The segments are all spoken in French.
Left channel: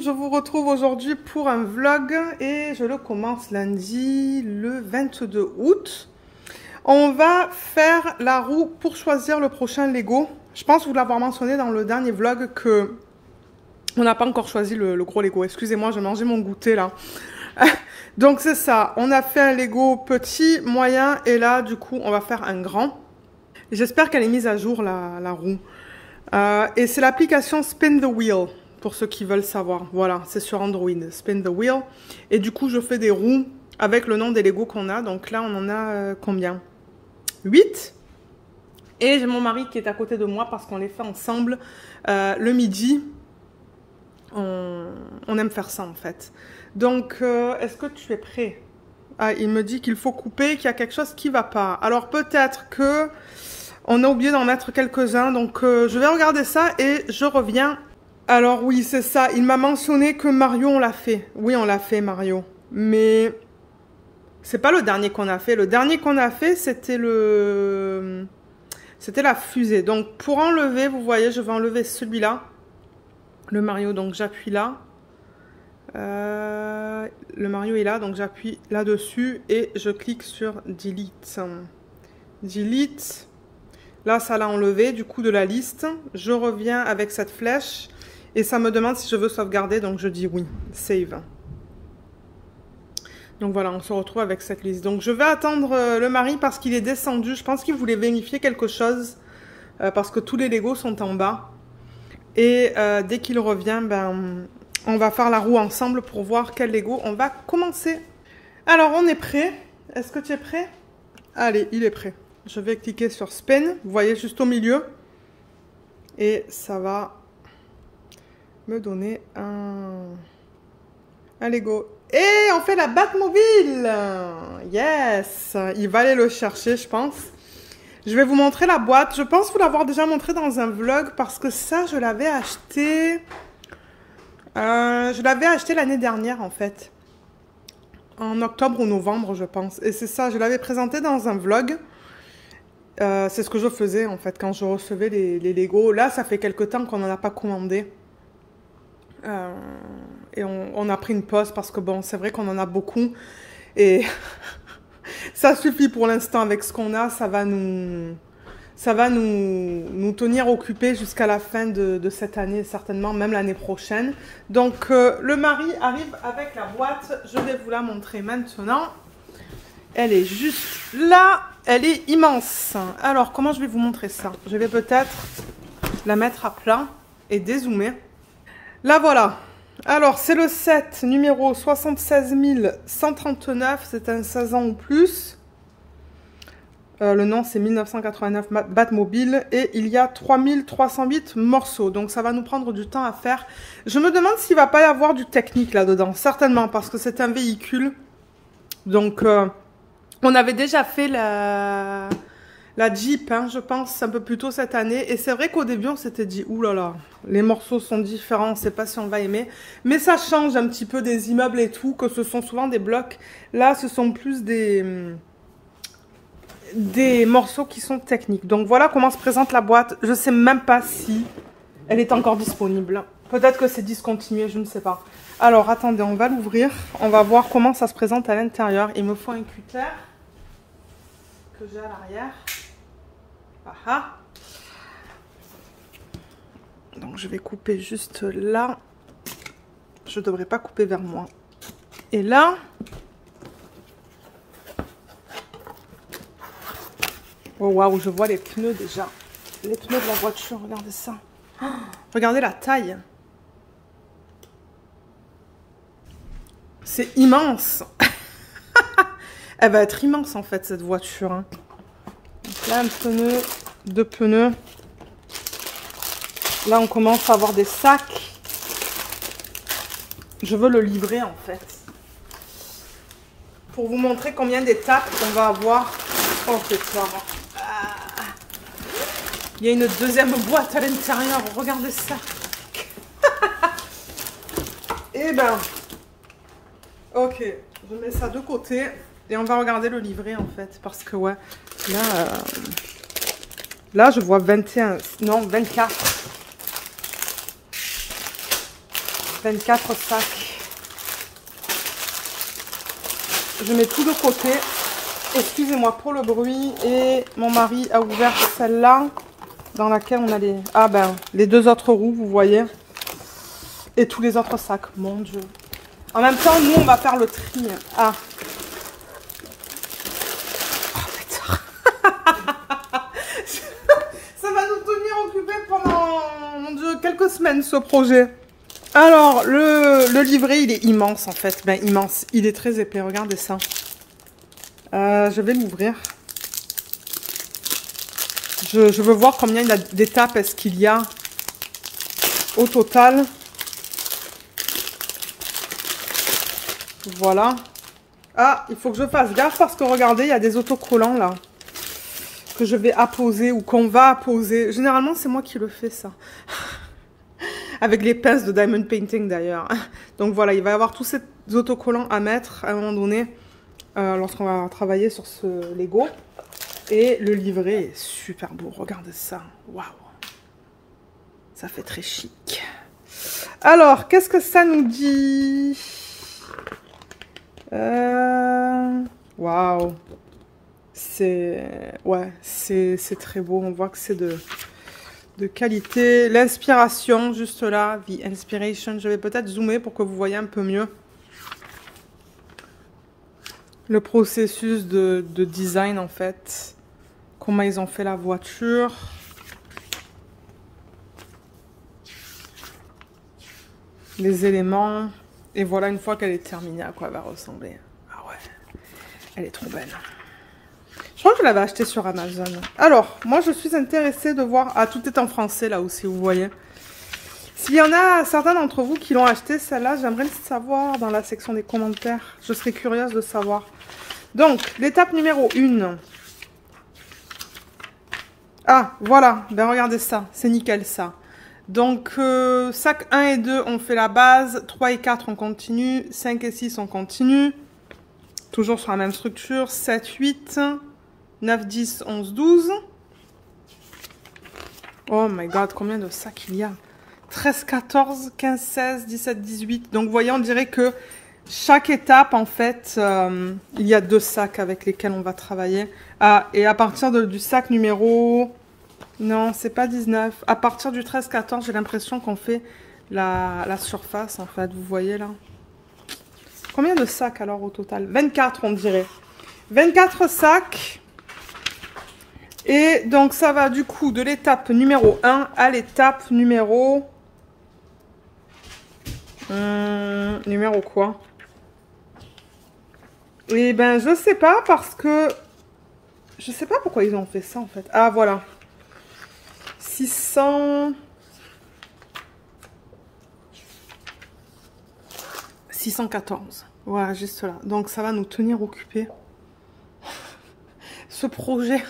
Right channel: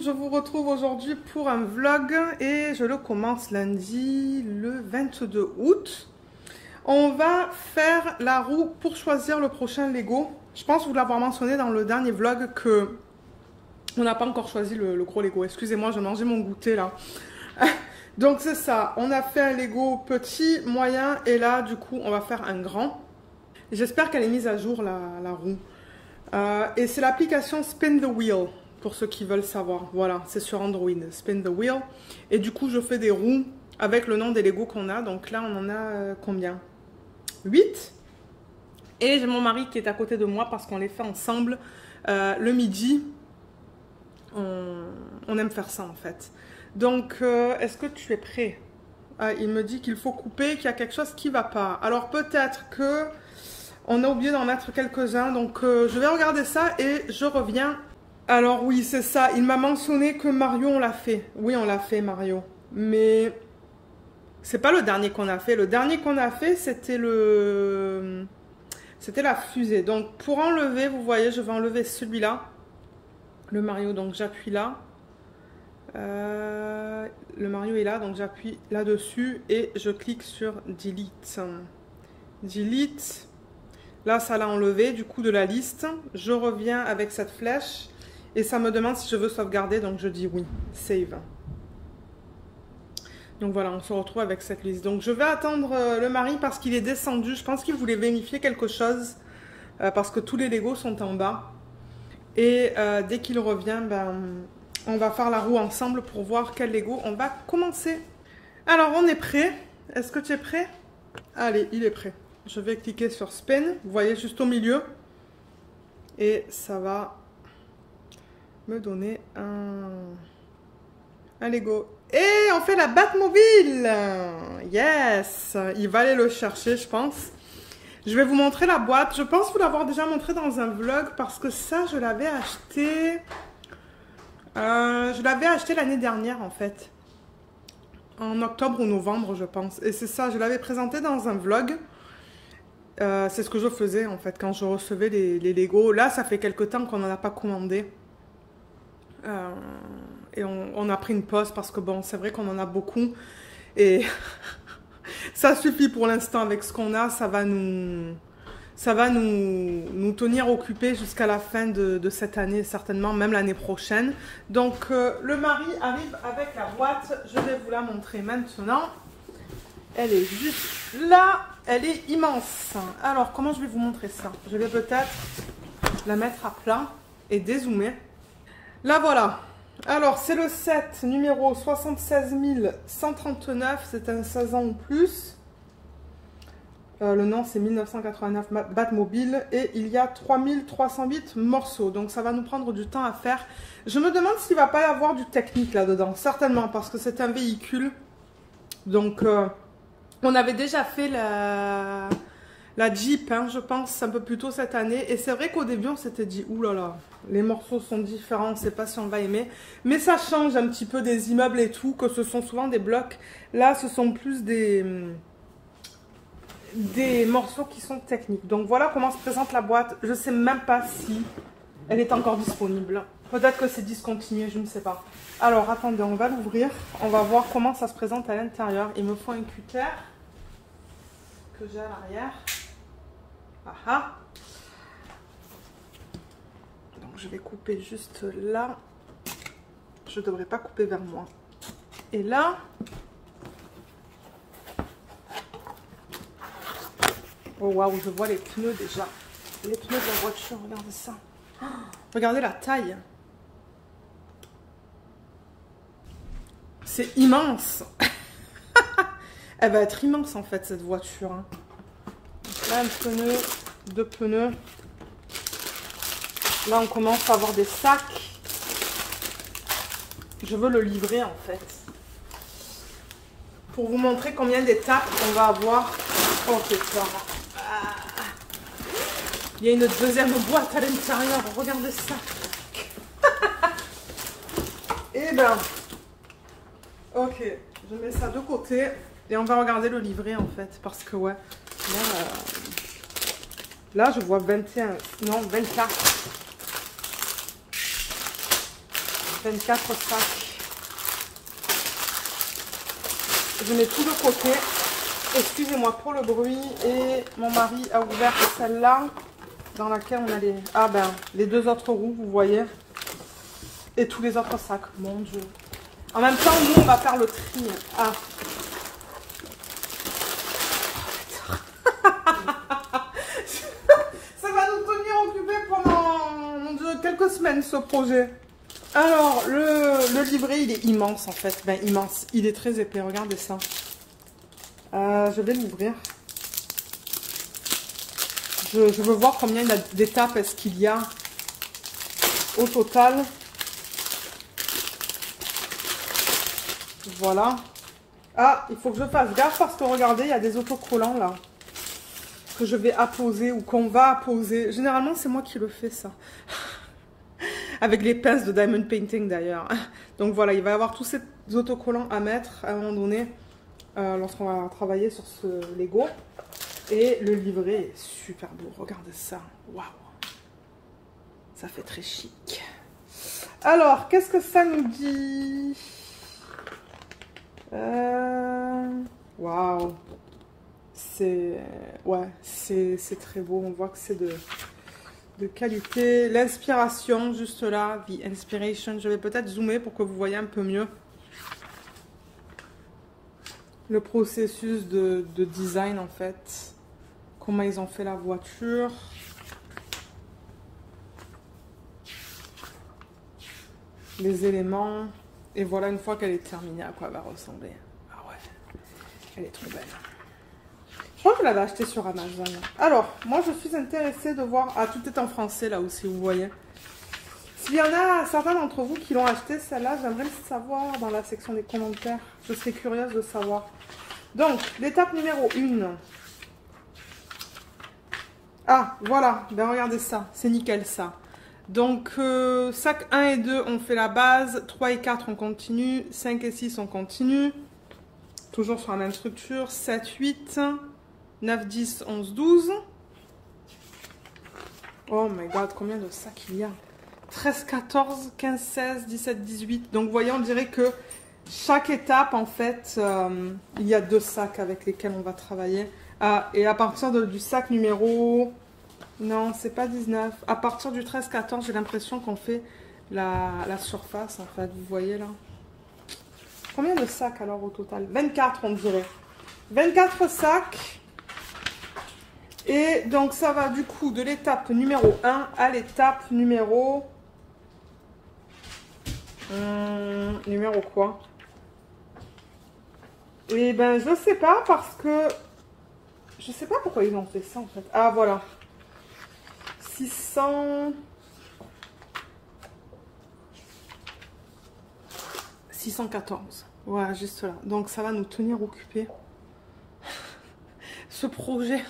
monde, je vous retrouve aujourd'hui pour un vlog et je le commence lundi le 22 août. On va faire la roue pour choisir le prochain Lego. Je pense vous l'avoir mentionné dans le dernier vlog que on n'a pas encore choisi le gros Lego. Excusez-moi, je mangeais mon goûter là. Donc c'est ça, on a fait un Lego petit, moyen et là du coup on va faire un grand. J'espère qu'elle est mise à jour la roue. Et c'est l'application Spin the Wheel, pour ceux qui veulent savoir. Voilà, c'est sur Android, Spin the Wheel. Et du coup, je fais des roues avec le nom des Lego qu'on a. Donc là, on en a combien? 8. Et j'ai mon mari qui est à côté de moi parce qu'on les fait ensemble le midi. On aime faire ça en fait. Donc, est-ce que tu es prêt? Ah, il me dit qu'il faut couper, qu'il y a quelque chose qui ne va pas. Alors peut-être que... on a oublié d'en mettre quelques-uns, donc je vais regarder ça et je reviens. Alors oui, c'est ça. Il m'a mentionné que Mario, on l'a fait. Oui, on l'a fait, Mario. Mais c'est pas le dernier qu'on a fait. Le dernier qu'on a fait, c'était la fusée. Donc pour enlever, vous voyez, je vais enlever celui-là. Le Mario, donc j'appuie là. Le Mario est là, donc j'appuie là-dessus et je clique sur Delete. Delete. Là, ça l'a enlevé du coup de la liste. Je reviens avec cette flèche et ça me demande si je veux sauvegarder. Donc, je dis oui. Save. Donc, voilà, on se retrouve avec cette liste. Donc, je vais attendre le mari parce qu'il est descendu. Je pense qu'il voulait vérifier quelque chose parce que tous les Legos sont en bas. Et dès qu'il revient, ben, on va faire la roue ensemble pour voir quel Lego on va commencer. Alors, on est prêt. Est-ce que tu es prêt? Allez, il est prêt. Je vais cliquer sur Spin, vous voyez juste au milieu. Et ça va me donner un Lego. Et on fait la Batmobile. Yes. Il va aller le chercher, je pense. Je vais vous montrer la boîte. Je pense vous l'avoir déjà montré dans un vlog parce que ça, je l'avais acheté... je l'avais acheté l'année dernière, en fait. En octobre ou novembre, je pense. Et c'est ça, je l'avais présenté dans un vlog. C'est ce que je faisais en fait quand je recevais les Lego. Là, ça fait quelque temps qu'on n'en a pas commandé. Et on a pris une pause parce que bon, c'est vrai qu'on en a beaucoup. Et ça suffit pour l'instant avec ce qu'on a. Ça va nous tenir occupés jusqu'à la fin de cette année, certainement, même l'année prochaine. Donc, le mari arrive avec la boîte. Je vais vous la montrer maintenant. Elle est juste là. Elle est immense. Alors, comment je vais vous montrer ça? Je vais peut-être la mettre à plat et dézoomer. Là, voilà. Alors, c'est le set numéro 76 139. C'est un 16 ans ou plus. Le nom, c'est 1989 Batmobile. Et il y a 3308 morceaux. Donc, ça va nous prendre du temps à faire. Je me demande s'il ne va pas y avoir du technique là-dedans. Certainement, parce que c'est un véhicule. Donc... on avait déjà fait la Jeep, hein, je pense, un peu plus tôt cette année. Et c'est vrai qu'au début, on s'était dit, oulala, les morceaux sont différents, on ne sait pas si on va aimer. Mais ça change un petit peu des immeubles et tout, que ce sont souvent des blocs. Là, ce sont plus des morceaux qui sont techniques. Donc voilà comment se présente la boîte. Je ne sais même pas si elle est encore disponible. Peut-être que c'est discontinué, je ne sais pas. Alors, attendez, on va l'ouvrir. On va voir comment ça se présente à l'intérieur. Il me faut un cutter que j'ai à l'arrière. Ah. Donc, je vais couper juste là. Je ne devrais pas couper vers moi. Et là... oh, waouh, je vois les pneus déjà. Les pneus de la voiture, regardez ça. Oh, regardez la taille. C'est immense. Elle va être immense en fait cette voiture. Hein. Donc là un pneu, deux pneus. Là on commence à avoir des sacs. Je veux le livrer en fait. Pour vous montrer combien d'étapes on va avoir. Oh c'est ça. Il y a une deuxième boîte à l'intérieur. Regardez ça. Et ben... ok, je mets ça de côté et on va regarder le livret en fait parce que ouais, là je vois 21, non 24. 24 sacs. Je mets tout de côté. Excusez-moi pour le bruit. Et mon mari a ouvert celle-là, dans laquelle on a les... Ah ben, les 2 autres roues, vous voyez. Et tous les autres sacs, mon Dieu. En même temps, nous, on va faire le tri. Ah. Ça va nous tenir occupés pendant, mon Dieu, quelques semaines, ce projet. Alors, le livret, il est immense, en fait. Ben, immense. Il est très épais, regardez ça. Je vais l'ouvrir. Je veux voir combien d'étapes est-ce qu'il y a au total. Voilà. Ah, il faut que je fasse gaffe parce que regardez, il y a des autocollants là. Que je vais apposer ou qu'on va apposer. Généralement, c'est moi qui le fais ça. Avec les pinces de Diamond Painting d'ailleurs. Donc voilà, il va y avoir tous ces autocollants à mettre à un moment donné. Lorsqu'on va travailler sur ce Lego. Et le livret est super beau. Regardez ça. Waouh. Ça fait très chic. Alors, qu'est-ce que ça nous dit? Waouh. Ouais, c'est très beau. On voit que c'est de qualité. L'inspiration, juste là. The Inspiration. Je vais peut-être zoomer pour que vous voyez un peu mieux. Le processus de design, en fait. Comment ils ont fait la voiture. Les éléments. Et voilà, une fois qu'elle est terminée, à quoi elle va ressembler. Ah ouais, elle est trop belle. Je crois que je l'avais achetée sur Amazon. Alors, moi, je suis intéressée de voir... Ah, tout est en français, là aussi, vous voyez. S'il y en a certains d'entre vous qui l'ont acheté, celle-là, j'aimerais le savoir dans la section des commentaires. Je serais curieuse de savoir. Donc, l'étape numéro 1. Ah, voilà. Ben, regardez ça. C'est nickel, ça. Donc, sac 1 et 2, on fait la base. 3 et 4, on continue. 5 et 6, on continue. Toujours sur la même structure. 7, 8, 9, 10, 11, 12. Oh my god, combien de sacs il y a? 13, 14, 15, 16, 17, 18. Donc, vous voyez, on dirait que chaque étape, en fait, il y a 2 sacs avec lesquels on va travailler. Ah, et à partir du sac numéro... Non, c'est pas 19. À partir du 13-14, j'ai l'impression qu'on fait la surface, en fait. Vous voyez, là. Combien de sacs, alors, au total? 24, on dirait. 24 sacs. Et donc, ça va, du coup, de l'étape numéro 1 à l'étape numéro... numéro quoi? Eh ben, je sais pas, parce que... Je sais pas pourquoi ils ont fait ça, en fait. Ah, voilà. 614. Voilà, juste là. Donc, ça va nous tenir occupés. Ce projet.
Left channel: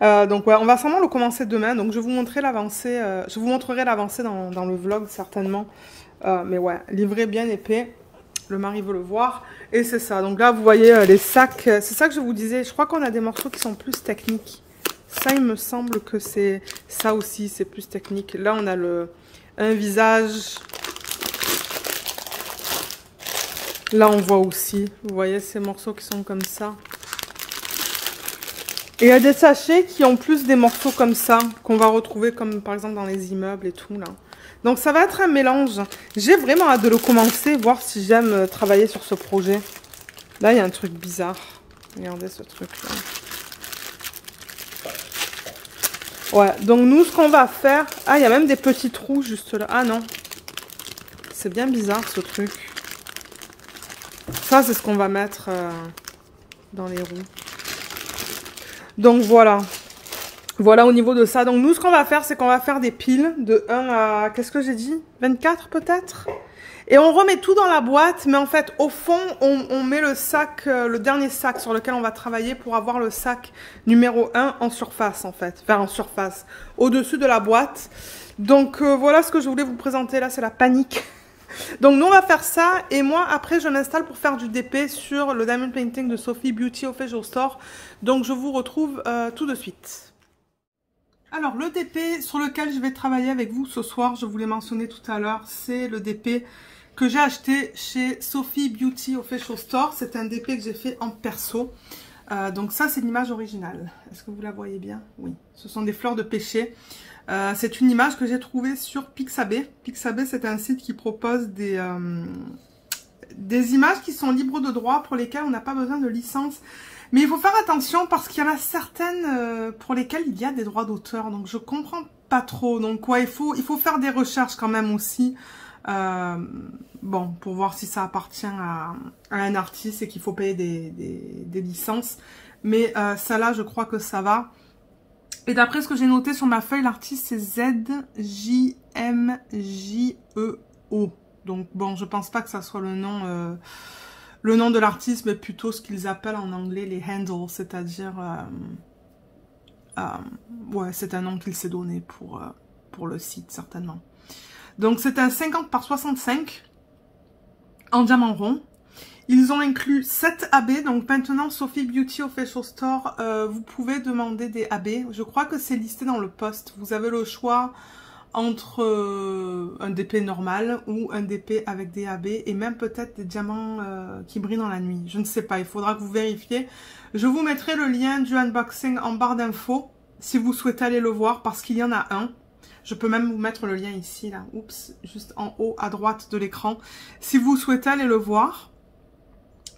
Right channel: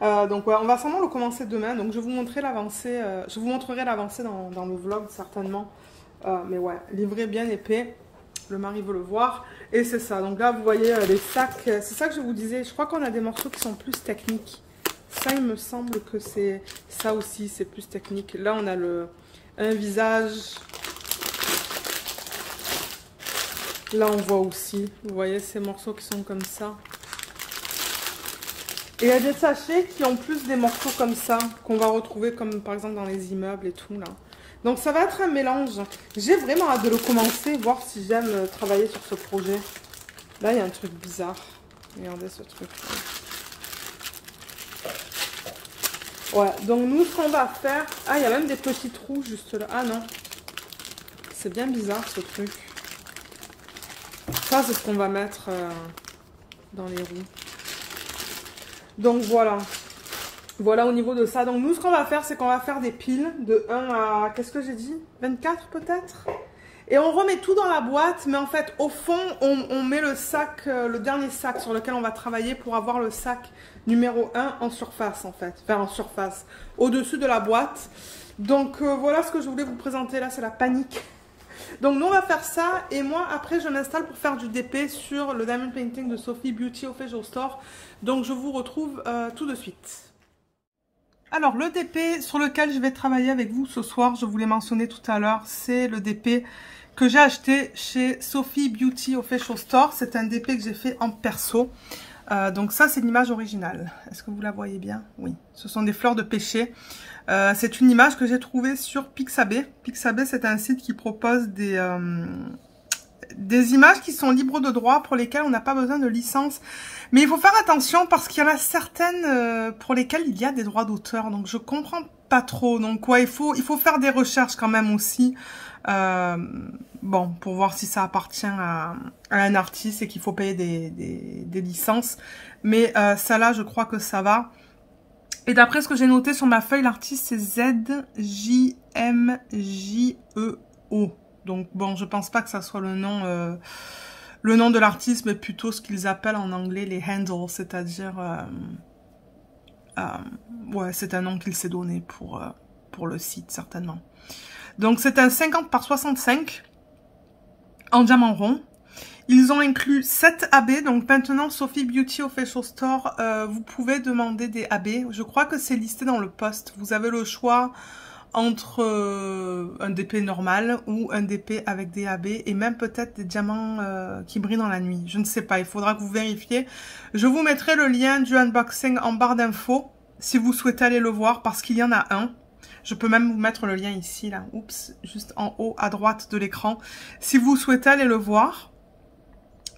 Donc, ouais, on va sûrement le commencer demain. Donc, je vous montrerai l'avancée. Je vous montrerai l'avancée dans le vlog, certainement. Mais ouais, livré bien épais. Le mari veut le voir. Et c'est ça. Donc là, vous voyez les sacs. C'est ça que je vous disais. Je crois qu'on a des morceaux qui sont plus techniques. Ça, il me semble que c'est ça aussi, c'est plus technique. Là, on a un visage. Là, on voit aussi. Vous voyez ces morceaux qui sont comme ça. Et il y a des sachets qui ont plus des morceaux comme ça, qu'on va retrouver comme par exemple dans les immeubles et tout, là. Donc, ça va être un mélange. J'ai vraiment hâte de le commencer, voir si j'aime travailler sur ce projet. Là, il y a un truc bizarre. Regardez ce truc-là. Ouais, donc nous, ce qu'on va faire... Ah, il y a même des petits trous juste là. Ah non. C'est bien bizarre, ce truc. Ça, c'est ce qu'on va mettre dans les roues. Donc, voilà. Voilà au niveau de ça. Donc, nous, ce qu'on va faire, c'est qu'on va faire des piles de 1 à... Qu'est-ce que j'ai dit? 24, peut-être? Et on remet tout dans la boîte, mais en fait, au fond, on met le sac, le dernier sac sur lequel on va travailler pour avoir le sac numéro 1 en surface, en fait. Enfin, en surface, au-dessus de la boîte. Donc, voilà ce que je voulais vous présenter là, c'est la panique. Donc, nous, on va faire ça. Et moi, après, je m'installe pour faire du DP sur le Diamond Painting de Sophie Beauty Official Store. Donc, je vous retrouve tout de suite. Alors, le DP sur lequel je vais travailler avec vous ce soir, je vous l'ai mentionné tout à l'heure, c'est le DP que j'ai acheté chez Sophie Beauty Official Store. C'est un DP que j'ai fait en perso. Donc ça, c'est l'image originale. Est-ce que vous la voyez bien? Oui. Ce sont des fleurs de pêcher. C'est une image que j'ai trouvée sur Pixabay. Pixabay, c'est un site qui propose des images qui sont libres de droit pour lesquelles on n'a pas besoin de licence. Mais il faut faire attention parce qu'il y en a certaines pour lesquelles il y a des droits d'auteur. Donc je comprends pas trop. Donc ouais, il faut faire des recherches quand même aussi. Bon, pour voir si ça appartient à un artiste et qu'il faut payer des licences. Mais ça là, je crois que ça va. Et d'après ce que j'ai noté sur ma feuille, l'artiste c'est ZJMJEO. Donc bon, je pense pas que ça soit le nom de l'artiste, mais plutôt ce qu'ils appellent en anglais les handles, c'est-à-dire ouais, c'est un nom qu'il s'est donné pour le site certainement. Donc c'est un 50 par 65 en diamant rond. Ils ont inclus 7 AB, donc maintenant Sophie Beauty Official Store, vous pouvez demander des AB. Je crois que c'est listé dans le post. Vous avez le choix entre un DP normal ou un DP avec des AB et même peut-être des diamants qui brillent dans la nuit. Je ne sais pas, il faudra que vous vérifiez. Je vous mettrai le lien du unboxing en barre d'infos si vous souhaitez aller le voir parce qu'il y en a un. Je peux même vous mettre le lien ici, là, oups, juste en haut à droite de l'écran. Si vous souhaitez aller le voir,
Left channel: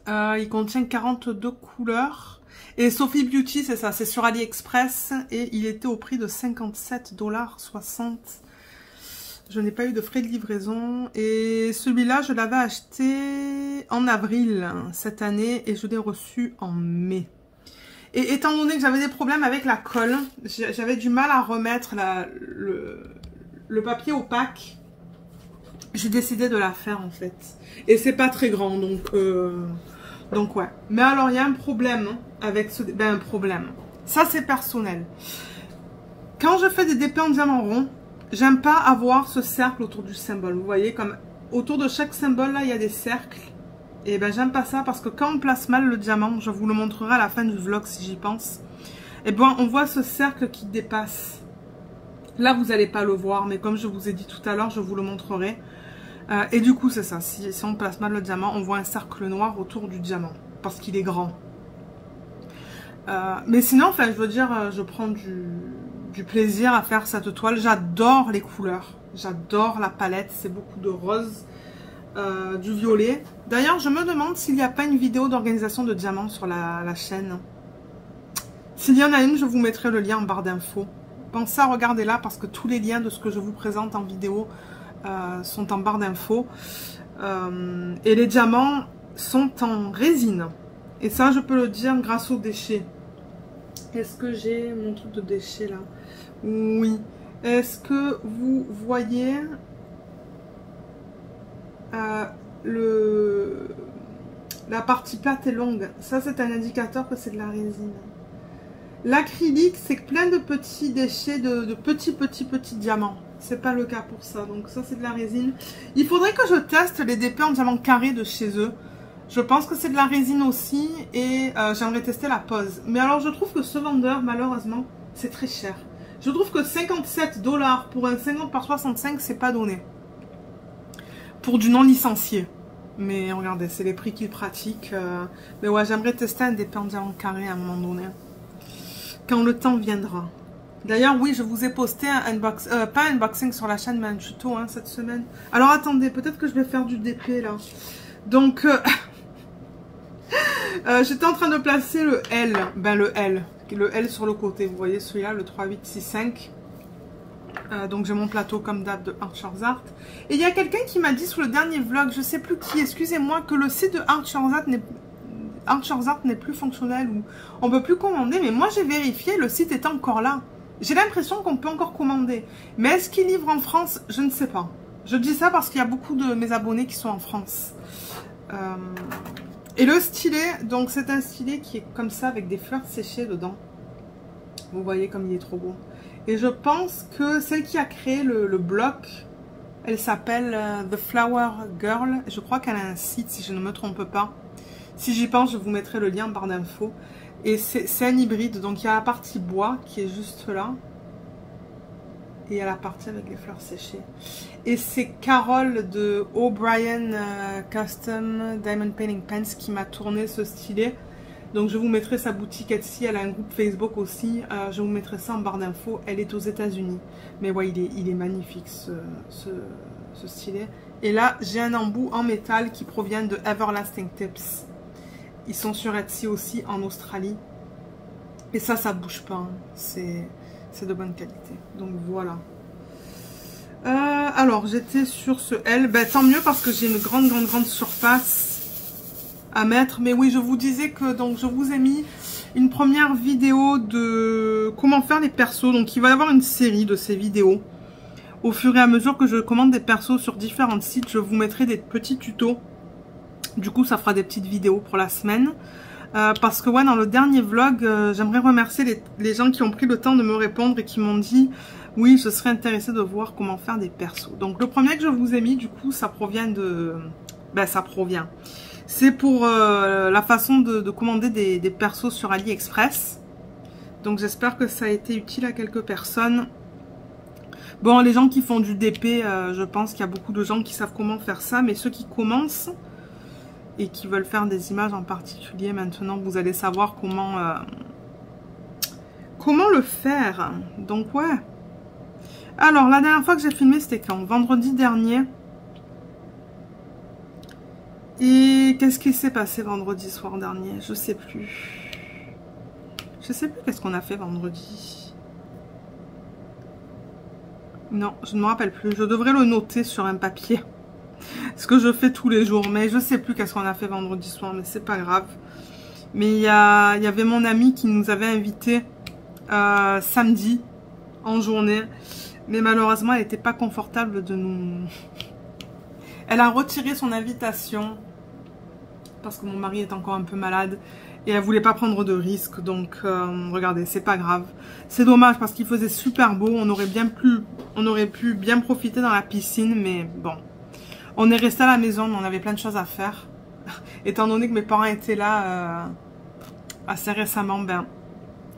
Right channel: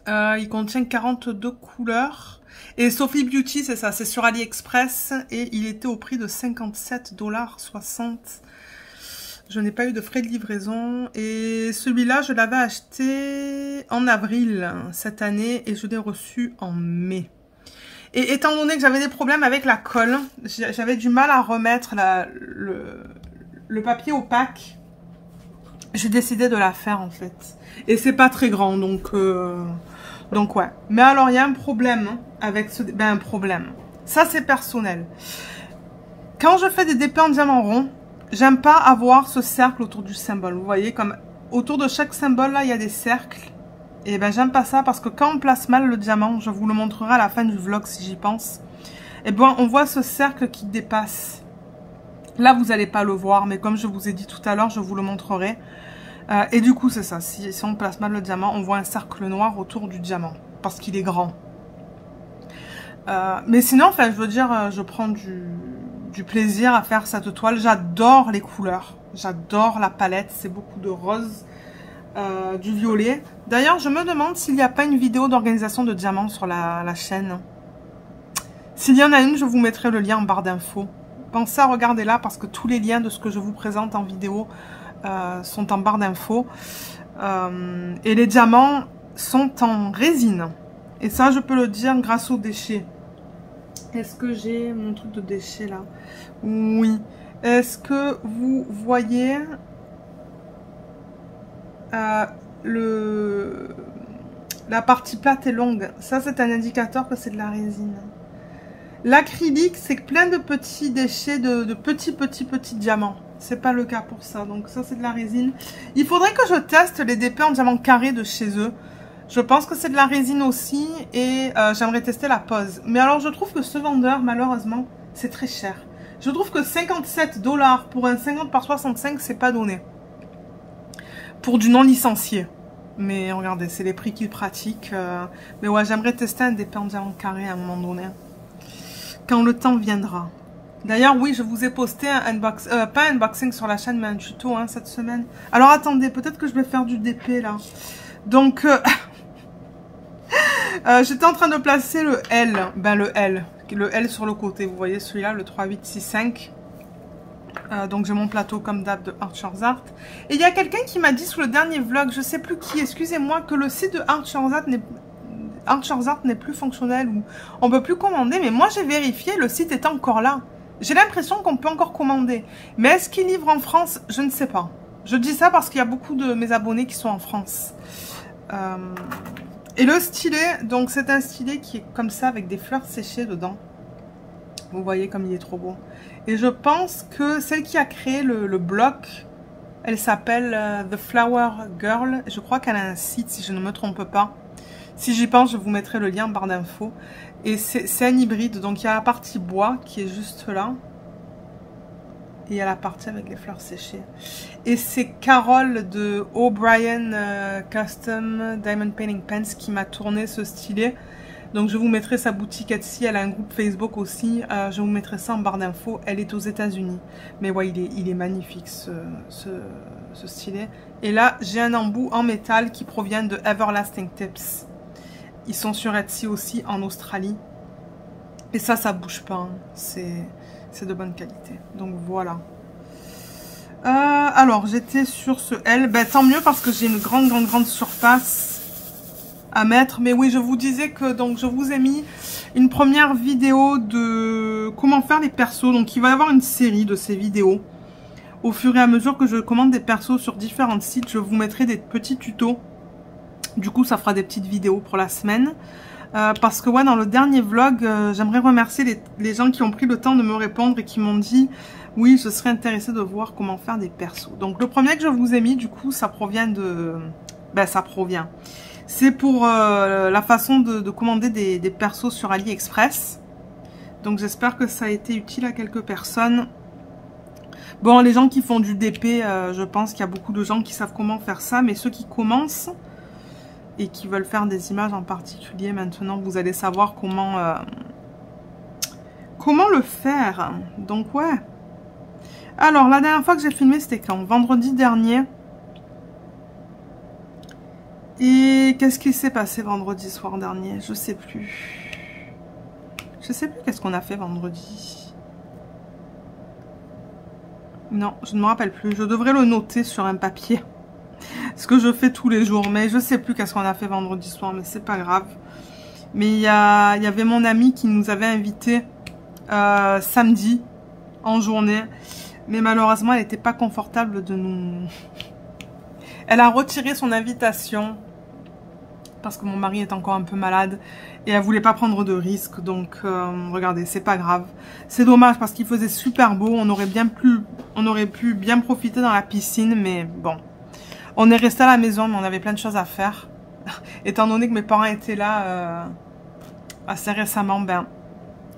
il contient 42 couleurs. Et Sophie Beauty, c'est ça, c'est sur AliExpress et il était au prix de 57,60 $. Je n'ai pas eu de frais de livraison. Et celui-là, je l'avais acheté en avril cette année et je l'ai reçu en mai. Et étant donné que j'avais des problèmes avec la colle, j'avais du mal à remettre le papier opaque, j'ai décidé de la faire en fait. Et c'est pas très grand, donc ouais. Mais alors, il y a un problème avec ce... Ben, un problème. Ça, c'est personnel. Quand je fais des DP en diamant rond, j'aime pas avoir ce cercle autour du symbole. Vous voyez, comme autour de chaque symbole, là, il y a des cercles. Et ben j'aime pas ça parce que quand on place mal le diamant, je vous le montrerai à la fin du vlog si j'y pense, et ben on voit ce cercle qui dépasse. Là vous n'allez pas le voir, mais comme je vous ai dit tout à l'heure, je vous le montrerai. Et du coup c'est ça, si on place mal le diamant, on voit un cercle noir autour du diamant, parce qu'il est grand. Mais sinon, enfin je veux dire, je prends du plaisir à faire cette toile. J'adore les couleurs, j'adore la palette, c'est beaucoup de rose. Du violet. D'ailleurs, je me demande s'il n'y a pas une vidéo d'organisation de diamants sur la chaîne. S'il y en a une, je vous mettrai le lien en barre d'infos. Pensez à regarder là parce que tous les liens de ce que je vous présente en vidéo sont en barre d'infos. Et les diamants sont en résine. Et ça, je peux le dire grâce aux déchets. Est-ce que j'ai mon truc de déchets là? Oui. Est-ce que vous voyez... la partie plate et longue, ça c'est un indicateur que c'est de la résine. L'acrylique c'est plein de petits déchets de petits diamants. C'est pas le cas pour ça, donc ça c'est de la résine. Il faudrait que je teste les DP en diamant carré de chez eux. Je pense que c'est de la résine aussi et j'aimerais tester la pose. Mais alors je trouve que ce vendeur malheureusement c'est très cher. Je trouve que 57 $ pour un 50 par 65 c'est pas donné. Pour du non licencié. Mais regardez, c'est les prix qu'ils pratiquent. Mais ouais, j'aimerais tester un DP en diamant carré à un moment donné. Quand le temps viendra. D'ailleurs, oui, je vous ai posté un pas un unboxing sur la chaîne, mais un tuto cette semaine. Alors attendez, peut-être que je vais faire du DP là. Donc, j'étais en train de placer le L. Ben le L sur le côté. Vous voyez celui-là, le 3865. Donc j'ai mon plateau comme d'hab de Archer's Art. Et il y a quelqu'un qui m'a dit sur le dernier vlog, je sais plus qui, excusez-moi, que le site de Archer's Art n'est plus fonctionnel ou on peut plus commander. Mais moi j'ai vérifié, le site est encore là. J'ai l'impression qu'on peut encore commander. Mais est-ce qu'il livre en France? Je ne sais pas. Je dis ça parce qu'il y a beaucoup de mes abonnés qui sont en France. Et le stylet, donc c'est un stylet qui est comme ça avec des fleurs séchées dedans. Vous voyez comme il est trop beau. Et je pense que celle qui a créé le bloc, elle s'appelle The Flower Girl. Je crois qu'elle a un site, si je ne me trompe pas. Si j'y pense, je vous mettrai le lien en barre d'infos. Et c'est un hybride, donc il y a la partie bois qui est juste là. Et il y a la partie avec les fleurs séchées. Et c'est Carole de O'Brien Custom Diamond Painting Pens qui m'a tourné ce stylet. Donc je vous mettrai sa boutique Etsy, elle a un groupe Facebook aussi. Je vous mettrai ça en barre d'infos. Elle est aux États-Unis. Mais ouais, il est magnifique ce stylet. Et là, j'ai un embout en métal qui provient de Everlasting Tips. Ils sont sur Etsy aussi en Australie. Et ça bouge pas. Hein. C'est de bonne qualité. Donc voilà. Alors, j'étais sur ce L. Ben, tant mieux parce que j'ai une grande surface à mettre. Mais oui, je vous disais que donc je vous ai mis une première vidéo de comment faire les persos. Donc, il va y avoir une série de ces vidéos. Au fur et à mesure que je commande des persos sur différents sites, je vous mettrai des petits tutos. Du coup, ça fera des petites vidéos pour la semaine. Parce que ouais, dans le dernier vlog, j'aimerais remercier les gens qui ont pris le temps de me répondre et qui m'ont dit oui, je serais intéressée de voir comment faire des persos. Donc le premier que je vous ai mis, du coup, ça provient de... Ben, ça provient. C'est pour la façon de commander des persos sur AliExpress. Donc j'espère que ça a été utile à quelques personnes. Bon, les gens qui font du DP, je pense qu'il y a beaucoup de gens qui savent comment faire ça. Mais ceux qui commencent et qui veulent faire des images en particulier, maintenant, vous allez savoir comment le faire. Donc, ouais. Alors, la dernière fois que j'ai filmé, c'était quand? Vendredi dernier. Et qu'est-ce qui s'est passé vendredi soir dernier? Je sais plus. Je sais plus qu'est-ce qu'on a fait vendredi. Non, je ne me rappelle plus. Je devrais le noter sur un papier. Ce que je fais tous les jours. Mais je sais plus qu'est-ce qu'on a fait vendredi soir. Mais c'est pas grave. Mais il y avait mon amie qui nous avait invités samedi en journée. Mais malheureusement, elle n'était pas confortable de nous... Elle a retiré son invitation. Parce que mon mari est encore un peu malade. Et elle voulait pas prendre de risques. Donc, regardez, c'est pas grave. C'est dommage parce qu'il faisait super beau. On aurait pu bien profiter dans la piscine. Mais bon. On est resté à la maison, mais on avait plein de choses à faire. Étant donné que mes parents étaient là assez récemment, ben,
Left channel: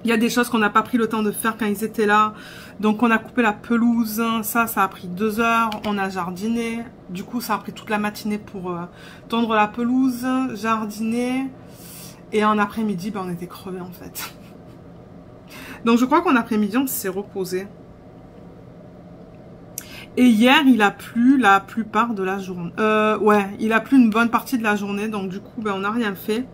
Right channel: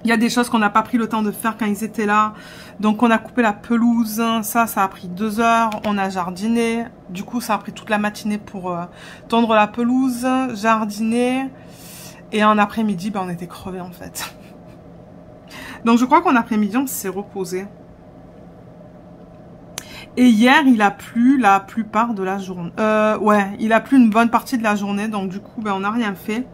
il y a des choses qu'on n'a pas pris le temps de faire quand ils étaient là. Donc on a coupé la pelouse, ça a pris 2 heures. On a jardiné, du coup ça a pris toute la matinée pour tondre la pelouse, jardiner. Et en après-midi, ben, on était crevés en fait. Donc je crois qu'en après-midi, on s'est reposé. Et hier, il a plu la plupart de la journée. Ouais, il a plu une bonne partie de la journée. Donc du coup, ben, on n'a rien fait.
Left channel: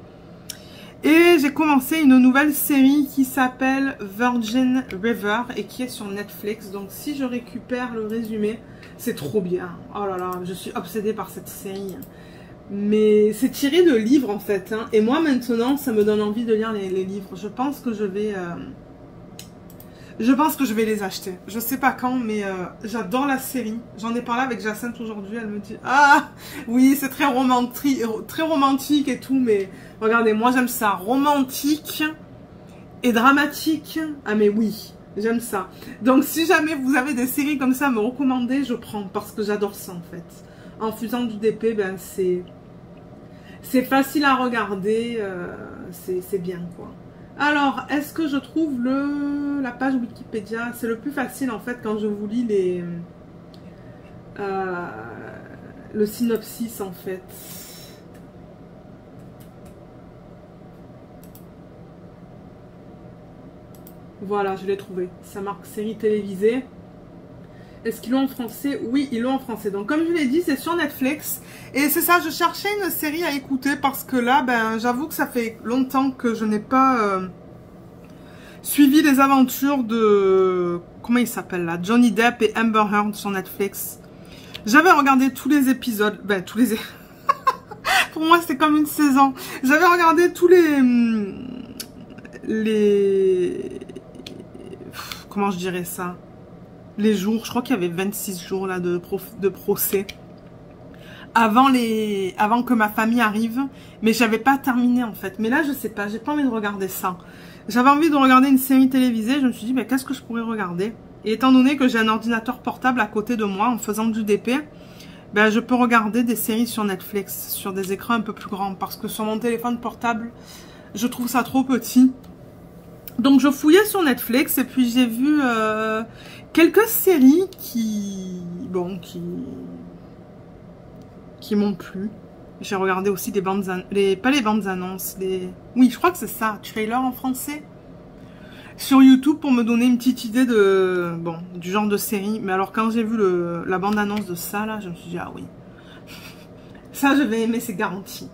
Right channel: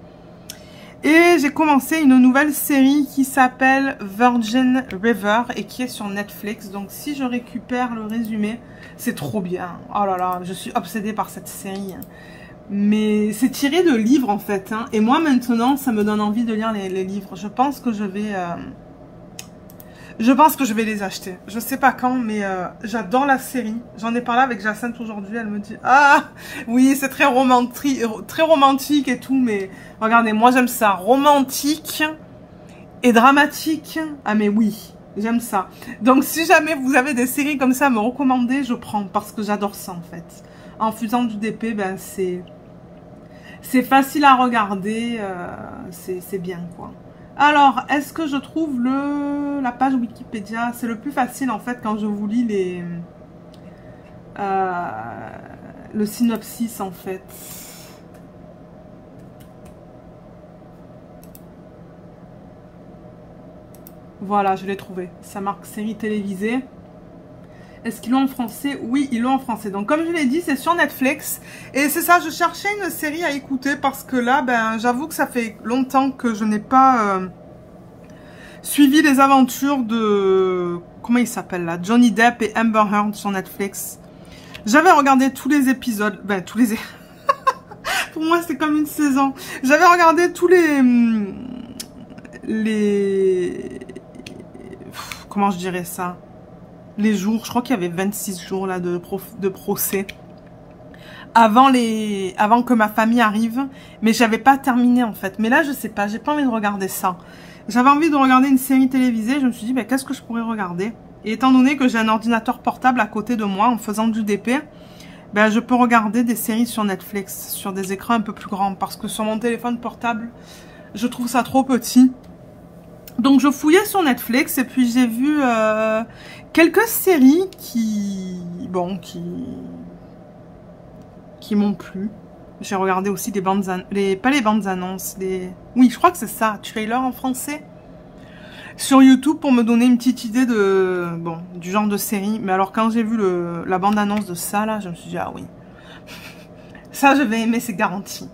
Et j'ai commencé une nouvelle série qui s'appelle Virgin River et qui est sur Netflix. Donc si je récupère le résumé, c'est trop bien. Oh là là, je suis obsédée par cette série. Mais c'est tiré de livres en fait. Hein. Et moi maintenant, ça me donne envie de lire les livres. Je pense que je vais les acheter. Je sais pas quand, mais j'adore la série. J'en ai parlé avec Jacinthe aujourd'hui. Elle me dit, ah oui, c'est très romantique et tout. Mais regardez, moi j'aime ça. Romantique et dramatique. Ah mais oui, j'aime ça. Donc si jamais vous avez des séries comme ça à me recommander, je prends. Parce que j'adore ça en fait. En faisant du DP, ben c'est facile à regarder. C'est bien quoi. Alors, est-ce que je trouve la page Wikipédia? C'est le plus facile en fait quand je vous lis le synopsis en fait. Voilà, je l'ai trouvé. Ça marque série télévisée. Est-ce qu'ils l'ont en français? Oui, ils l'ont en français. Donc comme je l'ai dit, c'est sur Netflix. Et c'est ça, je cherchais une série à écouter parce que là, ben, j'avoue que ça fait longtemps que je n'ai pas suivi les aventures de... Comment il s'appelle là? Johnny Depp et Amber Heard sur Netflix. J'avais regardé tous les épisodes. Ben, tous les... Pour moi, c'est comme une saison. J'avais regardé tous les... Comment je dirais ça? Les jours, je crois qu'il y avait 26 jours là de procès avant que ma famille arrive, mais j'avais pas terminé en fait. Mais là je sais pas, j'ai pas envie de regarder ça. J'avais envie de regarder une série télévisée, je me suis dit mais qu'est-ce que je pourrais regarder? Et étant donné que j'ai un ordinateur portable à côté de moi en faisant du DP, ben je peux regarder des séries sur Netflix sur des écrans un peu plus grands parce que sur mon téléphone portable, je trouve ça trop petit. Donc je fouillais sur Netflix et puis j'ai vu quelques séries qui m'ont plu. J'ai regardé aussi des bandes, pas les bandes annonces, oui, je crois que c'est ça, trailer en français, sur YouTube pour me donner une petite idée du genre de série. Mais alors quand j'ai vu la bande annonce de ça là, je me suis dit ah oui, ça je vais aimer, c'est garanti.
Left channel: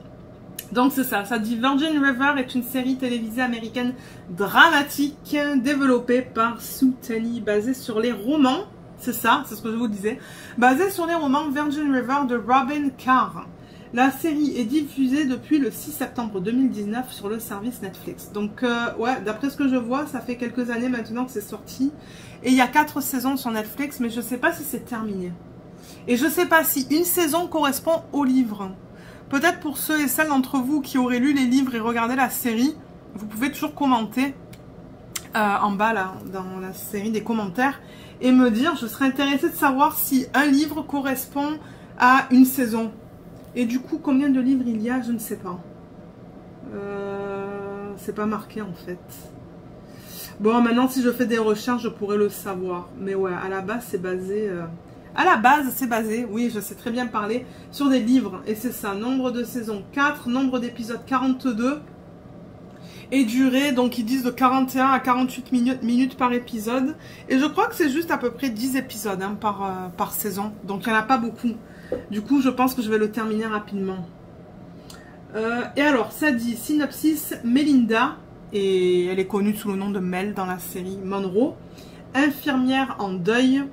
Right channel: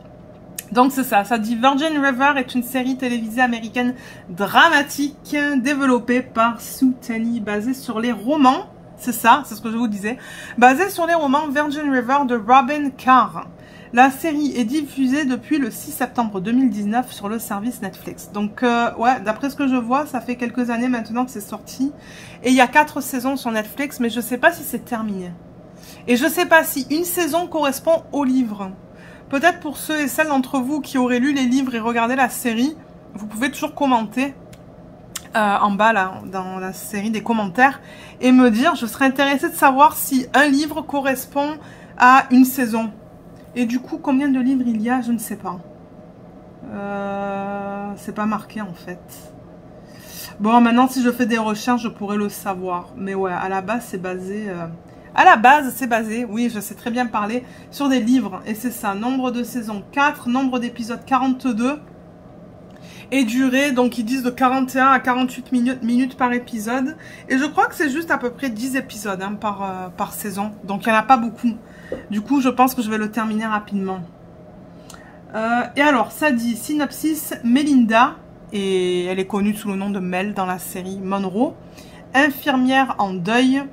Donc c'est ça, ça dit Virgin River est une série télévisée américaine dramatique développée par Sue Tenney, basée sur les romans, c'est ça, c'est ce que je vous disais, basée sur les romans Virgin River de Robin Carr. La série est diffusée depuis le 6 septembre 2019 sur le service Netflix. Donc ouais, d'après ce que je vois, ça fait quelques années maintenant que c'est sorti. Et il y a 4 saisons sur Netflix, mais je ne sais pas si c'est terminé. Et je ne sais pas si une saison correspond au livre. Peut-être pour ceux et celles d'entre vous qui auraient lu les livres et regardé la série, vous pouvez toujours commenter en bas là, dans la série des commentaires et me dire, je serais intéressée de savoir si un livre correspond à une saison. Et du coup, combien de livres il y a, je ne sais pas. C'est pas marqué en fait. Bon, maintenant si je fais des recherches, je pourrais le savoir. Mais ouais, à la base, c'est basé... À la base, c'est basé, oui, je sais très bien parler, sur des livres. Et c'est ça, nombre de saisons 4, nombre d'épisodes 42. Et durée, donc ils disent de 41 à 48 minutes par épisode. Et je crois que c'est juste à peu près 10 épisodes hein, par saison. Donc il n'y en a pas beaucoup. Du coup, je pense que je vais le terminer rapidement. Et alors, ça dit, synopsis, Melinda, et elle est connue sous le nom de Mel dans la série Monroe, infirmière en deuil,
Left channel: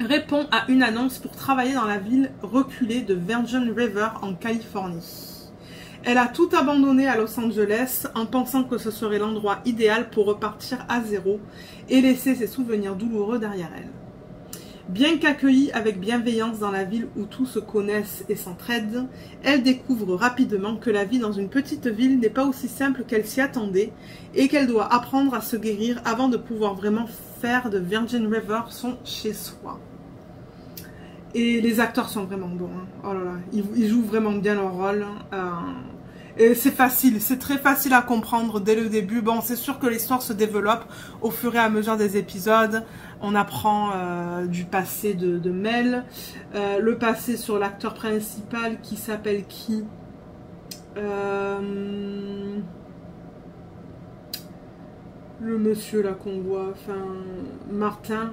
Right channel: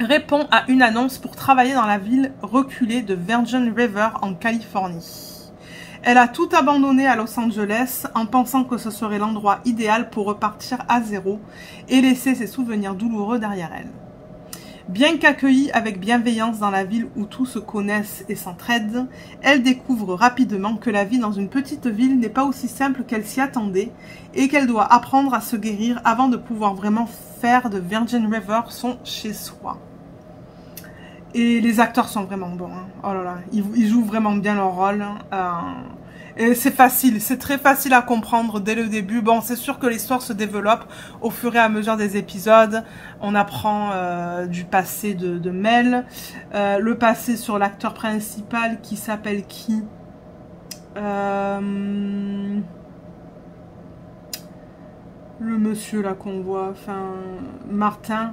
répond à une annonce pour travailler dans la ville reculée de Virgin River en Californie. Elle a tout abandonné à Los Angeles en pensant que ce serait l'endroit idéal pour repartir à zéro et laisser ses souvenirs douloureux derrière elle. Bien qu'accueillie avec bienveillance dans la ville où tous se connaissent et s'entraident, elle découvre rapidement que la vie dans une petite ville n'est pas aussi simple qu'elle s'y attendait et qu'elle doit apprendre à se guérir avant de pouvoir vraiment faire de Virgin River son chez-soi. Et les acteurs sont vraiment bons. Hein. Oh là là, ils jouent vraiment bien leur rôle. Et c'est facile, c'est très facile à comprendre dès le début. Bon, c'est sûr que l'histoire se développe au fur et à mesure des épisodes. On apprend du passé de Mel. Le passé sur l'acteur principal qui s'appelle qui le monsieur là qu'on voit, enfin Martin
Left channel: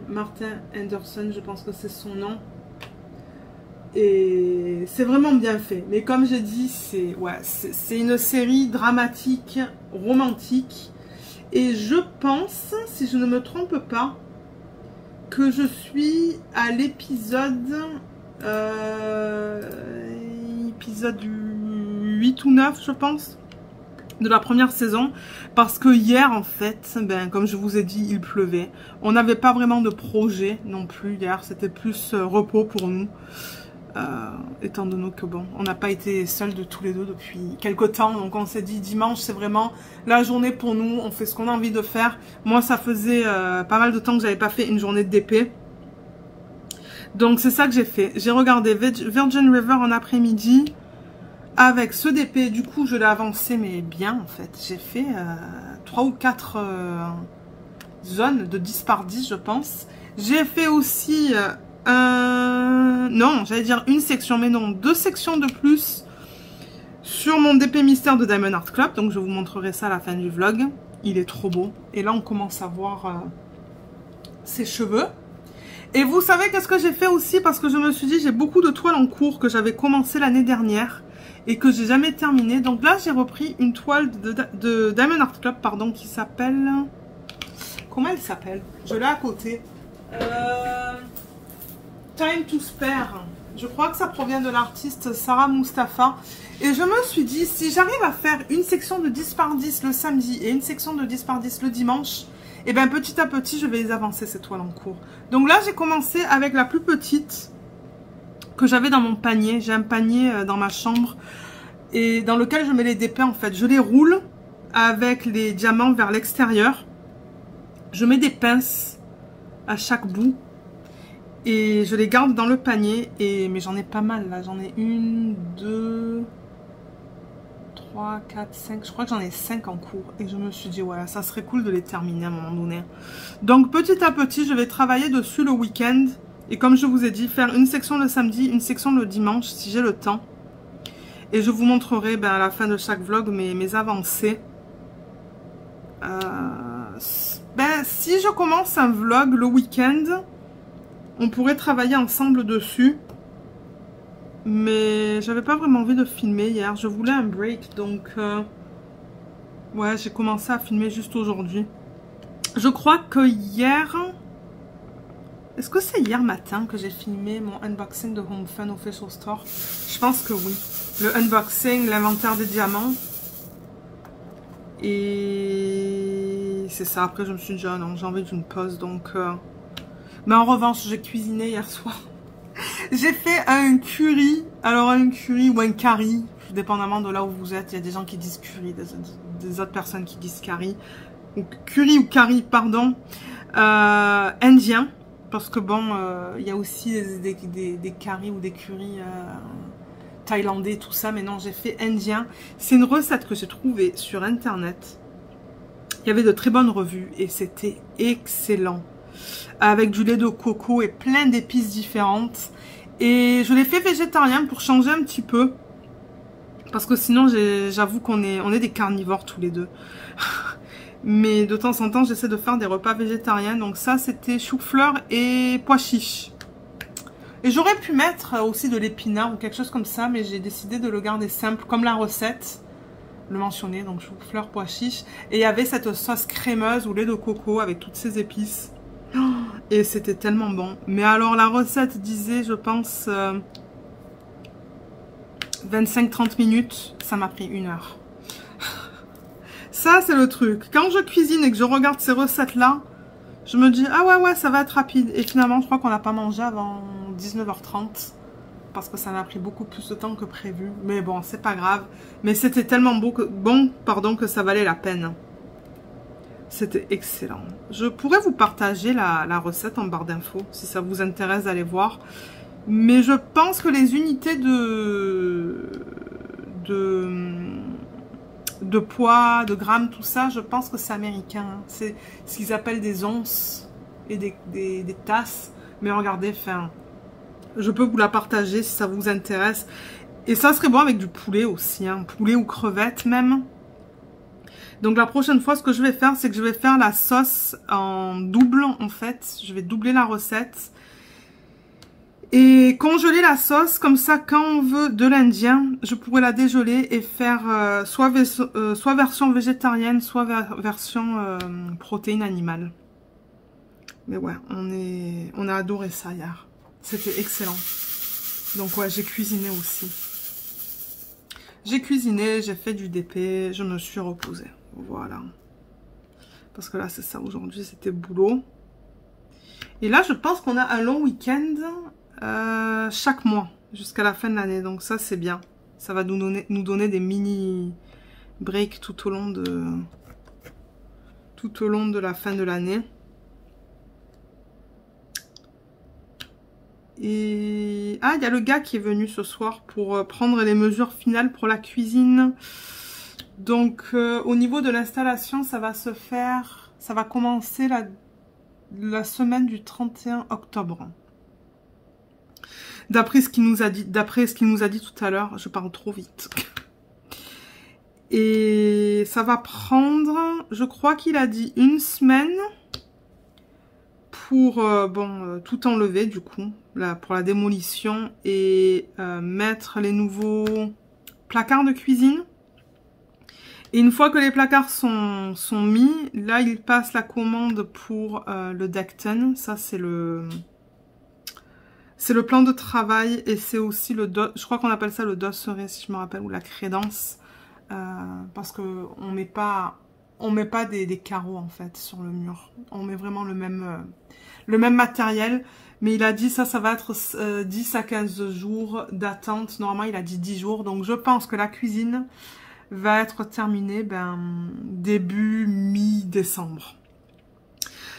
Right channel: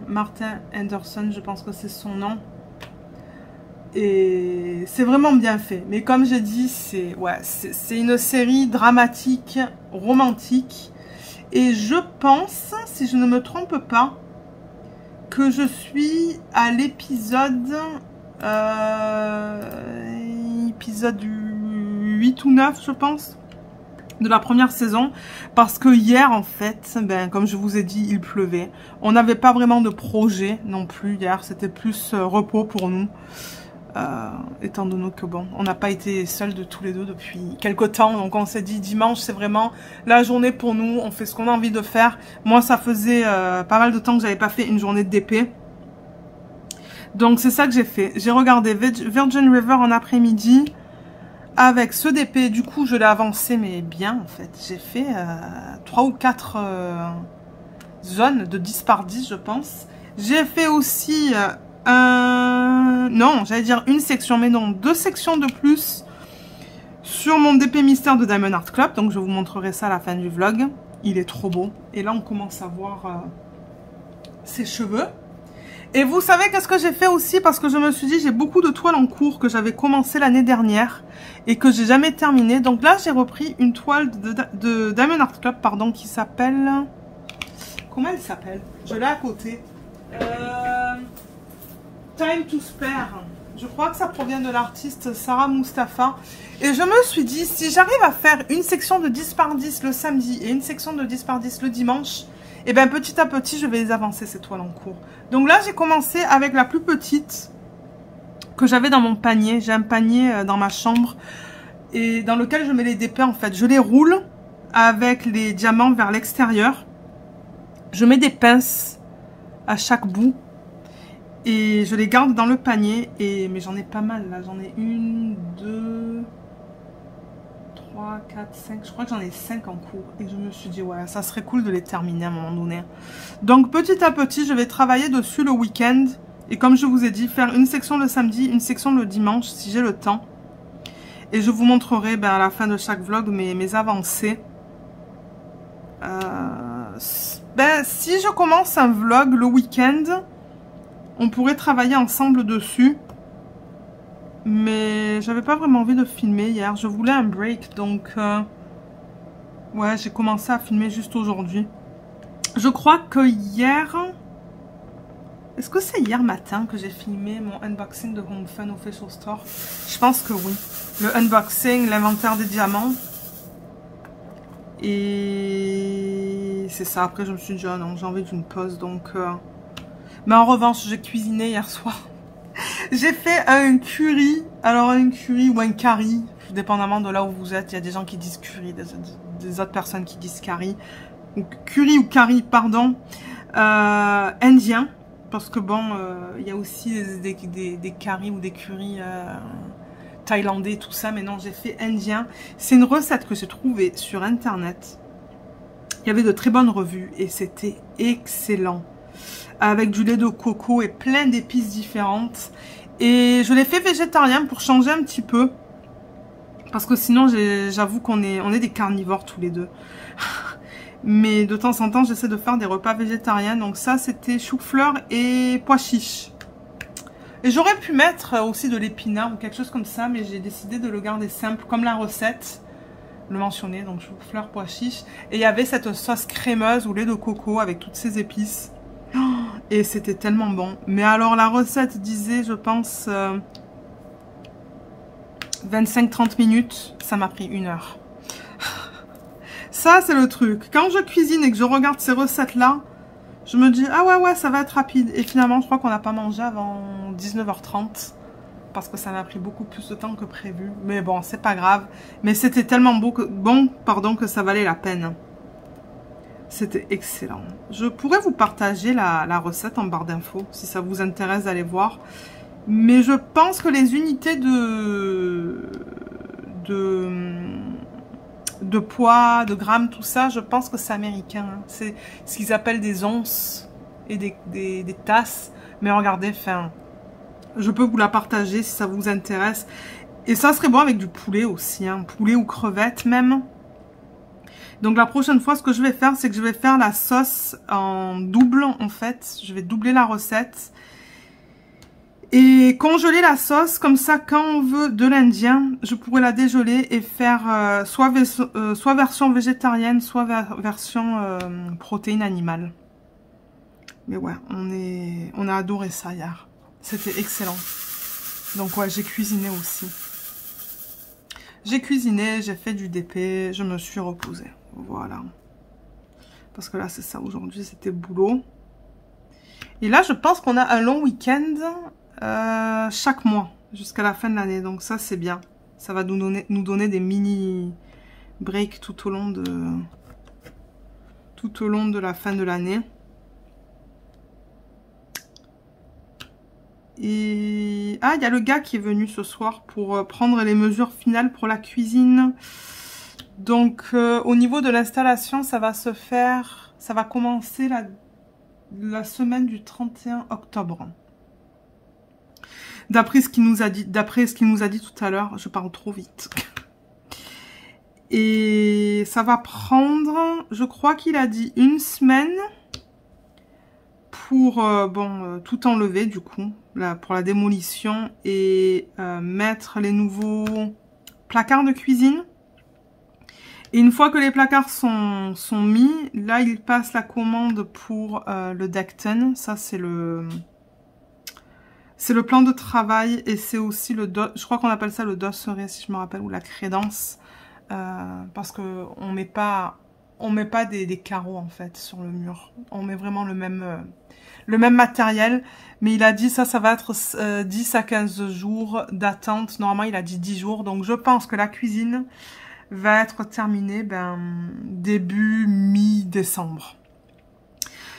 Anderson, je pense que c'est son nom. Et c'est vraiment bien fait. Mais comme j'ai dit, c'est une série dramatique, romantique. Et je pense, si je ne me trompe pas, que je suis à l'épisode épisode 8 ou 9, je pense, de la première saison. Parce que hier, en fait, comme je vous ai dit, il pleuvait. On n'avait pas vraiment de projet non plus hier. C'était plus repos pour nous. Étant donné que bon, on n'a pas été seuls de tous les deux depuis quelques temps, donc on s'est dit dimanche c'est vraiment la journée pour nous, on fait ce qu'on a envie de faire. Moi ça faisait pas mal de temps que j'avais pas fait une journée de DP, donc c'est ça que j'ai fait. J'ai regardé Virgin River en après-midi avec ce DP, du coup je l'ai avancé mais bien en fait. J'ai fait 3 ou 4 zones de 10 par 10 je pense. J'ai fait aussi non, j'allais dire une section, mais non, 2 sections de plus sur mon DP mystère de Diamond Art Club. Donc je vous montrerai ça à la fin du vlog. Il est trop beau. Et là on commence à voir ses cheveux. Et vous savez qu'est-ce que j'ai fait aussi? Parce que je me suis dit, j'ai beaucoup de toiles en cours que j'avais commencé l'année dernière et que j'ai jamais terminé. Donc là j'ai repris une toile de Diamond Art Club, pardon, qui s'appelle... Comment elle s'appelle? Je l'ai à côté. Time to Spare. Je crois que ça provient de l'artiste Sarah Mustafa. Et je me suis dit, si j'arrive à faire une section de 10 par 10 le samedi et une section de 10 par 10 le dimanche, et bien petit à petit, je vais les avancer ces toiles en cours. Donc là, j'ai commencé avec la plus petite que j'avais dans mon panier. J'ai un panier dans ma chambre et dans lequel je mets les DP en fait. Je les roule avec les diamants vers l'extérieur. Je mets des pinces à chaque bout. Et je les garde dans le panier. Mais j'en ai pas mal là. J'en ai 1, 2, 3, 4, 5. Je crois que j'en ai 5 en cours. Et je me suis dit, ouais, ça serait cool de les terminer à un moment donné. Donc, petit à petit, je vais travailler dessus le week-end. Et comme je vous ai dit, faire une section le samedi, une section le dimanche, si j'ai le temps. Et je vous montrerai à la fin de chaque vlog mes avancées. Si je commence un vlog le week-end, on pourrait travailler ensemble dessus. Mais j'avais pas vraiment envie de filmer hier. Je voulais un break. Donc, ouais, j'ai commencé à filmer juste aujourd'hui. Je crois que hier... Est-ce que c'est hier matin que j'ai filmé mon unboxing de Home Fun Official Store? Je pense que oui. Le unboxing, l'inventaire des diamants. Et c'est ça. Après, je me suis dit, oh non, j'ai envie d'une pause. Donc, mais en revanche, j'ai cuisiné hier soir. J'ai fait un curry. Alors, un curry ou un curry, dépendamment de là où vous êtes. Il y a des gens qui disent curry, des autres personnes qui disent curry. Ou curry ou curry, pardon. Indien. Parce que bon, il y a aussi des currys ou des currys thaïlandais, tout ça. Mais non, j'ai fait indien. C'est une recette que j'ai trouvée sur internet. Il y avait de très bonnes revues et c'était excellent. Avec du lait de coco et plein d'épices différentes. Et je l'ai fait végétarien pour changer un petit peu. Parce que sinon, j'avoue qu'on est des carnivores tous les deux. Mais de temps en temps, j'essaie de faire des repas végétariens. Donc ça, c'était chou-fleur et pois chiches. Et j'aurais pu mettre aussi de l'épinard ou quelque chose comme ça. Mais j'ai décidé de le garder simple, comme la recette le mentionnait. Donc chou-fleur, pois chiches. Et il y avait cette sauce crémeuse au lait de coco avec toutes ces épices. Et c'était tellement bon. Mais alors la recette disait, je pense, 25-30 minutes. Ça m'a pris 1 heure. Ça, c'est le truc. Quand je cuisine et que je regarde ces recettes-là, je me dis, ah ouais, ça va être rapide. Et finalement, je crois qu'on n'a pas mangé avant 19h30. Parce que ça m'a pris beaucoup plus de temps que prévu. Mais bon, c'est pas grave. Mais c'était tellement bon que ça valait la peine. C'était excellent. Je pourrais vous partager la recette en barre d'infos si ça vous intéresse d'aller voir. Mais je pense que les unités de poids, de grammes, tout ça, je pense que c'est américain. C'est ce qu'ils appellent des onces et des tasses. Mais regardez, enfin, je peux vous la partager si ça vous intéresse. Et ça serait bon avec du poulet aussi, hein, poulet ou crevettes même. Donc la prochaine fois, ce que je vais faire, c'est que je vais faire la sauce en double, en fait. Je vais doubler la recette. Et congeler la sauce, comme ça, quand on veut de l'indien, je pourrais la dégeler et faire soit version végétarienne, soit version protéine animale. Mais ouais, on a adoré ça hier. C'était excellent. Donc ouais, j'ai cuisiné aussi. J'ai cuisiné, j'ai fait du DP, je me suis reposée. Voilà. Parce que là, c'est ça. Aujourd'hui, c'était boulot. Et là, je pense qu'on a un long week-end chaque mois, jusqu'à la fin de l'année. Donc ça, c'est bien. Ça va nous donner des mini breaks tout au long de la fin de l'année. Et ah, il y a le gars qui est venu ce soir pour prendre les mesures finales pour la cuisine. Donc au niveau de l'installation, ça va commencer la semaine du 31 octobre. D'après ce qu'il nous a dit tout à l'heure, je parle trop vite. Et ça va prendre, je crois qu'il a dit 1 semaine pour tout enlever du coup, pour la démolition et mettre les nouveaux placards de cuisine. Et une fois que les placards sont mis, là il passe la commande pour le Decton. Ça c'est le plan de travail et c'est aussi je crois qu'on appelle ça le dosseret si je me rappelle, ou la crédence. Parce que on met pas des carreaux en fait sur le mur. On met vraiment le même matériel. Mais il a dit ça va être 10 à 15 jours d'attente. Normalement il a dit 10 jours. Donc je pense que la cuisine va être terminée début mi-décembre.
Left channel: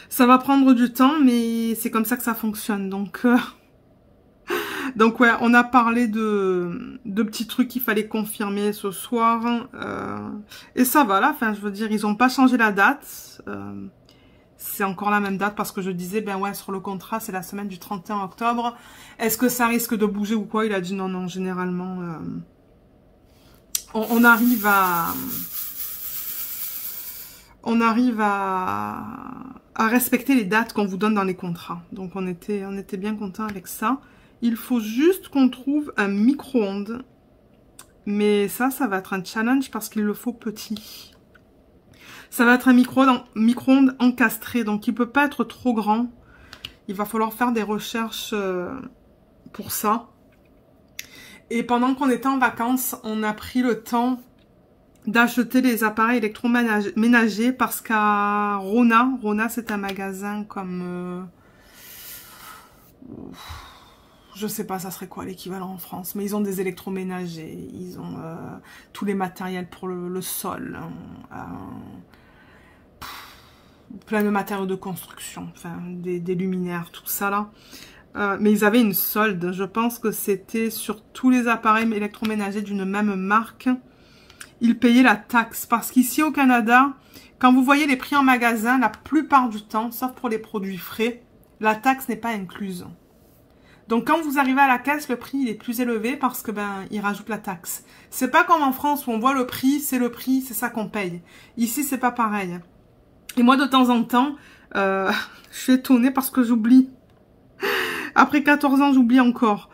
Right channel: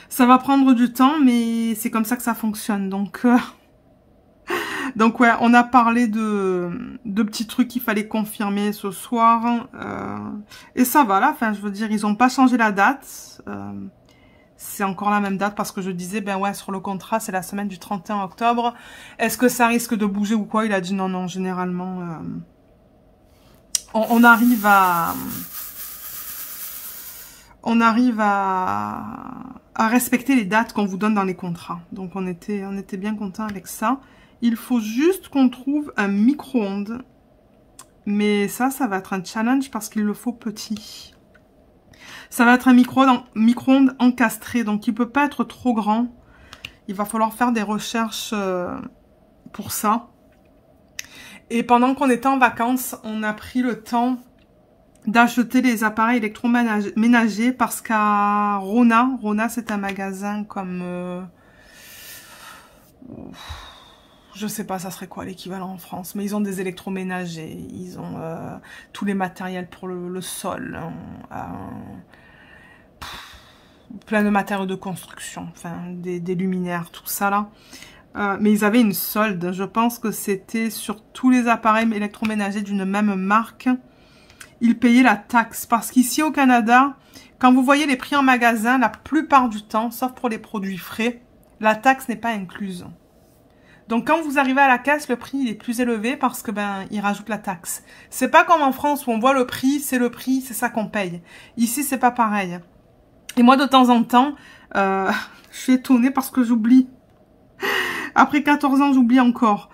Ça va prendre du temps mais c'est comme ça que ça fonctionne. Donc Donc ouais, on a parlé de petits trucs qu'il fallait confirmer ce soir. Et ça va là, enfin je veux dire, ils n'ont pas changé la date. C'est encore la même date parce que je disais, ben ouais, sur le contrat, c'est la semaine du 31 octobre. Est-ce que ça risque de bouger ou quoi? Il a dit non, non, généralement, on arrive à... On arrive à respecter les dates qu'on vous donne dans les contrats. Donc on était bien content avec ça. Il faut juste qu'on trouve un micro-ondes. Mais ça va être un challenge parce qu'il le faut petit. Ça va être un micro-ondes encastré. Donc il ne peut pas être trop grand. Il va falloir faire des recherches pour ça. Et pendant qu'on était en vacances, on a pris le temps d'acheter les appareils électroménagers parce qu'à Rona c'est un magasin comme... je sais pas, ça serait quoi l'équivalent en France, mais ils ont des électroménagers, ils ont tous les matériels pour le sol, plein de matériaux de construction, enfin des luminaires, tout ça là. Mais ils avaient une solde, je pense que c'était sur tous les appareils électroménagers d'une même marque. Ils payaient la taxe. Parce qu'ici au Canada, quand vous voyez les prix en magasin, la plupart du temps, sauf pour les produits frais, la taxe n'est pas incluse. Donc quand vous arrivez à la caisse, le prix il est plus élevé parce que ben ils rajoutent la taxe. C'est pas comme en France où on voit le prix, c'est ça qu'on paye. Ici c'est pas pareil. Et moi de temps en temps, je suis étonnée parce que j'oublie. Après 14 ans, j'oublie encore.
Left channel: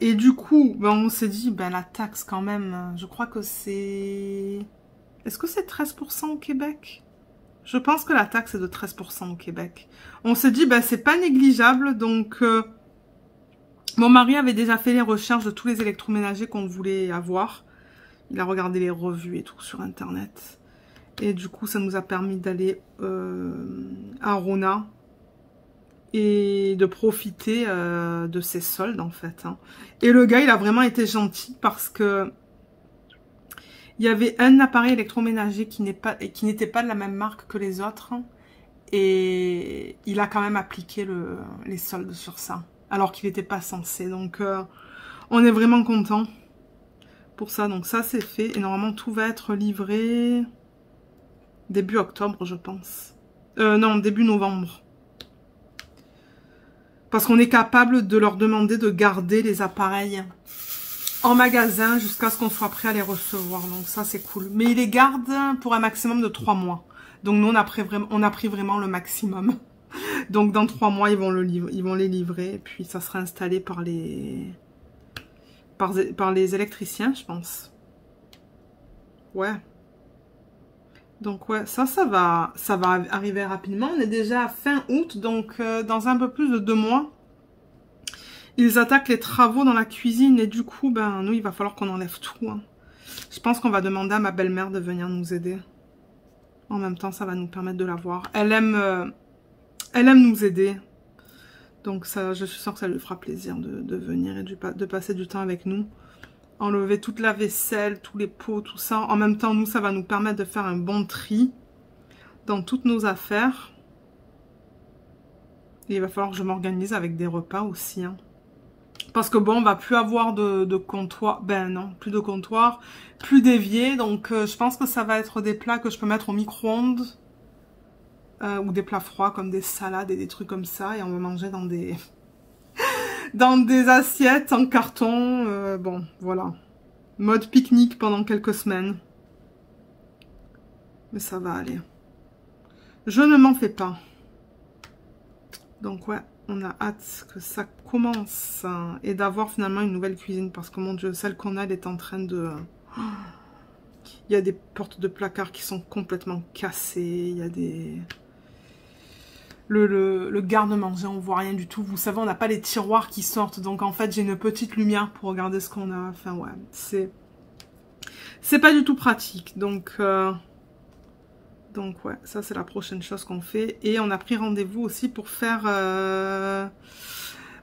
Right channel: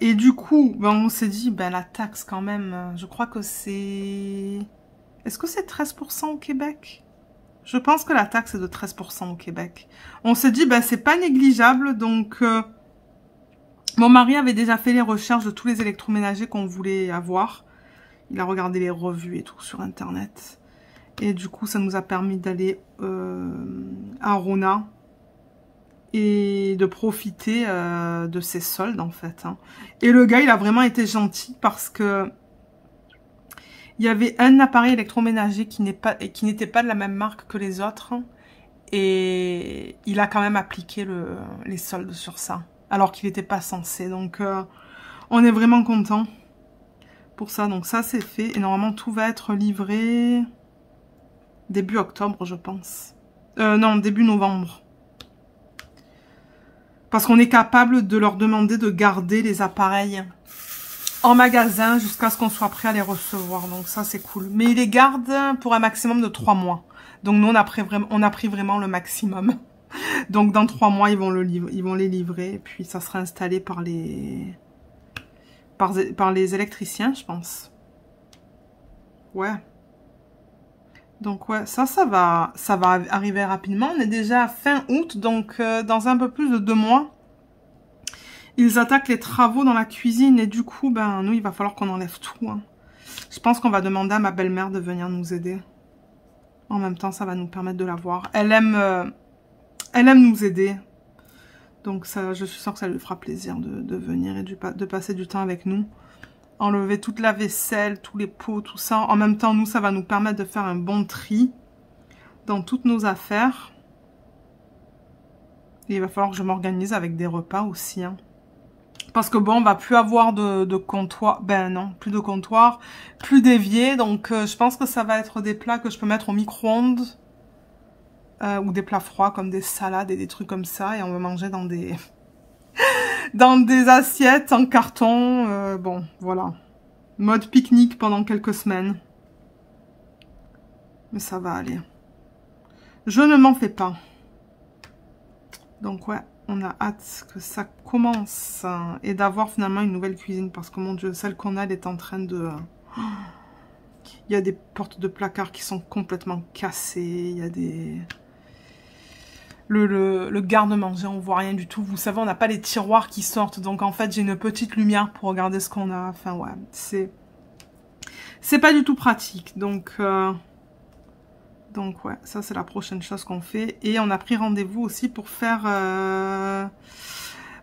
Et du coup, ben, on s'est dit, ben, la taxe quand même, je crois que c'est... Est-ce que c'est 13% au Québec? Je pense que la taxe est de 13% au Québec. On s'est dit, ben, c'est pas négligeable, donc... Mon mari avait déjà fait les recherches de tous les électroménagers qu'on voulait avoir. Il a regardé les revues et tout sur Internet. Et du coup, ça nous a permis d'aller à Rona et de profiter de ces soldes en fait. Hein. Et le gars, il a vraiment été gentil parce que il y avait un appareil électroménager qui n'était pas de la même marque que les autres. Et il a quand même appliqué les soldes sur ça. Alors qu'il n'était pas censé. Donc, on est vraiment content pour ça. Donc, ça, c'est fait. Et normalement, tout va être livré début octobre, je pense. Non, début novembre. Parce qu'on est capable de leur demander de garder les appareils en magasin jusqu'à ce qu'on soit prêt à les recevoir. Donc, ça, c'est cool. Mais ils les gardent pour un maximum de 3 mois. Donc, nous, on a pris vraiment le maximum. Donc, dans 3 mois, ils vont les livrer. Et puis, ça sera installé par les électriciens, je pense. Ouais. Donc, ouais, ça va arriver rapidement. On est déjà à fin août. Donc, dans un peu plus de 2 mois, ils attaquent les travaux dans la cuisine. Et du coup, ben, nous, il va falloir qu'on enlève tout. Hein. Je pense qu'on va demander à ma belle-mère de venir nous aider. En même temps, ça va nous permettre de la voir. Elle aime nous aider. Donc, ça, je suis sûre que ça lui fera plaisir de venir et de passer du temps avec nous. Enlever toute la vaisselle, tous les pots, tout ça. En même temps, nous, ça va nous permettre de faire un bon tri dans toutes nos affaires. Et il va falloir que je m'organise avec des repas aussi. Hein. Parce que bon, on va plus avoir de comptoir. Ben non, plus de comptoir, plus d'évier. Donc, je pense que ça va être des plats que je peux mettre au micro-ondes. Ou des plats froids comme des salades et des trucs comme ça. Et on va manger dans des... dans des assiettes en carton. Bon, voilà. Mode pique-nique pendant quelques semaines. Mais ça va aller. Je ne m'en fais pas. Donc ouais, on a hâte que ça commence. Et d'avoir finalement une nouvelle cuisine. Parce que mon Dieu, celle qu'on a, elle est en train de... Il y a des portes de placard qui sont complètement cassées. Il y a des... Le garde-manger, on voit rien du tout. Vous savez, on n'a pas les tiroirs qui sortent. Donc, en fait, j'ai une petite lumière pour regarder ce qu'on a. Enfin, ouais, c'est pas du tout pratique. Donc, ouais, ça, c'est la prochaine chose qu'on fait. Et on a pris rendez-vous aussi pour faire...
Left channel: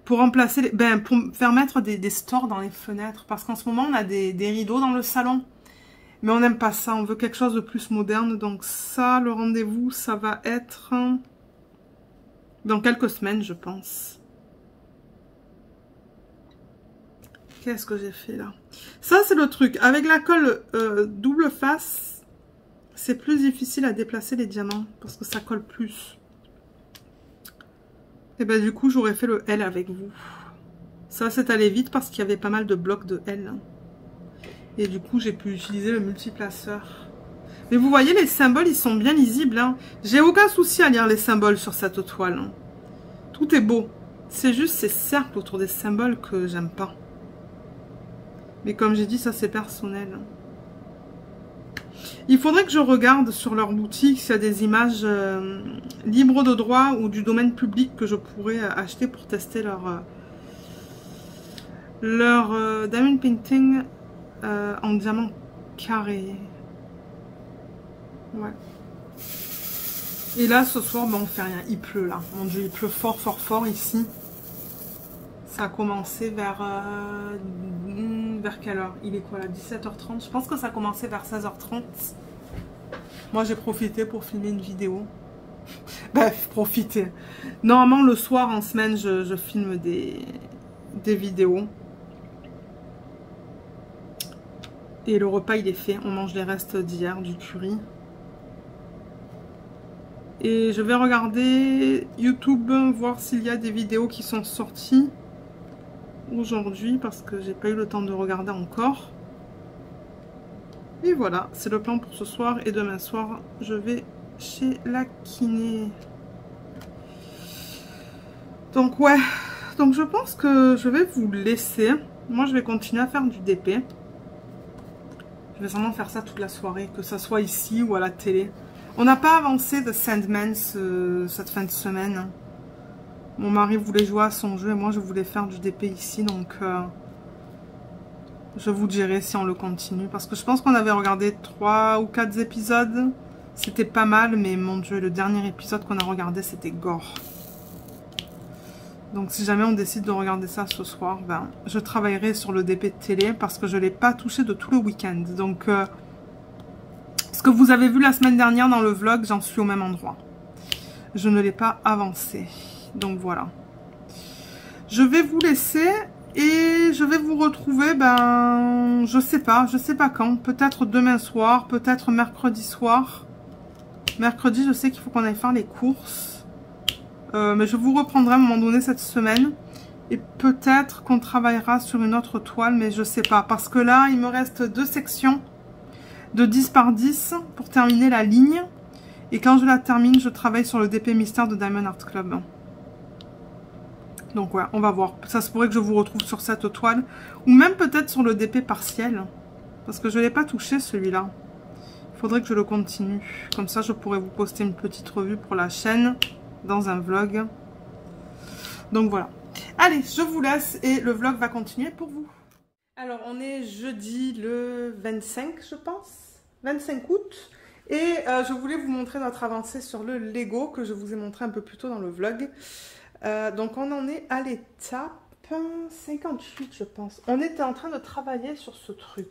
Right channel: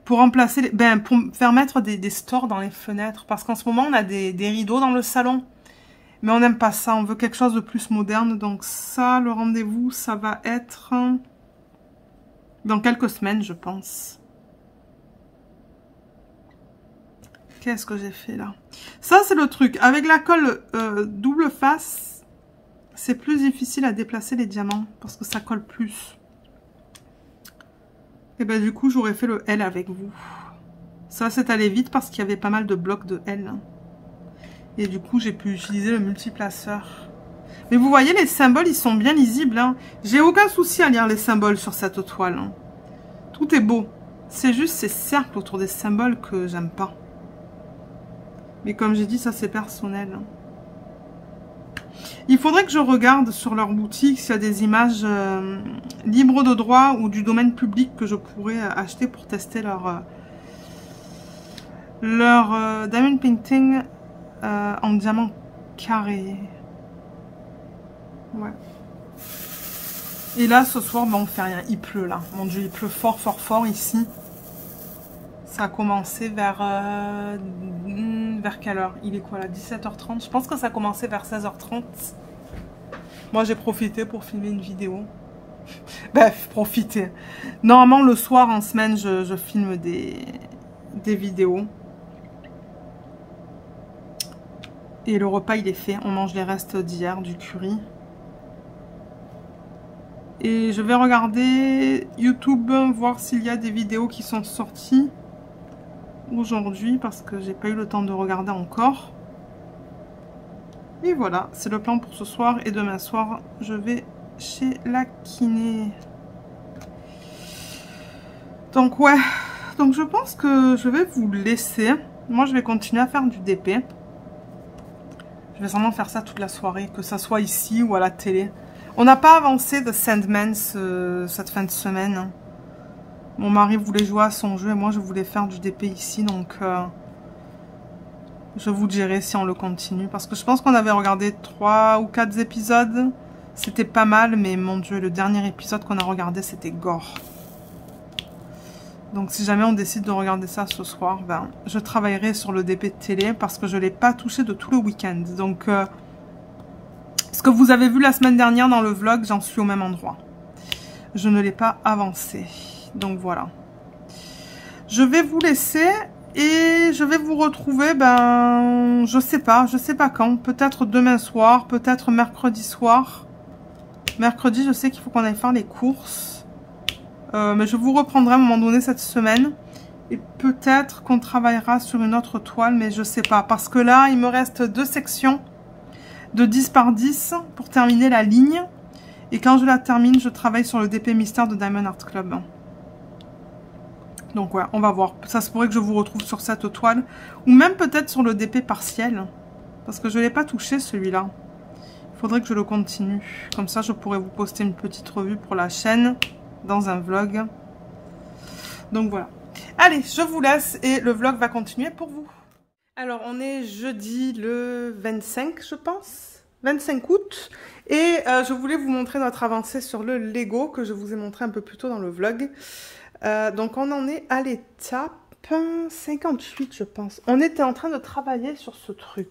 pour remplacer... pour faire mettre des stores dans les fenêtres. Parce qu'en ce moment, on a des rideaux dans le salon. Mais on n'aime pas ça. On veut quelque chose de plus moderne. Donc, ça, le rendez-vous, ça va être... dans quelques semaines, je pense. Qu'est-ce que j'ai fait là? Ça, c'est le truc. Avec la colle double face, c'est plus difficile à déplacer les diamants parce que ça colle plus. Et ben du coup, j'aurais fait le L avec vous. Ça, c'est allé vite parce qu'il y avait pas mal de blocs de L. Et du coup, j'ai pu utiliser le multiplaceur. Mais vous voyez, les symboles, ils sont bien lisibles. Hein. J'ai aucun souci à lire les symboles sur cette toile. Hein. Tout est beau. C'est juste ces cercles autour des symboles que j'aime pas. Mais comme j'ai dit, ça c'est personnel. Il faudrait que je regarde sur leur boutique s'il y a des images libres de droit ou du domaine public que je pourrais acheter pour tester leur diamond painting en diamant carré. Ouais. Et là, ce soir, ben, on fait rien. Il pleut là. Mon Dieu, il pleut fort, fort, fort ici. Ça a commencé vers quelle heure? Il est quoi là? 17h30. Je pense que ça a commencé vers 16h30. Moi, j'ai profité pour filmer une vidéo. Bref, profiter. Normalement, le soir, en semaine, je filme des vidéos. Et le repas, il est fait. On mange les restes d'hier, du curry. Et je vais regarder YouTube, voir s'il y a des vidéos qui sont sorties aujourd'hui parce que j'ai pas eu le temps de regarder encore. Et voilà, c'est le plan pour ce soir. Et demain soir, je vais chez la kiné. Donc ouais, donc je pense que je vais vous laisser. Moi, je vais continuer à faire du DP. Je vais sûrement faire ça toute la soirée, que ça soit ici ou à la télé. On n'a pas avancé de Sandman cette fin de semaine. Mon mari voulait jouer à son jeu et moi je voulais faire du DP ici. Donc je vous dirai si on le continue. Parce que je pense qu'on avait regardé 3 ou 4 épisodes. C'était pas mal, mais mon Dieu, le dernier épisode qu'on a regardé, c'était gore. Donc si jamais on décide de regarder ça ce soir, ben, je travaillerai sur le DP de télé parce que je ne l'ai pas touché de tout le week-end. Donc... ce que vous avez vu la semaine dernière dans le vlog, j'en suis au même endroit. Je ne l'ai pas avancé. Donc voilà. Je vais vous laisser et je vais vous retrouver, ben, je sais pas quand. Peut-être demain soir, peut-être mercredi soir. Mercredi, je sais qu'il faut qu'on aille faire les courses. Mais je vous reprendrai à un moment donné cette semaine. Et peut-être qu'on travaillera sur une autre toile, mais je sais pas. Parce que là, il me reste 2 sections de 10 par 10 pour terminer la ligne. Et quand je la termine, je travaille sur le DP mystère de Diamond Art Club. Donc ouais, on va voir. Ça se pourrait que je vous retrouve sur cette toile. Ou même peut-être sur le DP partiel. Parce que je ne l'ai pas touché celui-là. Il faudrait que je le continue. Comme ça, je pourrais vous poster une petite revue pour la chaîne. Dans un vlog. Donc voilà. Allez, je vous laisse et le vlog va continuer pour vous. Alors, on est jeudi le 25, je pense. 25 août. Et je voulais vous montrer notre avancée sur le Lego que je vous ai montré un peu plus tôt dans le vlog. Donc, on en est à l'étape 58, je pense. On était en train de travailler sur ce truc.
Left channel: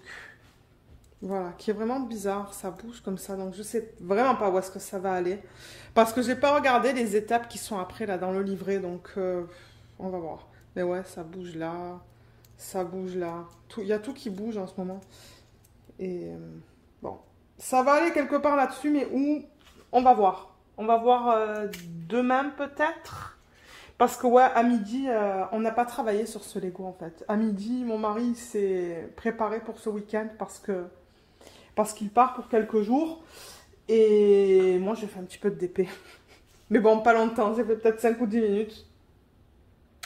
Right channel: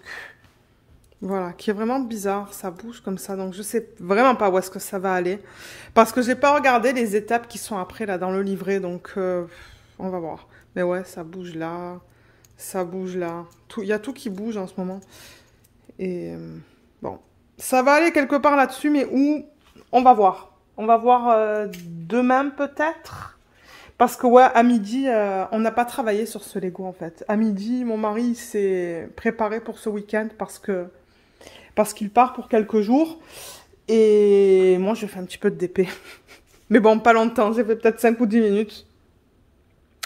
Voilà, qui est vraiment bizarre. Ça bouge comme ça. Donc, je sais vraiment pas où est-ce que ça va aller. Parce que j'ai pas regardé les étapes qui sont après, là, dans le livret. Donc, on va voir. Mais ouais, ça bouge là. Ça bouge là. Il y a tout qui bouge en ce moment. Et bon, ça va aller quelque part là-dessus, mais où? On va voir. On va voir demain peut-être. Parce que ouais, à midi, on n'a pas travaillé sur ce Lego en fait. À midi, mon mari s'est préparé pour ce week-end parce qu'il part pour quelques jours. Et moi, je fais un petit peu de DP. Mais bon, pas longtemps. J'ai fait peut-être 5 ou 10 minutes.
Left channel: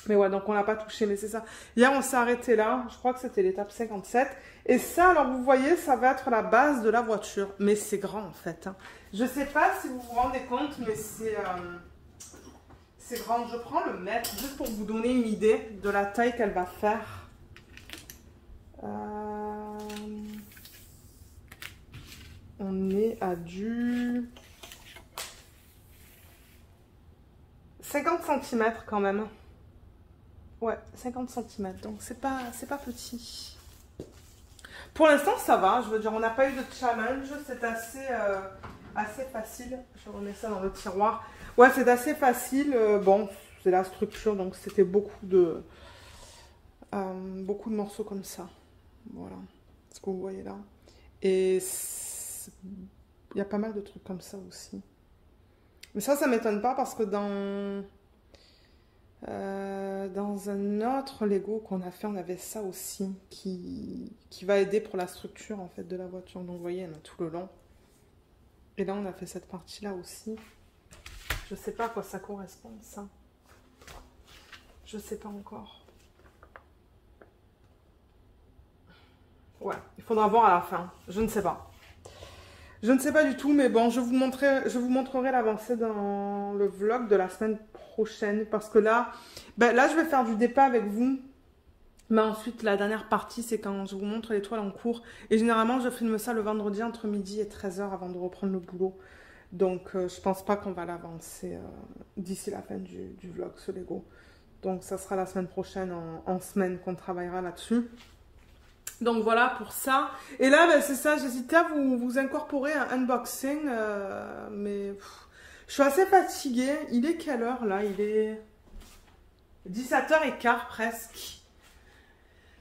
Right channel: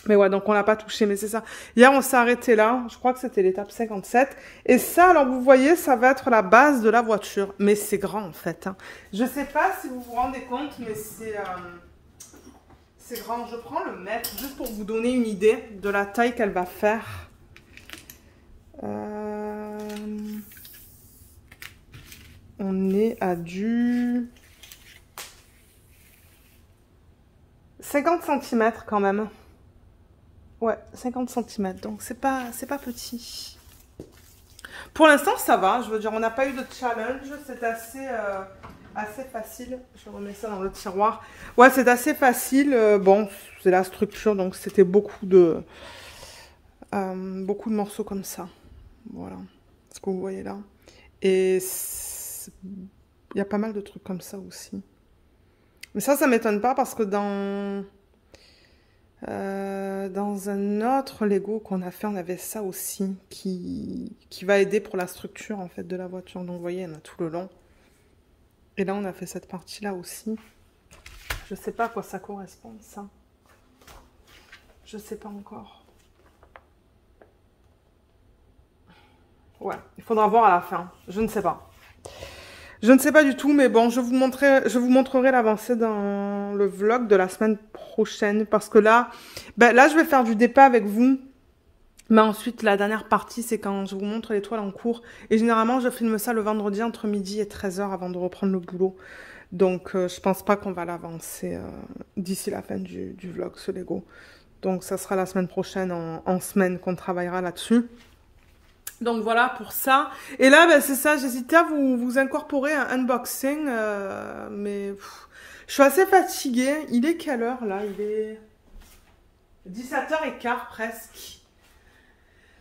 Mais ouais, donc on l'a pas touché, mais c'est ça. Hier, on s'est arrêté là. Je crois que c'était l'étape 57. Et ça, alors vous voyez, ça va être la base de la voiture. Mais c'est grand en fait. Hein. Je sais pas si vous vous rendez compte, mais c'est grand. Je prends le mètre juste pour vous donner une idée de la taille qu'elle va faire. On est à du 50 cm quand même. Ouais, 50 cm, donc c'est pas petit. Pour l'instant, ça va. Je veux dire, on n'a pas eu de challenge. C'est assez facile. Je remets ça dans le tiroir. Ouais, c'est assez facile. Bon, c'est la structure, donc c'était beaucoup de beaucoup de morceaux comme ça. Voilà, ce que vous voyez là. Et il y a pas mal de trucs comme ça aussi. Mais ça m'étonne pas parce que dans un autre Lego qu'on a fait, on avait ça aussi qui va aider pour la structure en fait de la voiture. Donc vous voyez, il y en a tout le long. Et là, on a fait cette partie-là aussi. Je sais pas à quoi ça correspond, ça. Je sais pas encore. Ouais, il faudra voir à la fin. Je ne sais pas. Je ne sais pas du tout, mais bon, je vous montrerai l'avancée dans le vlog de la semaine prochaine. Parce que là, là, je vais faire du départ avec vous. Mais ensuite, la dernière partie, c'est quand je vous montre les toiles en cours. Et généralement, je filme ça le vendredi entre midi et 13h avant de reprendre le boulot. Donc, je pense pas qu'on va l'avancer d'ici la fin du vlog, ce Lego. Donc, ça sera la semaine prochaine, en semaine, qu'on travaillera là-dessus. Donc, voilà pour ça. Et là, c'est ça, j'hésitais à vous incorporer un unboxing. Mais je suis assez fatiguée. Il est quelle heure, là? Il est 17h15 presque.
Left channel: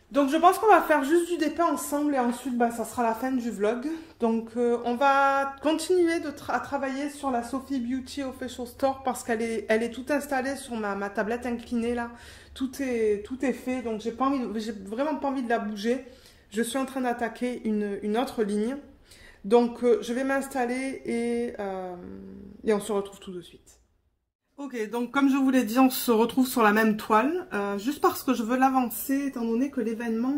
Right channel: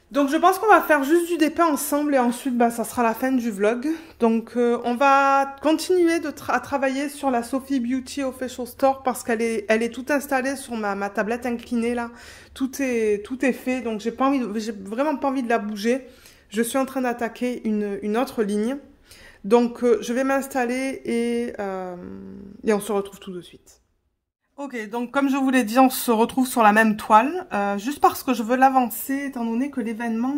Donc, je pense qu'on va faire juste du dépeint ensemble et ensuite, ça sera la fin du vlog. Donc, on va continuer à travailler sur la Sophie Beauty Official Store parce qu'elle est toute installée sur ma tablette inclinée, là. Tout est fait, donc j'ai vraiment pas envie de la bouger. Je suis en train d'attaquer une autre ligne. Donc, je vais m'installer et on se retrouve tout de suite. Ok, donc comme je vous l'ai dit, on se retrouve sur la même toile, juste parce que je veux l'avancer, étant donné que l'événement,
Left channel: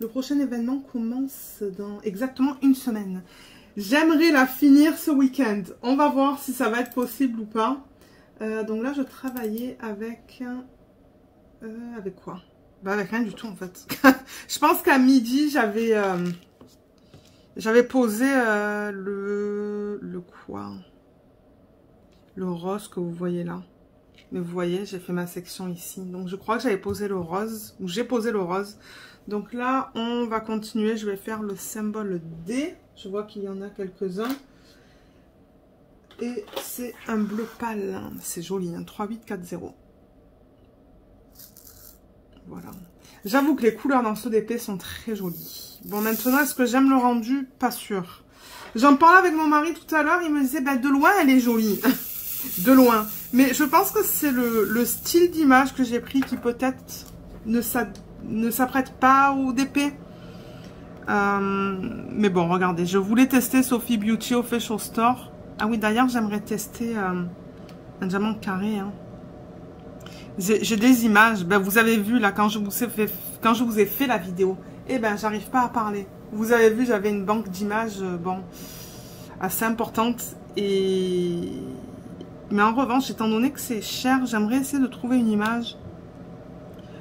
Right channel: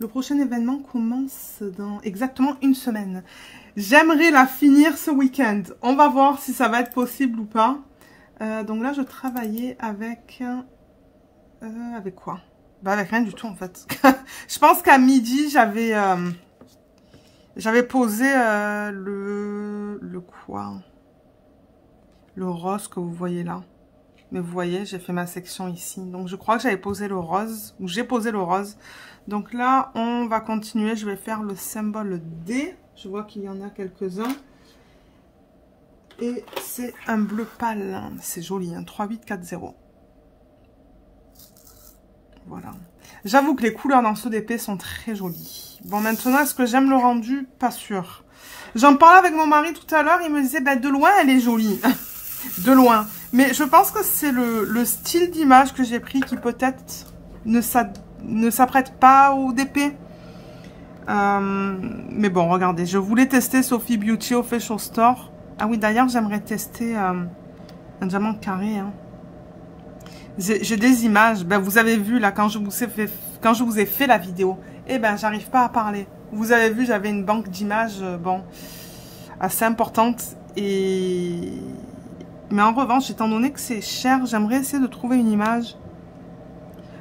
le prochain événement commence dans exactement une semaine. J'aimerais la finir ce week-end. On va voir si ça va être possible ou pas. Donc là, je travaillais avec quoi? Avec rien du tout en fait. Je pense qu'à midi, j'avais posé le quoi? Le rose que vous voyez là. Mais vous voyez, j'ai fait ma section ici. Donc, je crois que j'avais posé le rose. Ou j'ai posé le rose. Donc là, on va continuer. Je vais faire le symbole D. Je vois qu'il y en a quelques-uns. Et c'est un bleu pâle. C'est joli, hein. 3840. Voilà. J'avoue que les couleurs dans ce DP sont très jolies. Bon, maintenant, est-ce que j'aime le rendu? Pas sûr. J'en parlais avec mon mari tout à l'heure. Il me disait, de loin, elle est jolie. De loin. Mais je pense que c'est le style d'image que j'ai pris qui peut-être ne s'apprête pas au DP. Mais bon, regardez. Je voulais tester Sophie Beauty Official Store. Ah oui, d'ailleurs, j'aimerais tester un diamant carré. Hein. J'ai des images. Vous avez vu, là, quand je vous ai fait la vidéo, j'arrive pas à parler. Vous avez vu, j'avais une banque d'images, assez importante. Mais en revanche, étant donné que c'est cher, j'aimerais essayer de trouver une image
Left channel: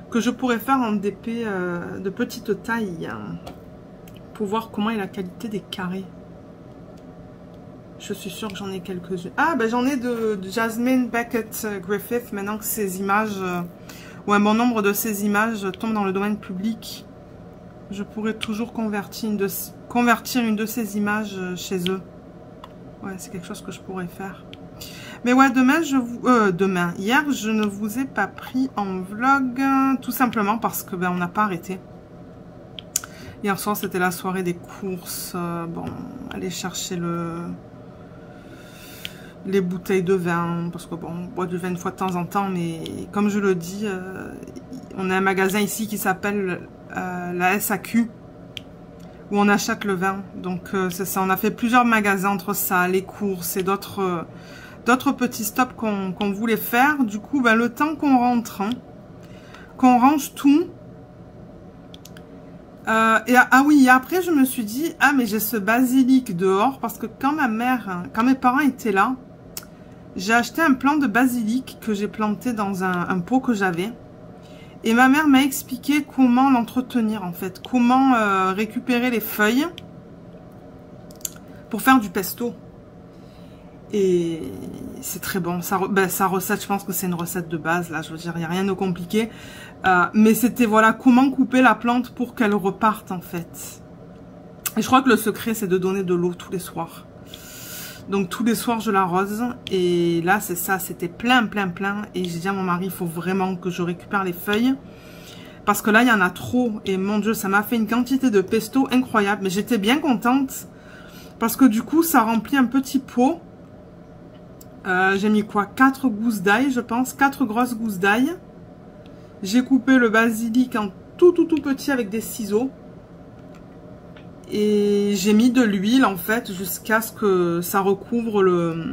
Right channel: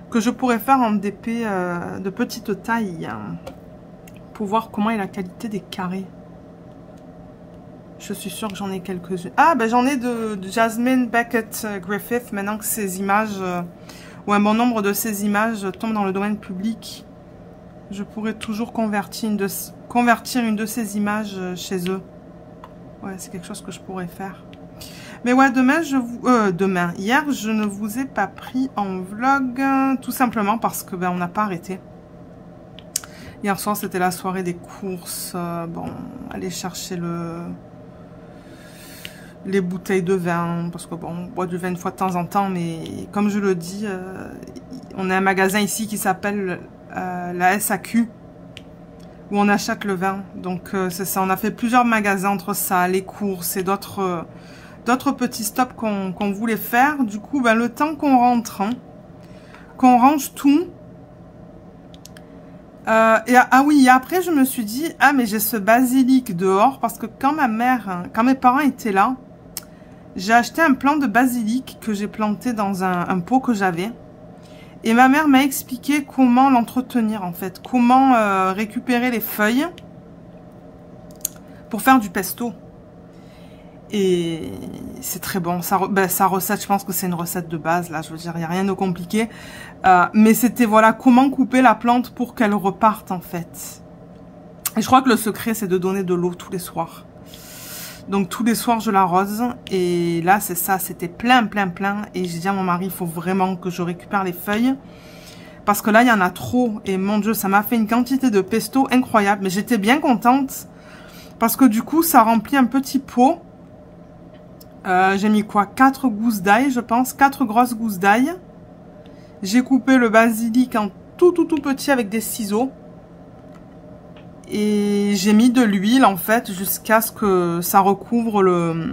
que je pourrais faire en DP de petite taille. Hein, pour voir comment est la qualité des carrés. Je suis sûre que j'en ai quelques-unes. Ah, j'en ai de Jasmine Beckett Griffith. Maintenant que ces images, ou un bon nombre de ces images tombent dans le domaine public, je pourrais toujours convertir une de ces images chez eux. Ouais, c'est quelque chose que je pourrais faire. Mais ouais, hier, je ne vous ai pas pris en vlog, tout simplement parce que on n'a pas arrêté. Hier soir, c'était la soirée des courses. Aller chercher les bouteilles de vin, parce que on boit du vin une fois de temps en temps, mais comme je le dis, on a un magasin ici qui s'appelle la SAQ, où on achète le vin. Donc c'est ça, on a fait plusieurs magasins entre ça, les courses et d'autres petits stops qu'on voulait faire. Du coup, le temps qu'on rentre, qu'on range tout. Et après je me suis dit, mais j'ai ce basilic dehors, parce que quand mes parents étaient là, j'ai acheté un plant de basilic que j'ai planté dans un pot que j'avais. Et ma mère m'a expliqué comment l'entretenir en fait, comment récupérer les feuilles pour faire du pesto. Et c'est très bon. Sa recette, je pense que c'est une recette de base. Là, je veux dire, il n'y a rien de compliqué. Mais c'était, voilà, comment couper la plante pour qu'elle reparte, en fait. Et je crois que le secret, c'est de donner de l'eau tous les soirs. Donc tous les soirs je l'arrose. Et là c'est ça, c'était plein. Et j'ai dit à mon mari, il faut vraiment que je récupère les feuilles. Parce que là il y en a trop. Et mon Dieu, ça m'a fait une quantité de pesto incroyable. Mais j'étais bien contente. Parce que du coup ça remplit un petit pot. J'ai mis quoi, 4 gousses d'ail je pense. 4 grosses gousses d'ail. J'ai coupé le basilic en tout petit avec des ciseaux. Et j'ai mis de l'huile en fait jusqu'à ce que ça recouvre le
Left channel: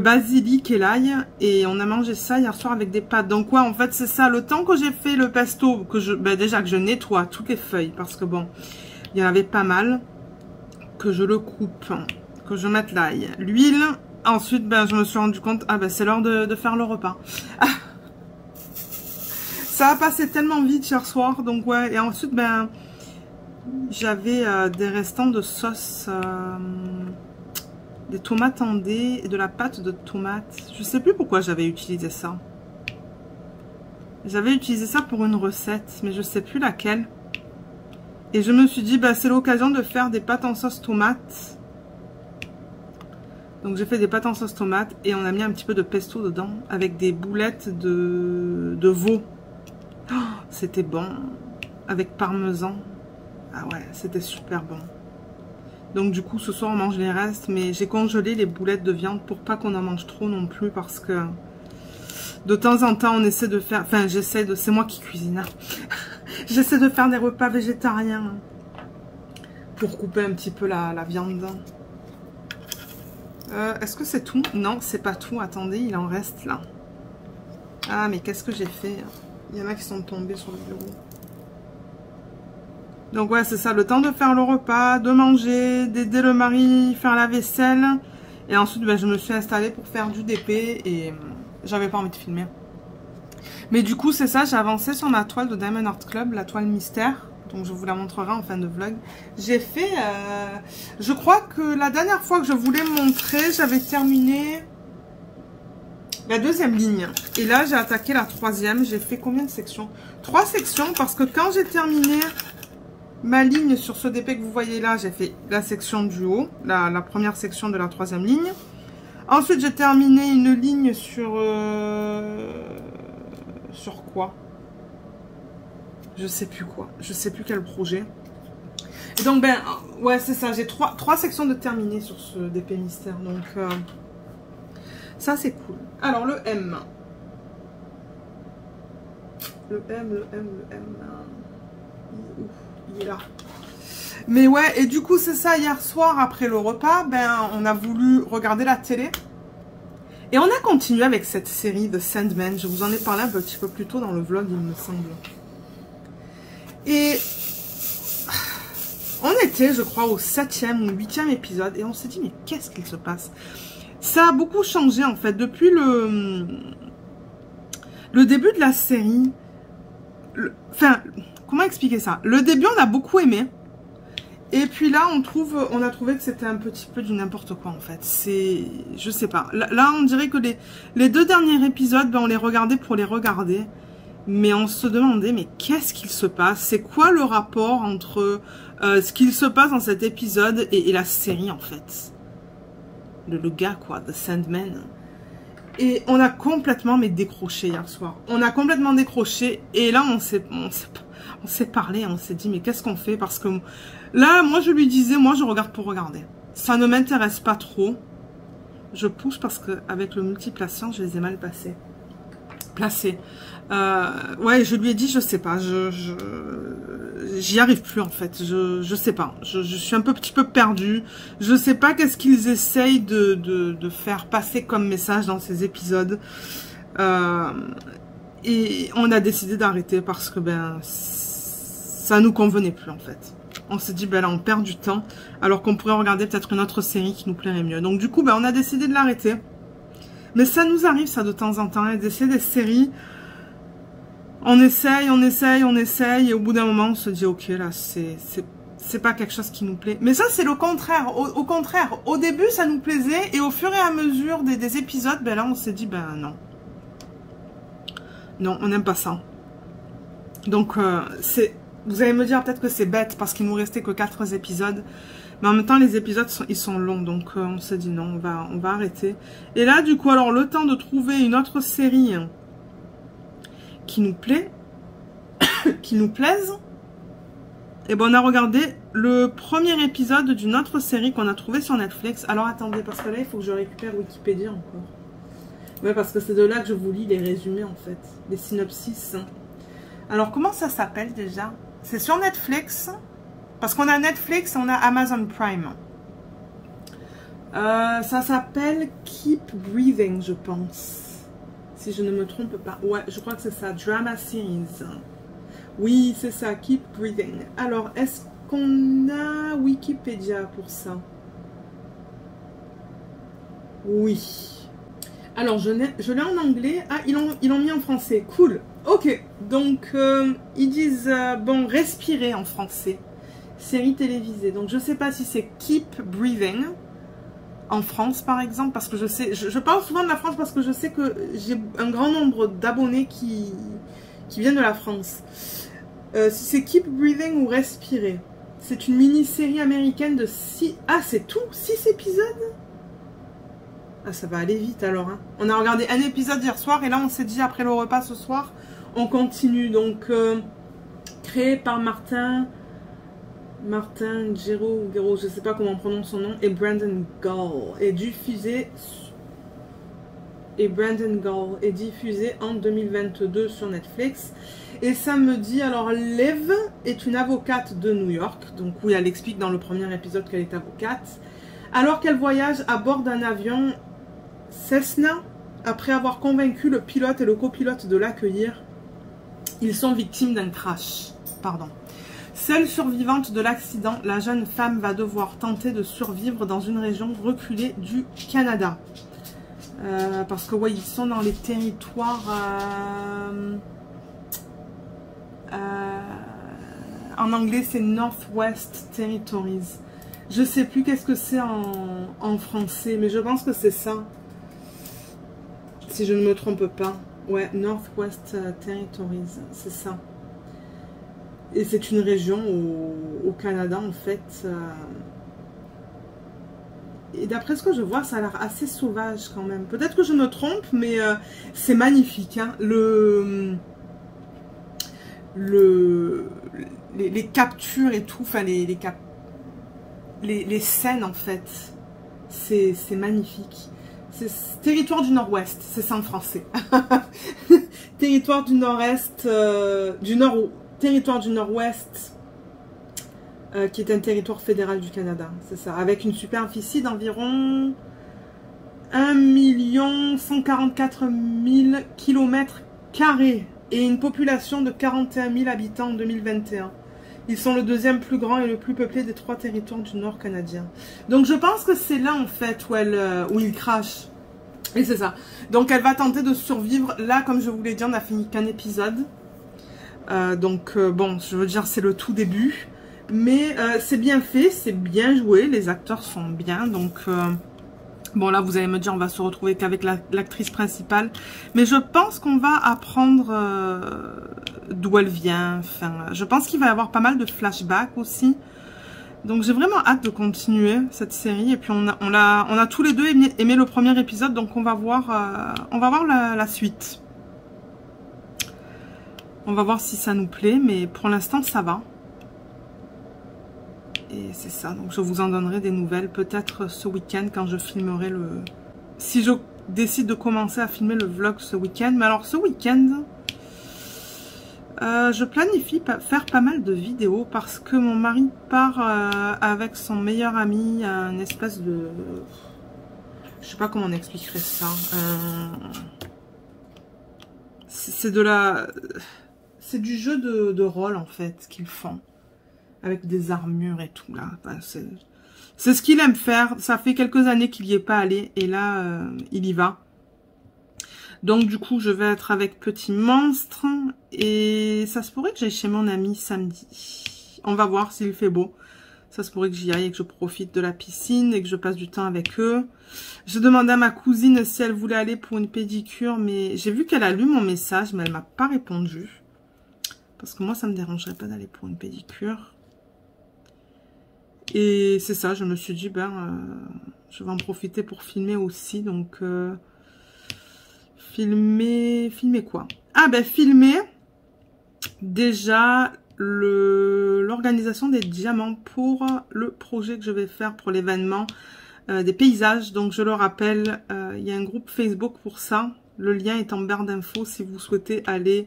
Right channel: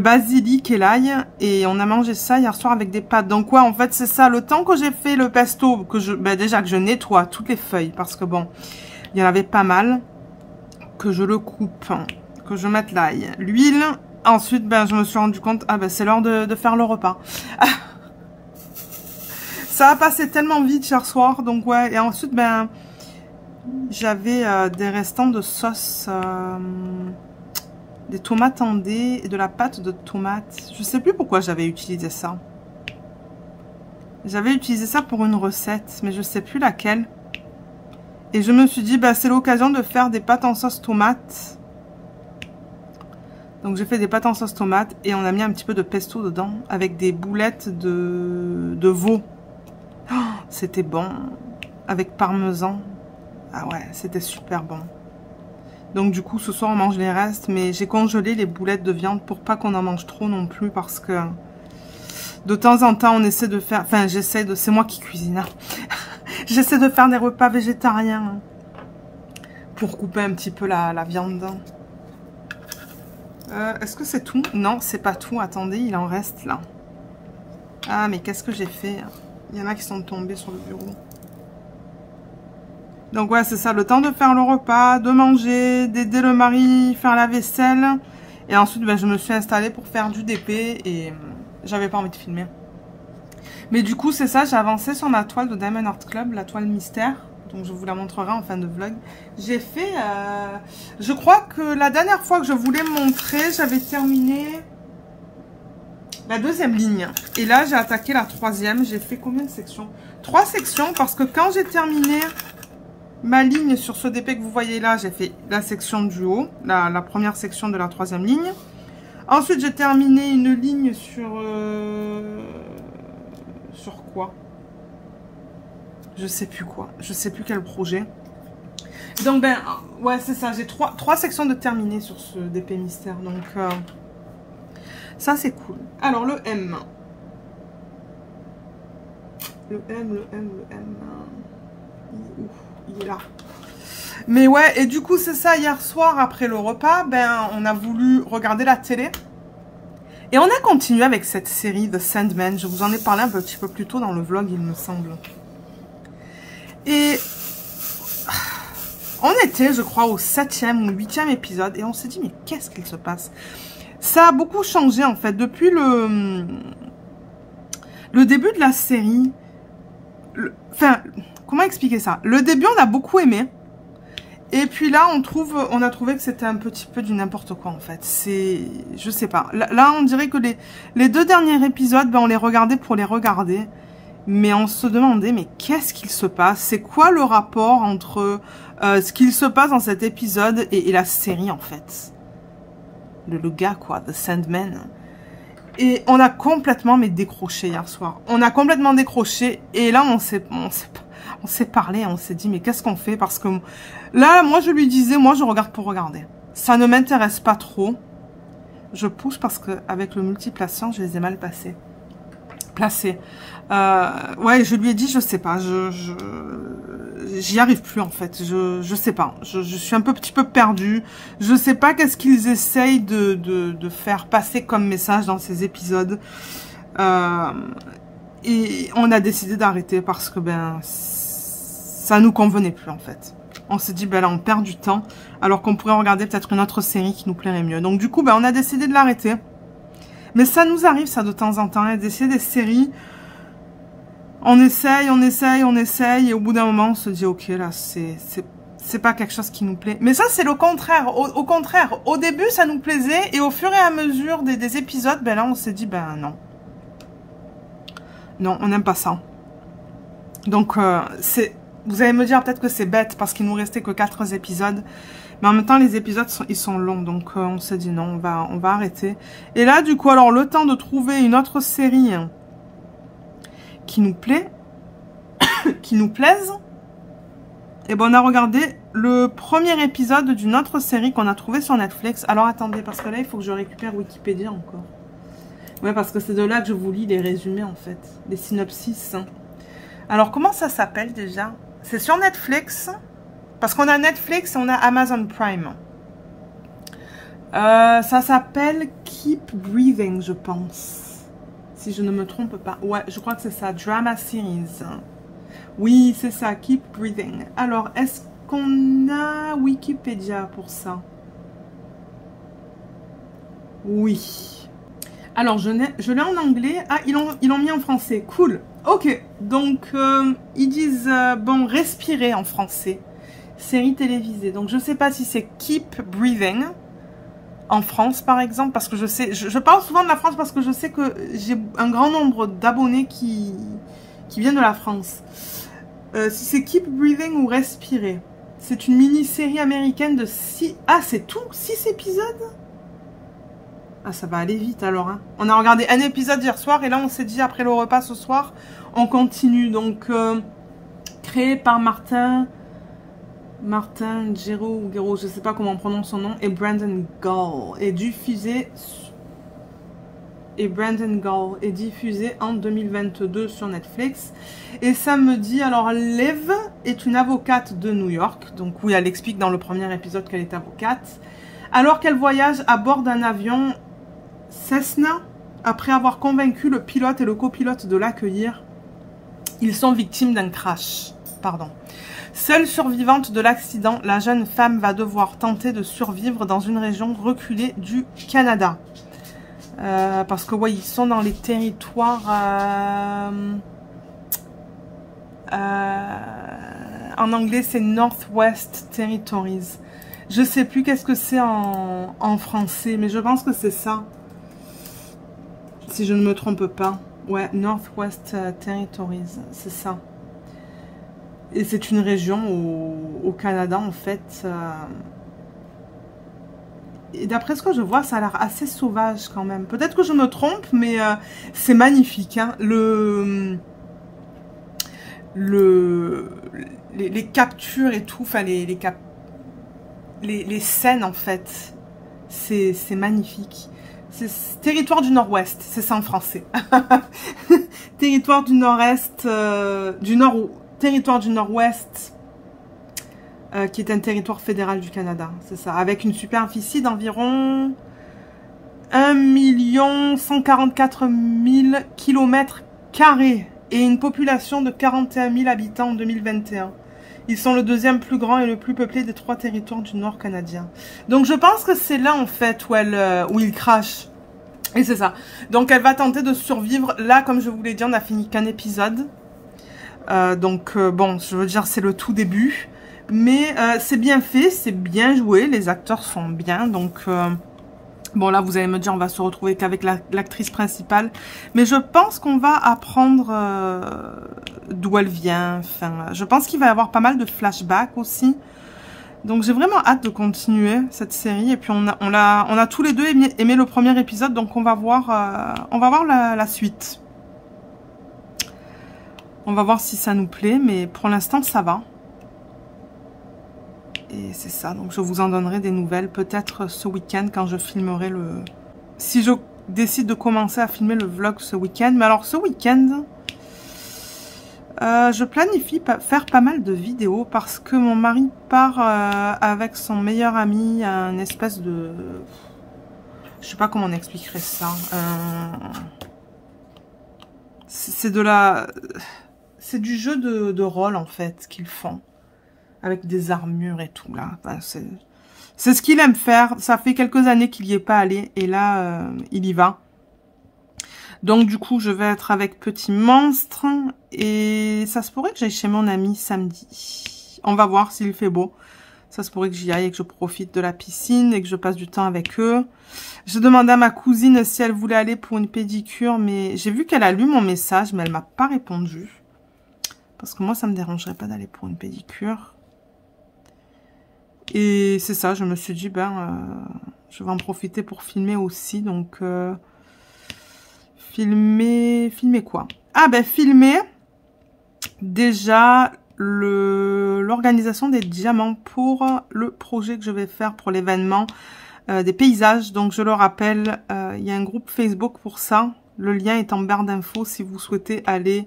basilic et l'ail. Et on a mangé ça hier soir avec des pâtes. Donc ouais, en fait c'est ça, le temps que j'ai fait le pesto, que déjà que je nettoie toutes les feuilles, parce que bon, il y en avait pas mal, que je le coupe, que je mette l'ail, l'huile. Ensuite je me suis rendu compte, c'est l'heure de faire le repas. Ça a passé tellement vite hier soir, donc ouais. Et ensuite j'avais des restants de sauce, des tomates en dés et de la pâte de tomate. Je sais plus pourquoi j'avais utilisé ça. J'avais utilisé ça pour une recette, mais je sais plus laquelle. Et je me suis dit, c'est l'occasion de faire des pâtes en sauce tomate. Donc j'ai fait des pâtes en sauce tomate et on a mis un petit peu de pesto dedans avec des boulettes de veau. Oh, c'était bon. Avec parmesan. Ah ouais, c'était super bon. Donc du coup, ce soir, on mange les restes. Mais j'ai congelé les boulettes de viande pour pas qu'on en mange trop non plus. Parce que de temps en temps, on essaie de faire... Enfin, j'essaie de... C'est moi qui cuisine. Hein. J'essaie de faire des repas végétariens. Hein, pour couper un petit peu la viande. Est-ce que c'est tout? Non, c'est pas tout. Attendez, il en reste là. Ah, mais qu'est-ce que j'ai fait? Il y en a qui sont tombés sur le bureau. Donc ouais, c'est ça, le temps de faire le repas, de manger, d'aider le mari, faire la vaisselle. Et ensuite, je me suis installée pour faire du DP et j'avais pas envie de filmer. Mais du coup, c'est ça, j'ai avancé sur ma toile de Diamond Art Club, la toile mystère. Donc je vous la montrerai en fin de vlog. J'ai fait, je crois que la dernière fois que je voulais montrer, j'avais terminé la 2e ligne. Et là, j'ai attaqué la 3e. J'ai fait combien de sections? 3 sections, parce que quand j'ai terminé ma ligne sur ce DP que vous voyez là, j'ai fait la section du haut, la première section de la 3e ligne. Ensuite, j'ai terminé une ligne sur quoi? Je sais plus quoi. Je sais plus quel projet. Et donc, ouais, c'est ça. J'ai 3 sections de terminées sur ce DP mystère. Donc, ça, c'est cool. Alors, le M. Le M. Il est là. Mais ouais, et du coup, c'est ça. Hier soir, après le repas, on a voulu regarder la télé. Et on a continué avec cette série de Sandman. Je vous en ai parlé un petit peu plus tôt dans le vlog, il me semble. Et on était, je crois, au 7e ou 8e épisode. Et on s'est dit, mais qu'est-ce qu'il se passe? Ça a beaucoup changé, en fait. Depuis le début de la série. Enfin, comment expliquer ça? Le début, on a beaucoup aimé. Et puis là, on a trouvé que c'était un petit peu du n'importe quoi, en fait. C'est... Je sais pas. Là, on dirait que les 2 derniers épisodes, on les regardait pour les regarder. Mais on se demandait, mais qu'est-ce qu'il se passe? C'est quoi le rapport entre ce qu'il se passe dans cet épisode et la série, en fait? Le gars, quoi, The Sandman. Et on a complètement décroché hier soir. On a complètement décroché. Et là, on s'est parlé, on s'est dit, mais qu'est-ce qu'on fait? Parce que là, moi, je lui disais, moi, je regarde pour regarder. Ça ne m'intéresse pas trop. Je pousse parce qu'avec le multiplation, je les ai mal placés. Ouais, je lui ai dit, je sais pas, j'y arrive plus en fait, je sais pas, je suis un petit peu perdue, je sais pas qu'est-ce qu'ils essayent de faire passer comme message dans ces épisodes, et on a décidé d'arrêter parce que ça nous convenait plus en fait. On s'est dit, là on perd du temps, alors qu'on pourrait regarder peut-être une autre série qui nous plairait mieux. Donc du coup, on a décidé de l'arrêter. Mais ça nous arrive ça de temps en temps, d'essayer des séries. On essaye, et au bout d'un moment, on se dit, ok, là, c'est pas quelque chose qui nous plaît. Mais ça, c'est le contraire. Au contraire, au début, ça nous plaisait, et au fur et à mesure des épisodes, là, on s'est dit, non. Non, on n'aime pas ça. Donc, Vous allez me dire peut-être que c'est bête parce qu'il nous restait que 4 épisodes. Mais en même temps, les épisodes, ils sont longs. Donc, on s'est dit non, on va arrêter. Et là, du coup, alors, le temps de trouver une autre série qui nous plaît, qui nous plaise. Et ben, on a regardé le premier épisode d'une autre série qu'on a trouvé sur Netflix. Alors, attendez, parce que là, il faut que je récupère Wikipédia encore. Ouais, parce que c'est de là que je vous lis les résumés, en fait. Les synopsis. Alors, comment ça s'appelle déjà? C'est sur Netflix. Parce qu'on a Netflix et on a Amazon Prime. Ça s'appelle Keep Breathing, je pense. Si je ne me trompe pas. Ouais, je crois que c'est ça. Drama Series. Oui, c'est ça. Keep Breathing. Alors, est-ce qu'on a Wikipédia pour ça? Oui. Alors, je l'ai en anglais. Ah, ils l'ont mis en français. Cool. Ok. Donc, ils disent, bon, respirer en français. Série télévisée. Donc, je ne sais pas si c'est Keep Breathing en France, par exemple, parce que je sais... Je parle souvent de la France parce que je sais que j'ai un grand nombre d'abonnés qui viennent de la France. Si c'est Keep Breathing ou Respirer. C'est une mini-série américaine de 6... Ah, c'est tout? 6 épisodes? Ah, ça va aller vite, alors. Hein. On a regardé un épisode hier soir, et là, on s'est dit, après le repas ce soir, on continue. Donc, créé par Martin Gero, je ne sais pas comment on prononce son nom, et Brandon Gall, est diffusé en 2022 sur Netflix. Et ça me dit, alors Liv est une avocate de New York, donc oui, elle explique dans le premier épisode qu'elle est avocate, alors qu'elle voyage à bord d'un avion Cessna, après avoir convaincu le pilote et le copilote de l'accueillir, ils sont victimes d'un crash. Seule survivante de l'accident, la jeune femme va devoir tenter de survivre dans une région reculée du Canada. Parce que ouais, ils sont dans les territoires... en anglais, c'est Northwest Territories. Je sais plus qu'est-ce que c'est en français, mais je pense que c'est ça. Si je ne me trompe pas. Ouais, Northwest Territories, c'est ça. Et c'est une région au Canada, en fait. Et d'après ce que je vois, ça a l'air assez sauvage quand même. Peut-être que je me trompe, mais c'est magnifique. Hein. Les captures et tout, enfin les scènes, en fait, c'est magnifique. C'est territoire du Nord-Ouest, c'est ça en français. Territoire du Nord-Est, territoire du Nord-Ouest, qui est un territoire fédéral du Canada, c'est ça, avec une superficie d'environ 1 144 000 km² et une population de 41 000 habitants en 2021. Ils sont le deuxième plus grand et le plus peuplé des 3 territoires du Nord canadien. Donc je pense que c'est là en fait où il crache. Et c'est ça. Donc elle va tenter de survivre. Là, comme je vous l'ai dit, on a fini qu'un épisode. Bon, je veux dire, c'est le tout début. Mais c'est bien fait, c'est bien joué. Les acteurs sont bien. Donc, bon, là, vous allez me dire, on va se retrouver qu'avec l'actrice principale. Mais je pense qu'on va apprendre d'où elle vient. Enfin, je pense qu'il va y avoir pas mal de flashbacks aussi. Donc, j'ai vraiment hâte de continuer cette série. Et puis, on a tous les deux aimé le premier épisode. Donc, on va voir la suite. On va voir si ça nous plaît. Mais pour l'instant, ça va. Et c'est ça, donc je vous en donnerai des nouvelles, peut-être ce week-end quand je filmerai le... Si je décide de commencer à filmer le vlog ce week-end. Mais alors ce week-end, je planifie faire pas mal de vidéos parce que mon mari part avec son meilleur ami à une espèce de... Je sais pas comment on expliquerait ça. C'est du jeu de rôle en fait qu'ils font. Avec des armures et tout, là. Enfin, c'est ce qu'il aime faire. Ça fait quelques années qu'il n'y est pas allé. Et là, il y va. Donc, du coup, je vais être avec Petit Monstre. Et ça se pourrait que j'aille chez mon ami samedi. On va voir s'il fait beau. Ça se pourrait que j'y aille et que je profite de la piscine et que je passe du temps avec eux. Je demandais à ma cousine si elle voulait aller pour une pédicure. Mais j'ai vu qu'elle a lu mon message, mais elle m'a pas répondu. Parce que moi, ça me dérangerait pas d'aller pour une pédicure. Et c'est ça, je me suis dit, je vais en profiter pour filmer aussi. Donc, filmer quoi? Ah, filmer déjà l'organisation des diamants pour le projet que je vais faire pour l'événement des paysages. Donc, je le rappelle, il y a un groupe Facebook pour ça. Le lien est en barre d'infos si vous souhaitez aller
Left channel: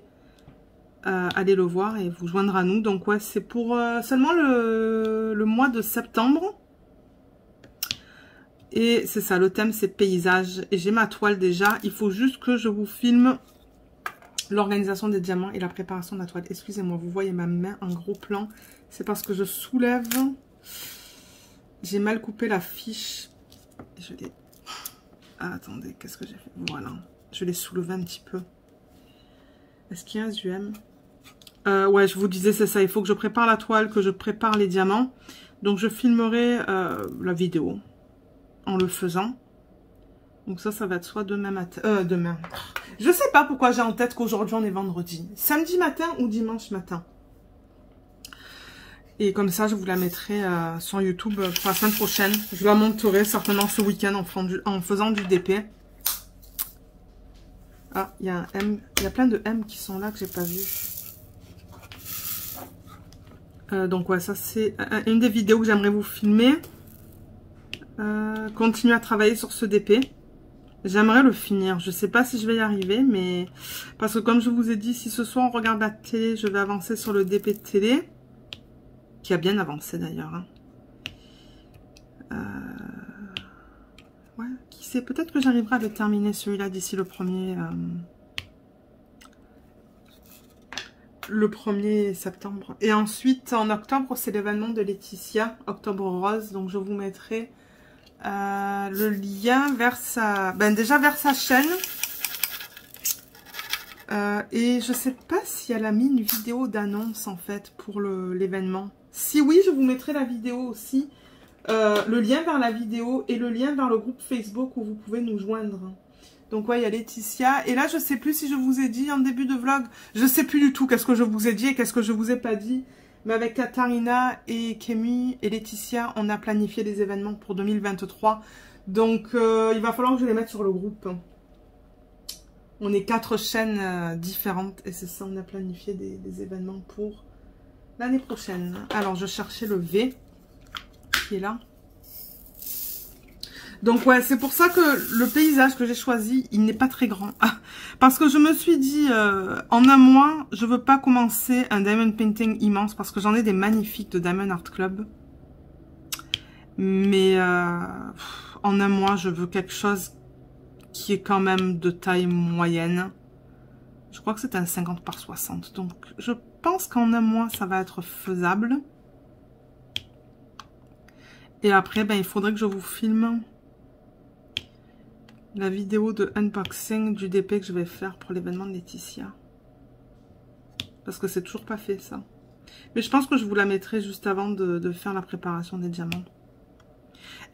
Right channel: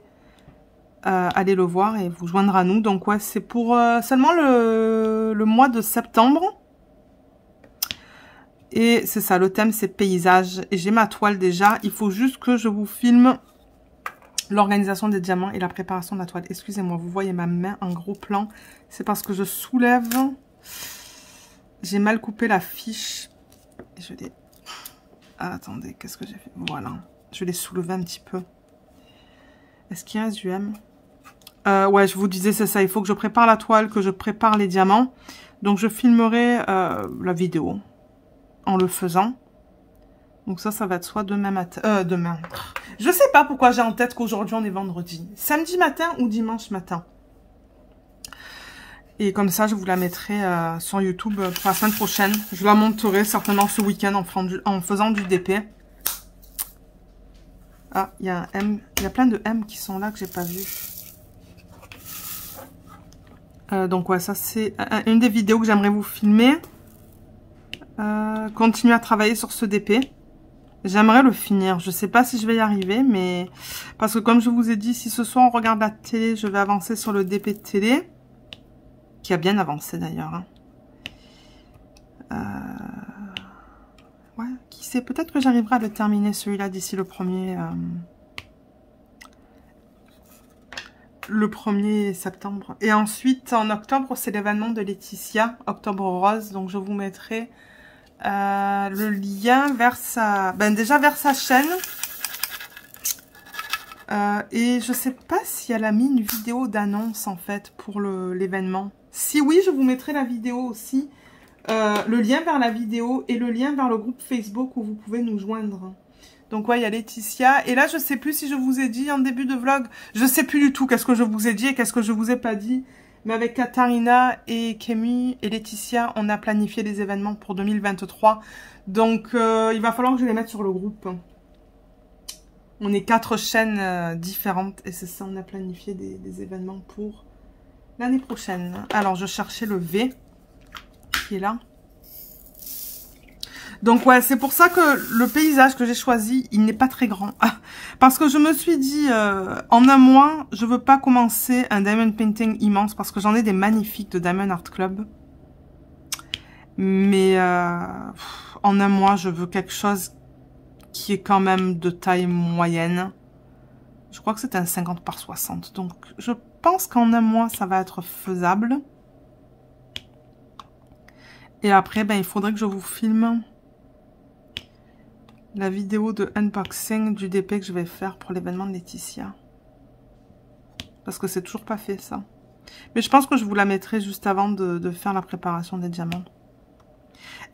le voir et vous joindre à nous. Donc ouais, c'est pour seulement le mois de septembre. Et c'est ça, le thème c'est paysage. Et j'ai ma toile déjà. Il faut juste que je vous filme l'organisation des diamants et la préparation de la toile. Excusez-moi, vous voyez ma main en gros plan. C'est parce que je soulève. J'ai mal coupé la fiche. Je l'ai... Ah, attendez, qu'est-ce que j'ai fait? Voilà. Je l'ai soulevé un petit peu. Est-ce qu'il reste du M? Ouais, je vous disais, c'est ça. Il faut que je prépare la toile, que je prépare les diamants. Donc, je filmerai la vidéo en le faisant. Donc, ça va être soit demain matin. Demain. Je sais pas pourquoi j'ai en tête qu'aujourd'hui, on est vendredi. Samedi matin ou dimanche matin. Et comme ça, je vous la mettrai sur YouTube pour la semaine prochaine. Je la monterai certainement ce week-end en faisant du DP. Ah, il y a un M. Il y a plein de M qui sont là que j'ai pas vu. Donc ouais, ça c'est une des vidéos que j'aimerais vous filmer. Continuer à travailler sur ce DP. J'aimerais le finir. Je sais pas si je vais y arriver, mais... Parce que comme je vous ai dit, si ce soir on regarde la télé, je vais avancer sur le DP de télé. Qui a bien avancé d'ailleurs. Ouais, qui sait, peut-être que j'arriverai à le terminer celui-là d'ici le 1er septembre. Et ensuite, en octobre, c'est l'événement de Laetitia, Octobre Rose. Donc, je vous mettrai le lien vers sa... déjà vers sa chaîne. Et je sais pas si elle a mis une vidéo d'annonce, en fait, pour l'événement. Si oui, je vous mettrai la vidéo aussi. Le lien vers la vidéo et le lien vers le groupe Facebook où vous pouvez nous joindre. Donc ouais, il y a Laetitia. Et là, je sais plus si je vous ai dit en début de vlog. Je sais plus du tout qu'est-ce que je vous ai dit et qu'est-ce que je vous ai pas dit. Mais avec Katharina et Kémy et Laetitia, on a planifié des événements pour 2023. Donc, il va falloir que je les mette sur le groupe. On est 4 chaînes différentes et c'est ça, on a planifié des événements pour l'année prochaine. Alors, je cherchais le V qui est là. Donc ouais, c'est pour ça que le paysage que j'ai choisi, il n'est pas très grand. Parce que je me suis dit, en un mois, je veux pas commencer un diamond painting immense parce que j'en ai des magnifiques de Diamond Art Club. Mais en un mois, je veux quelque chose qui est quand même de taille moyenne. Je crois que c'est un 50 par 60. Donc je pense qu'en un mois, ça va être faisable. Et après, il faudrait que je vous filme la vidéo de unboxing du DP que je vais faire pour l'événement de Laetitia. Parce que c'est toujours pas fait, ça. Mais je pense que je vous la mettrai juste avant de faire la préparation des diamants.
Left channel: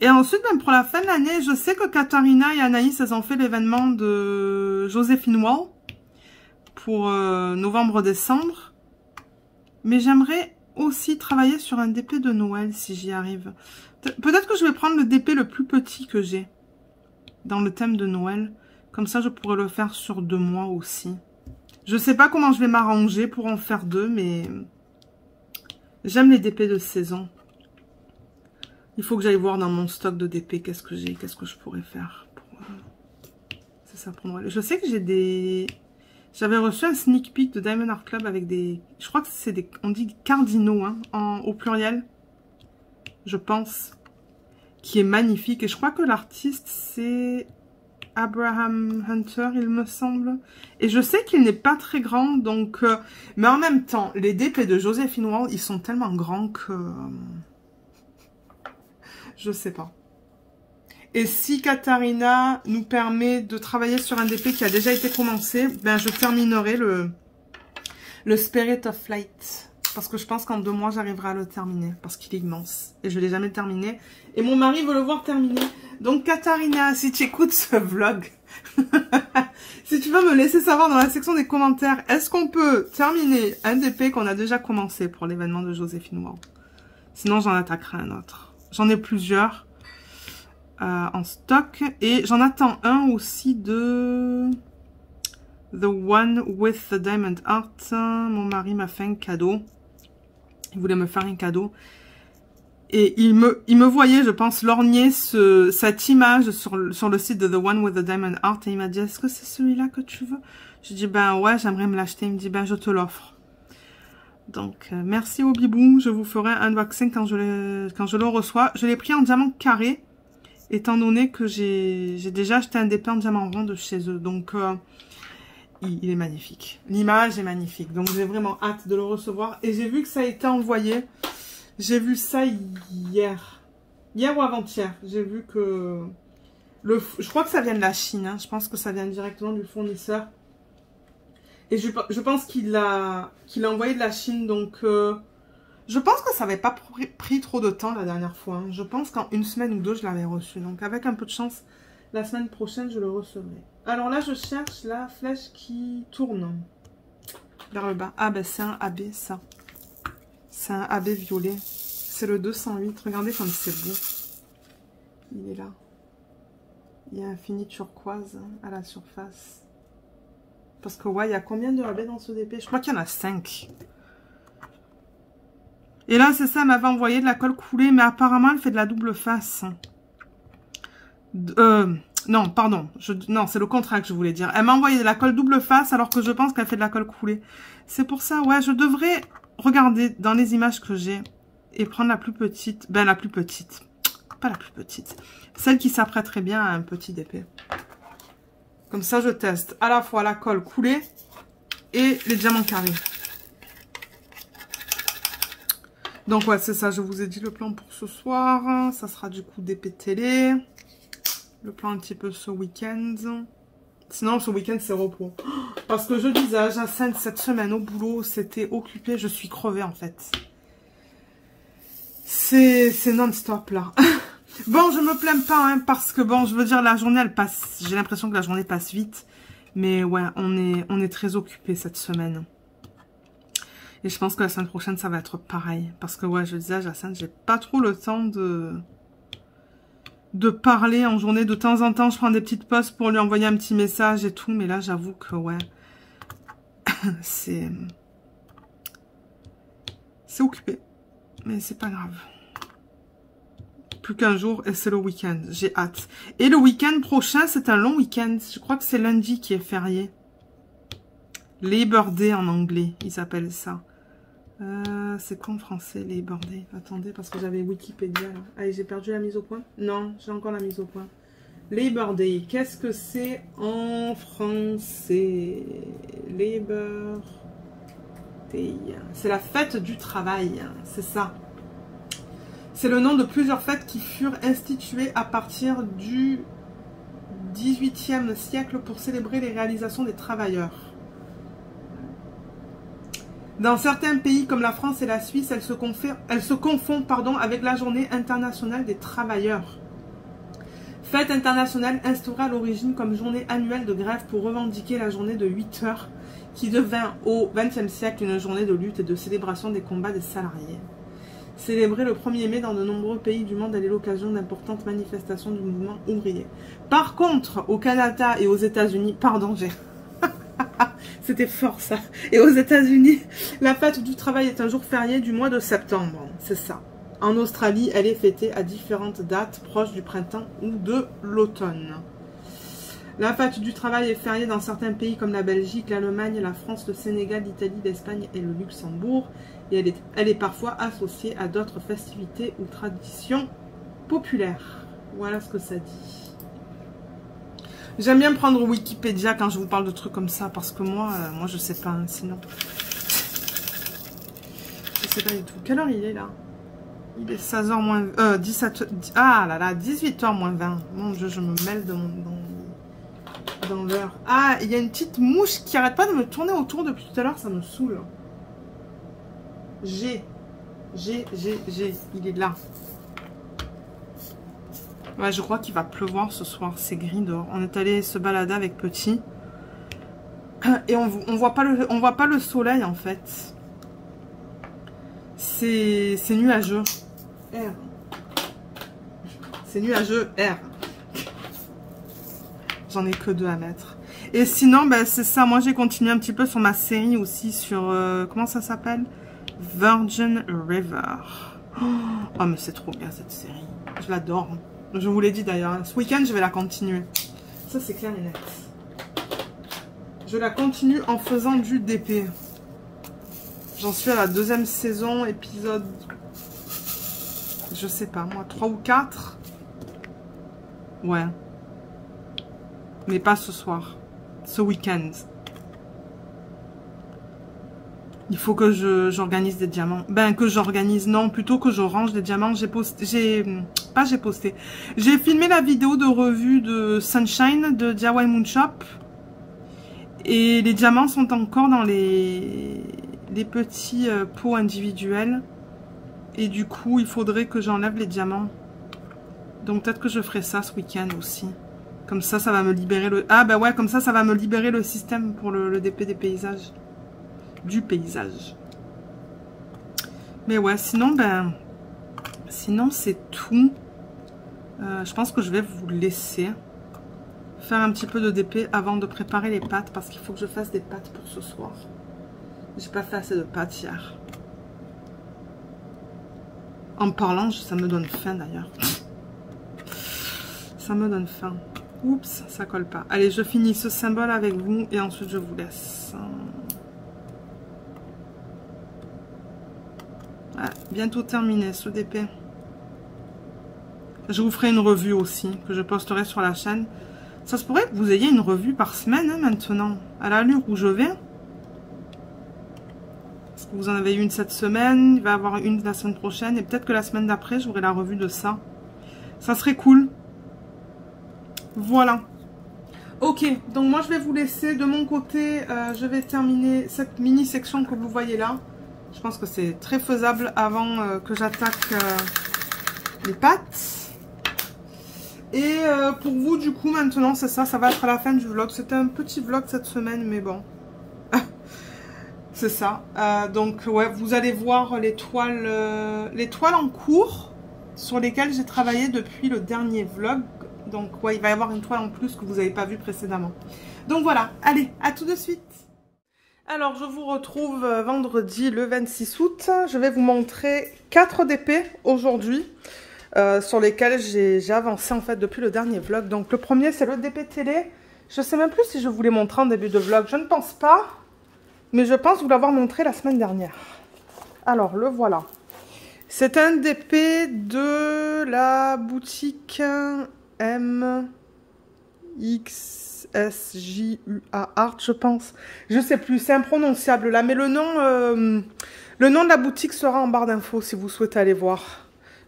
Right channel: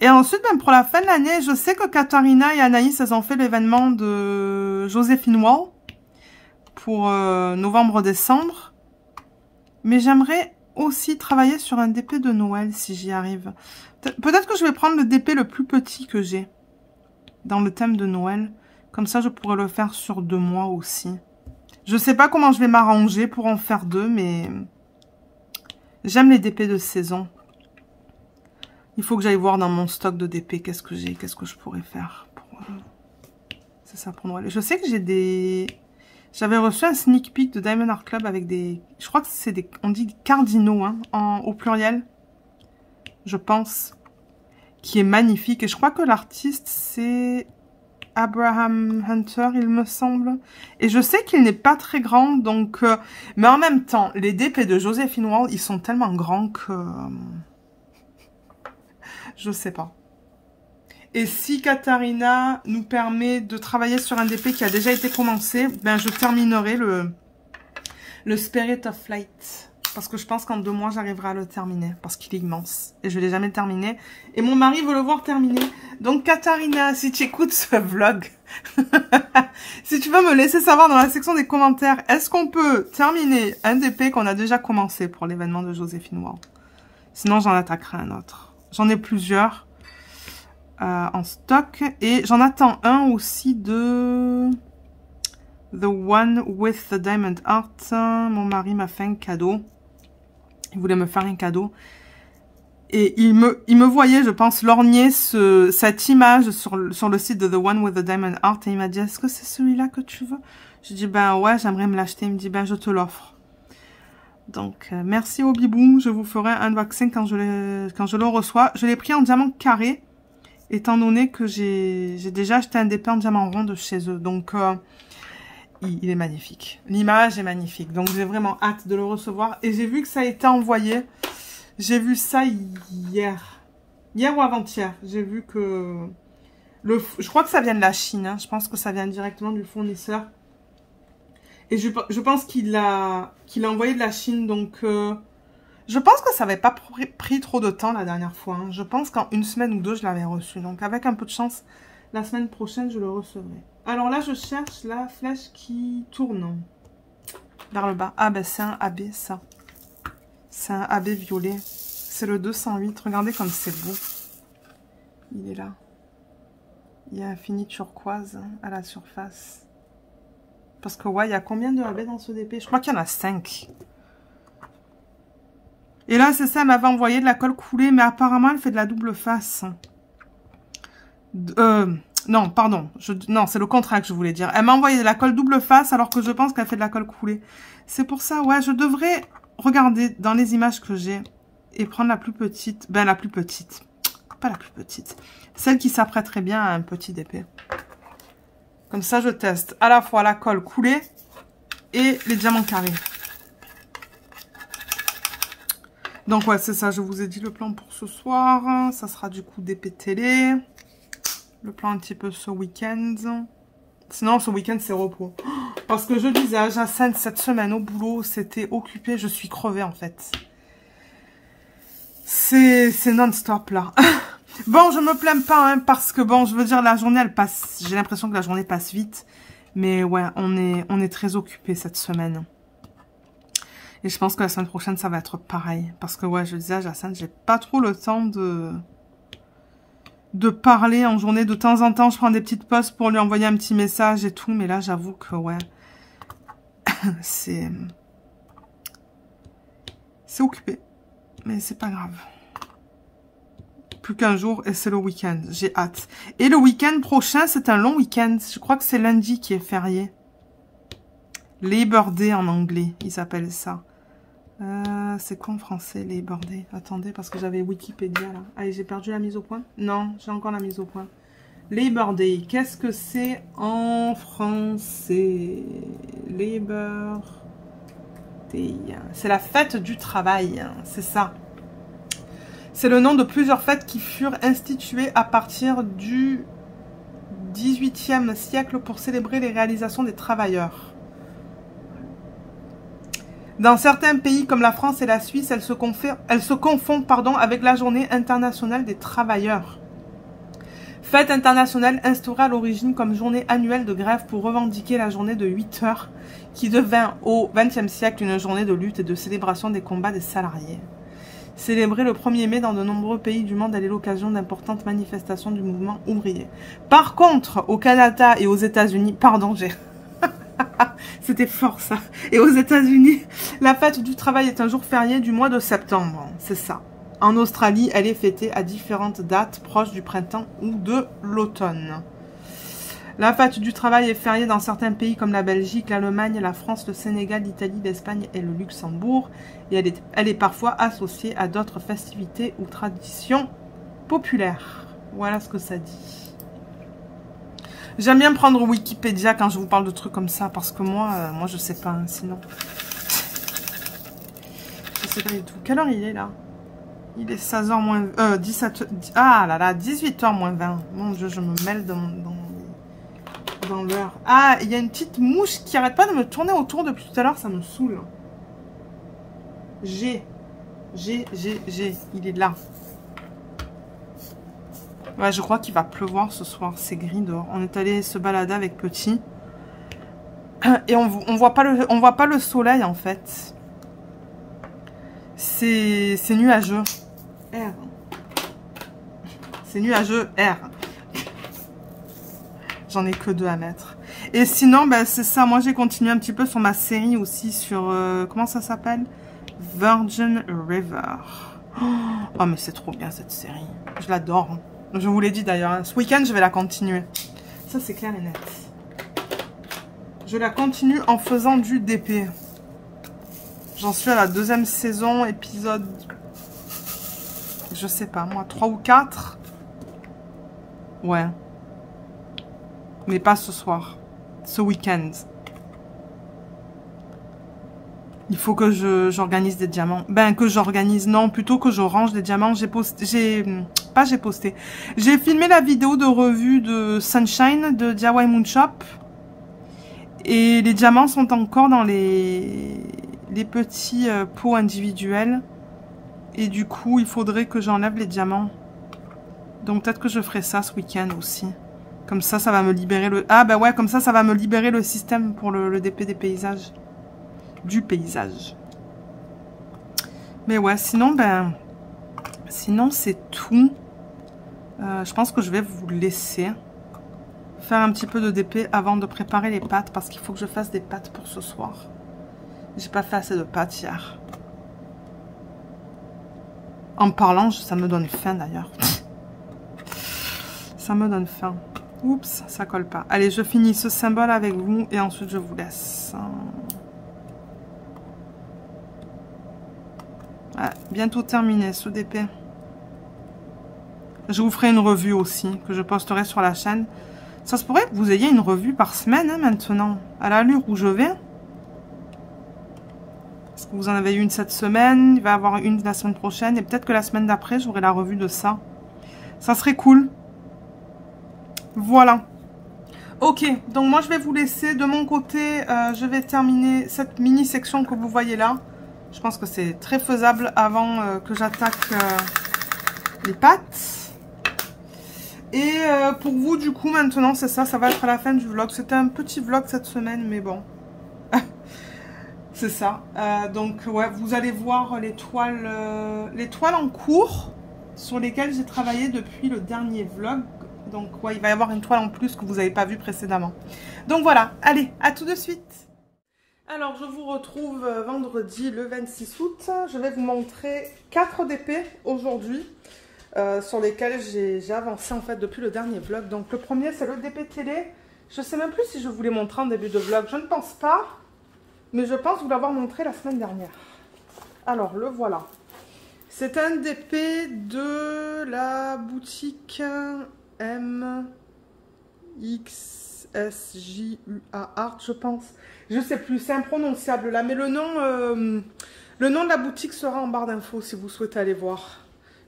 Et ensuite, même pour la fin de l'année, je sais que Katharina et Anaïs, elles ont fait l'événement de Joséphine Wall pour novembre-décembre. Mais j'aimerais aussi travailler sur un DP de Noël si j'y arrive. Peut-être que je vais prendre le DP le plus petit que j'ai dans le thème de Noël. Comme ça, je pourrais le faire sur 2 mois aussi. Je sais pas comment je vais m'arranger pour en faire 2, mais j'aime les DP de saison. Il faut que j'aille voir dans mon stock de DP qu'est-ce que j'ai, qu'est-ce que je pourrais faire. C'est ça pour Noël. Je sais que j'ai des... J'avais reçu un sneak peek de Diamond Art Club avec des... Je crois que c'est des... On dit cardinaux, hein, au pluriel. Je pense. Qui est magnifique. Et je crois que l'artiste, c'est Abraham Hunter, il me semble. Et je sais qu'il n'est pas très grand, donc... Mais en même temps, les DP de Joséphine Wall, ils sont tellement grands que... Je sais pas. Et si Katharina nous permet de travailler sur un DP qui a déjà été commencé, je terminerai le Spirit of Flight. Parce que je pense qu'en 2 mois, j'arriverai à le terminer. Parce qu'il est immense. Et je ne l'ai jamais terminé. Et mon mari veut le voir terminé. Donc, Katharina, si tu écoutes ce vlog, Si tu veux me laisser savoir dans la section des commentaires, est-ce qu'on peut terminer un DP qu'on a déjà commencé pour l'événement de Joséphine Ward? Sinon, j'en attaquerai un autre. J'en ai plusieurs en stock. Et j'en attends un aussi de The One with the Diamond Heart. Mon mari m'a fait un cadeau. Il voulait me faire un cadeau. Et il me voyait, je pense, lorgner cette image sur le site de The One with the Diamond Heart. Et il m'a dit, est-ce que c'est celui-là que tu veux? Je dis, ben ouais, j'aimerais me l'acheter. Il me dit, ben je te l'offre. Donc, merci au bibou. Je vous ferai un unboxing quand je le reçois. Je l'ai pris en diamant carré, étant donné que j'ai déjà acheté un DP en diamant rond de chez eux. Donc, il est magnifique. L'image est magnifique. Donc, j'ai vraiment hâte de le recevoir. Et j'ai vu que ça a été envoyé. J'ai vu ça hier. Hier ou avant-hier. J'ai vu que... je crois que ça vient de la Chine. Hein. Je pense que ça vient directement du fournisseur. Et je pense qu'il a envoyé de la Chine. Donc, je pense que ça n'avait pas pris trop de temps la dernière fois. Hein. Je pense qu'en une semaine ou deux, je l'avais reçu. Donc, avec un peu de chance, la semaine prochaine, je le recevrai. Alors là, je cherche la flèche qui tourne vers le bas. Ah, ben c'est un AB, ça. C'est un AB violet. C'est le 208. Regardez comme c'est beau. Il est là. Il y a un fini turquoise à la surface. Parce que, ouais, il y a combien de AB dans ce DP? Je crois qu'il y en a 5. Et là, c'est ça, elle m'avait envoyé de la colle coulée, mais apparemment, elle fait de la double face. Non, pardon. Non, c'est le contraire que je voulais dire. Elle m'a envoyé de la colle double face, alors que je pense qu'elle fait de la colle coulée. C'est pour ça, ouais, je devrais regarder dans les images que j'ai et prendre la plus petite. Ben, la plus petite. Pas la plus petite. Celle qui s'apprêterait bien à un petit DP. Comme ça, je teste à la fois la colle coulée et les diamants carrés. Donc, ouais, c'est ça. Je vous ai dit le plan pour ce soir. Ça sera du coup DP télé. Le plan un petit peu ce week-end. Sinon, ce week-end, c'est repos. Parce que je disais à Jacinthe, cette semaine au boulot, c'était occupé. Je suis crevée, en fait. C'est non-stop, là. Bon, je me plains pas, hein, parce que, bon, je veux dire, la journée, elle passe... J'ai l'impression que la journée passe vite. Mais, ouais, on est très occupé cette semaine. Et je pense que la semaine prochaine, ça va être pareil. Parce que, ouais, je disais à Jacinthe, j'ai pas trop le temps de parler en journée. De temps en temps, je prends des petites pauses pour lui envoyer un petit message et tout. Mais là, j'avoue que, ouais, c'est occupé. Mais c'est pas grave. Plus qu'un jour et c'est le week-end. J'ai hâte. Et le week-end prochain, c'est un long week-end. Je crois que c'est lundi qui est férié. Labor Day en anglais, ils appellent ça. C'est quoi en français, Labor Day? Attendez, parce que j'avais Wikipédia là. Allez, j'ai perdu la mise au point. Non, j'ai encore la mise au point. Labor Day, qu'est-ce que c'est en français? Labor Day. C'est la fête du travail, c'est ça. C'est le nom de plusieurs fêtes qui furent instituées à partir du XVIIIe siècle pour célébrer les réalisations des travailleurs. Dans certains pays comme la France et la Suisse, elle se confond avec la journée internationale des travailleurs. Fête internationale instaurée à l'origine comme journée annuelle de grève pour revendiquer la journée de 8 heures qui devint au XXe siècle une journée de lutte et de célébration des combats des salariés. Célébrée le 1er mai dans de nombreux pays du monde, elle est l'occasion d'importantes manifestations du mouvement ouvrier. Par contre, au Canada et aux États-Unis, pardon, j'ai... C'était fort ça. Et aux États-Unis, la fête du travail est un jour férié du mois de septembre. C'est ça. En Australie, elle est fêtée à différentes dates proches du printemps ou de l'automne. La fête du travail est fériée dans certains pays comme la Belgique, l'Allemagne, la France, le Sénégal, l'Italie, l'Espagne et le Luxembourg. Et elle est parfois associée à d'autres festivités ou traditions populaires. Voilà ce que ça dit. J'aime bien prendre Wikipédia quand je vous parle de trucs comme ça, parce que moi je sais pas, hein, sinon. Je sais pas du tout. Quelle heure il est là? Il est 16h moins... 17... Ah là là, 18h moins 20. Mon Dieu, je me mêle dans l'heure. Ah, il y a une petite mouche qui arrête pas de me tourner autour depuis tout à l'heure, ça me saoule. G. Il est là. Ouais, je crois qu'il va pleuvoir ce soir. C'est gris dehors. On est allé se balader avec Petit. Et on voit pas le soleil en fait. C'est nuageux. R. C'est nuageux R. J'en ai que 2 à mettre. Et sinon, ben, c'est ça. Moi, j'ai continué un petit peu sur ma série aussi sur... comment ça s'appelle? Virgin River. Oh, mais c'est trop bien cette série. Je l'adore. Je vous l'ai dit d'ailleurs. Ce week-end, je vais la continuer. Ça, c'est clair et net. Je la continue en faisant du DP. J'en suis à la 2e saison, épisode... Je sais pas, moi, 3 ou 4. Ouais. Mais pas ce soir. Ce week-end. Il faut que j'organise des diamants. Ben, que j'organise, non, plutôt que je range des diamants. J'ai filmé la vidéo de revue de Sunshine de DIY Moon Shop. Et les diamants sont encore dans les petits pots individuels. Et du coup, il faudrait que j'enlève les diamants. Donc peut-être que je ferai ça ce week-end aussi. Comme ça, ça va me libérer le... Ah ben ouais, comme ça va me libérer le système pour le DP des paysages. Du paysage. Mais ouais, sinon, ben... Sinon, c'est tout. Je pense que je vais vous laisser faire un petit peu de DP avant de préparer les pâtes. Parce qu'il faut que je fasse des pâtes pour ce soir. J'ai pas fait assez de pâtes hier. En parlant, ça me donne faim d'ailleurs. Ça me donne faim. Oups, ça colle pas. Allez, je finis ce symbole avec vous et ensuite je vous laisse. Ah, bientôt terminé ce DP. Je vous ferai une revue aussi que je posterai sur la chaîne. Ça se pourrait que vous ayez une revue par semaine hein, maintenant. À l'allure où je vais. Parce que vous en avez une cette semaine. Il va y avoir une la semaine prochaine. Et peut-être que la semaine d'après, j'aurai la revue de ça. Ça serait cool. Voilà. Ok, donc moi je vais vous laisser. De mon côté, je vais terminer cette mini section que vous voyez là. Je pense que c'est très faisable avant que j'attaque les pâtes. Et pour vous, du coup, maintenant, c'est ça. Ça va être à la fin du vlog. C'était un petit vlog cette semaine, mais bon. C'est ça. Donc, ouais, vous allez voir les toiles en cours sur lesquelles j'ai travaillé depuis le dernier vlog. Donc, ouais, il va y avoir une toile en plus que vous n'avez pas vue précédemment. Donc, voilà. Allez, à tout de suite. Alors, je vous retrouve vendredi le 26 août. Je vais vous montrer 4 DP aujourd'hui sur lesquels j'ai avancé en fait depuis le dernier vlog. Donc, le premier, c'est le DP télé. Je ne sais même plus si je vous l'ai montré en début de vlog. Je ne pense pas, mais je pense vous l'avoir montré la semaine dernière. Alors, le voilà. C'est un DP de la boutique MXSJUA Art, je pense. Je sais plus, c'est imprononçable là, mais le nom de la boutique sera en barre d'infos si vous souhaitez aller voir.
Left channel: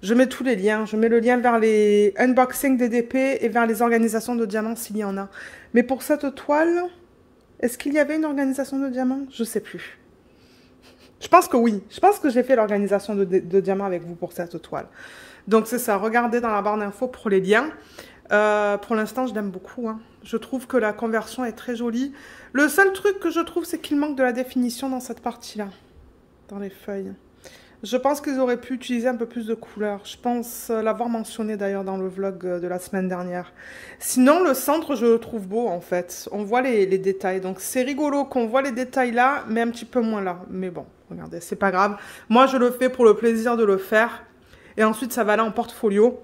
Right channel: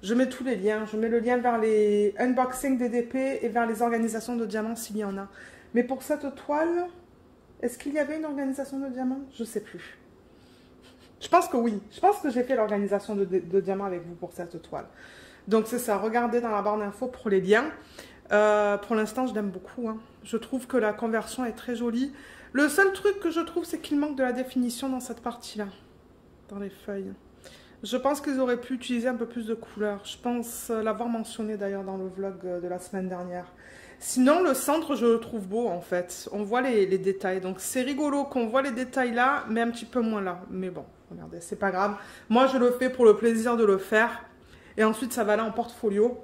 Je mets tous les liens. Je mets le lien vers les unboxings des DP et vers les organisations de diamants s'il y en a. Mais pour cette toile, est-ce qu'il y avait une organisation de diamants? Je sais plus. Je pense que oui. Je pense que j'ai fait l'organisation de diamants avec vous pour cette toile. Donc c'est ça, regardez dans la barre d'infos pour les liens. Pour l'instant, je l'aime beaucoup. Hein. Je trouve que la conversion est très jolie. Le seul truc que je trouve, c'est qu'il manque de la définition dans cette partie-là. Dans les feuilles. Je pense qu'ils auraient pu utiliser un peu plus de couleurs. Je pense l'avoir mentionné d'ailleurs dans le vlog de la semaine dernière. Sinon, le centre, je le trouve beau en fait. On voit les détails. Donc c'est rigolo qu'on voit les détails là, mais un petit peu moins là. Mais bon, regardez, c'est pas grave. Moi, je le fais pour le plaisir de le faire. Et ensuite, ça va aller en portfolio.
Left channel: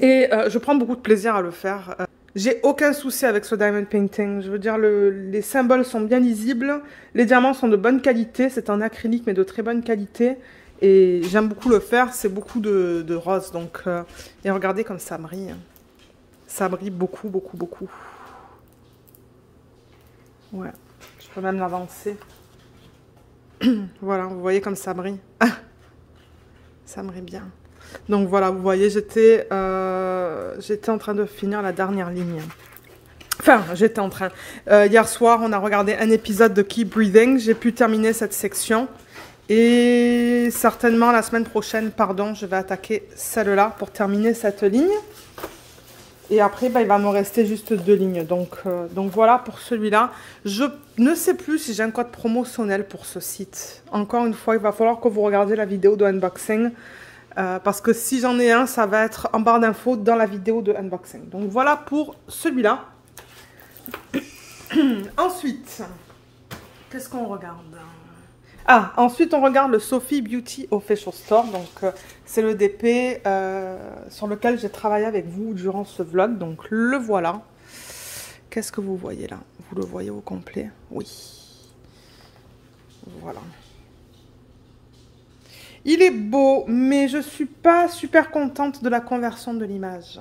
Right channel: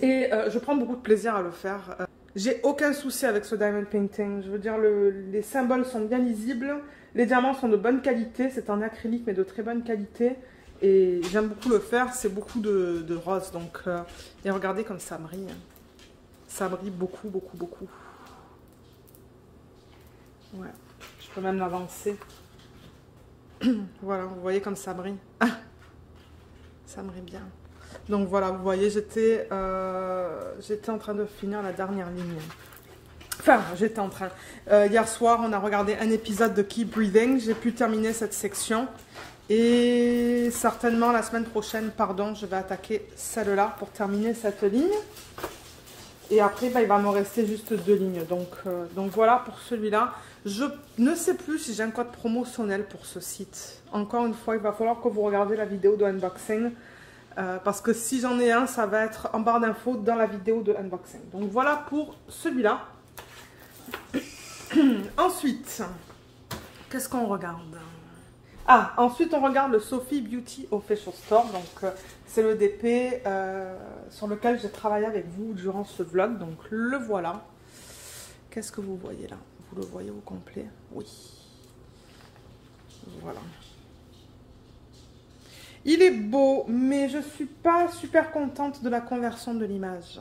Et je prends beaucoup de plaisir à le faire. J'ai aucun souci avec ce diamond painting. Je veux dire, les symboles sont bien lisibles. Les diamants sont de bonne qualité. C'est en acrylique, mais de très bonne qualité. Et j'aime beaucoup le faire. C'est beaucoup de rose. Donc, et regardez comme ça brille. Ça brille beaucoup, beaucoup, beaucoup. Ouais. Je peux même l'avancer. Voilà, vous voyez comme ça brille. Ça brille bien. Donc voilà, vous voyez, j'étais en train de finir la dernière ligne. Enfin, j'étais en train. Hier soir, on a regardé un épisode de Keep Breathing. J'ai pu terminer cette section. Et certainement, la semaine prochaine, pardon, je vais attaquer celle-là pour terminer cette ligne. Et après, bah, il va me rester juste 2 lignes. Donc voilà pour celui-là. Je ne sais plus si j'ai un code promotionnel pour ce site. Encore une fois, il va falloir que vous regardiez la vidéo de unboxing. Parce que si j'en ai un, ça va être en barre d'infos dans la vidéo de unboxing. Donc voilà pour celui-là. Ensuite, qu'est-ce qu'on regarde? Ah, ensuite on regarde le Sophie Beauty Official Store. Donc c'est le DP sur lequel j'ai travaillé avec vous durant ce vlog. Donc le voilà. Qu'est-ce que vous voyez là? Vous le voyez au complet? Oui. Voilà. Il est beau, mais je suis pas super contente de la conversion de l'image.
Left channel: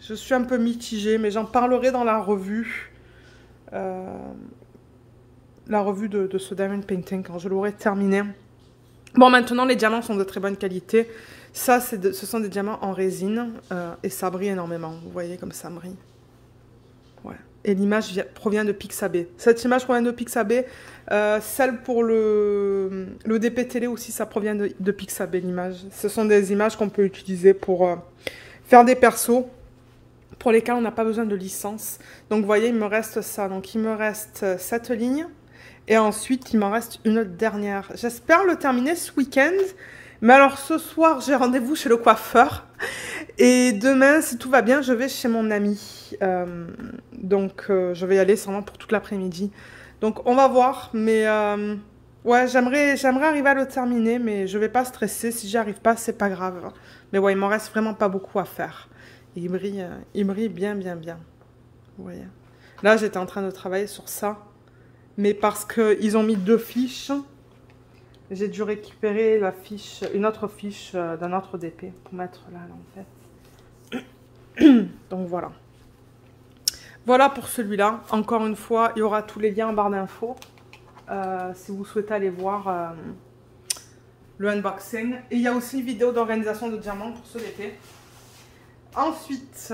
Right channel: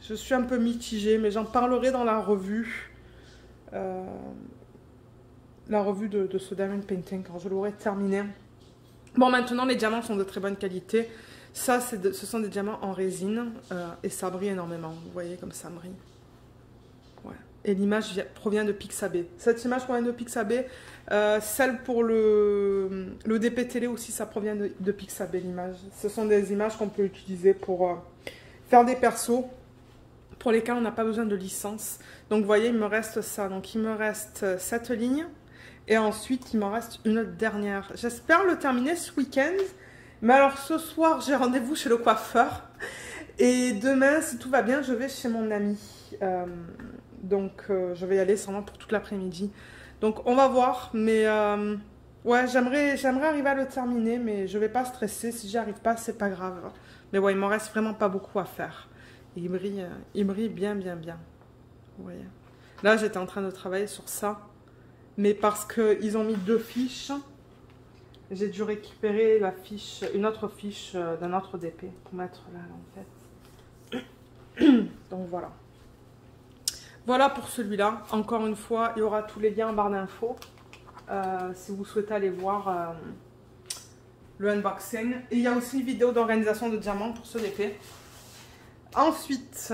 Je suis un peu mitigée, mais j'en parlerai dans la revue. La revue de ce Diamond Painting quand je l'aurai terminé. Bon, maintenant les diamants sont de très bonne qualité. Ça, ce sont des diamants en résine et ça brille énormément. Vous voyez comme ça brille. Ouais. Et l'image provient de Pixabay. Cette image provient de Pixabay. Celle pour le DP télé aussi, ça provient de Pixabay l'image. Ce sont des images qu'on peut utiliser pour faire des persos pour lesquels on n'a pas besoin de licence. Donc vous voyez, il me reste ça. Donc il me reste cette ligne. Et ensuite, il m'en reste une dernière. J'espère le terminer ce week-end. Mais alors, ce soir, j'ai rendez-vous chez le coiffeur. Et demain, si tout va bien, je vais chez mon ami. Donc, je vais y aller sûrement pour toute l'après-midi. Donc, on va voir. Mais, ouais, j'aimerais arriver à le terminer. Mais je ne vais pas stresser. Si j'y arrive pas, c'est pas grave. Mais ouais, il m'en reste vraiment pas beaucoup à faire. Et il brille bien, bien, bien. Vous voyez. Là, j'étais en train de travailler sur ça. Mais parce qu'ils ont mis 2 fiches, j'ai dû récupérer la fiche, une autre fiche d'un autre DP pour mettre là en fait. Donc voilà. Voilà pour celui-là. Encore une fois, il y aura tous les liens en barre d'infos. Si vous souhaitez aller voir le unboxing. Et il y a aussi une vidéo d'organisation de diamants pour ce DP. Ensuite,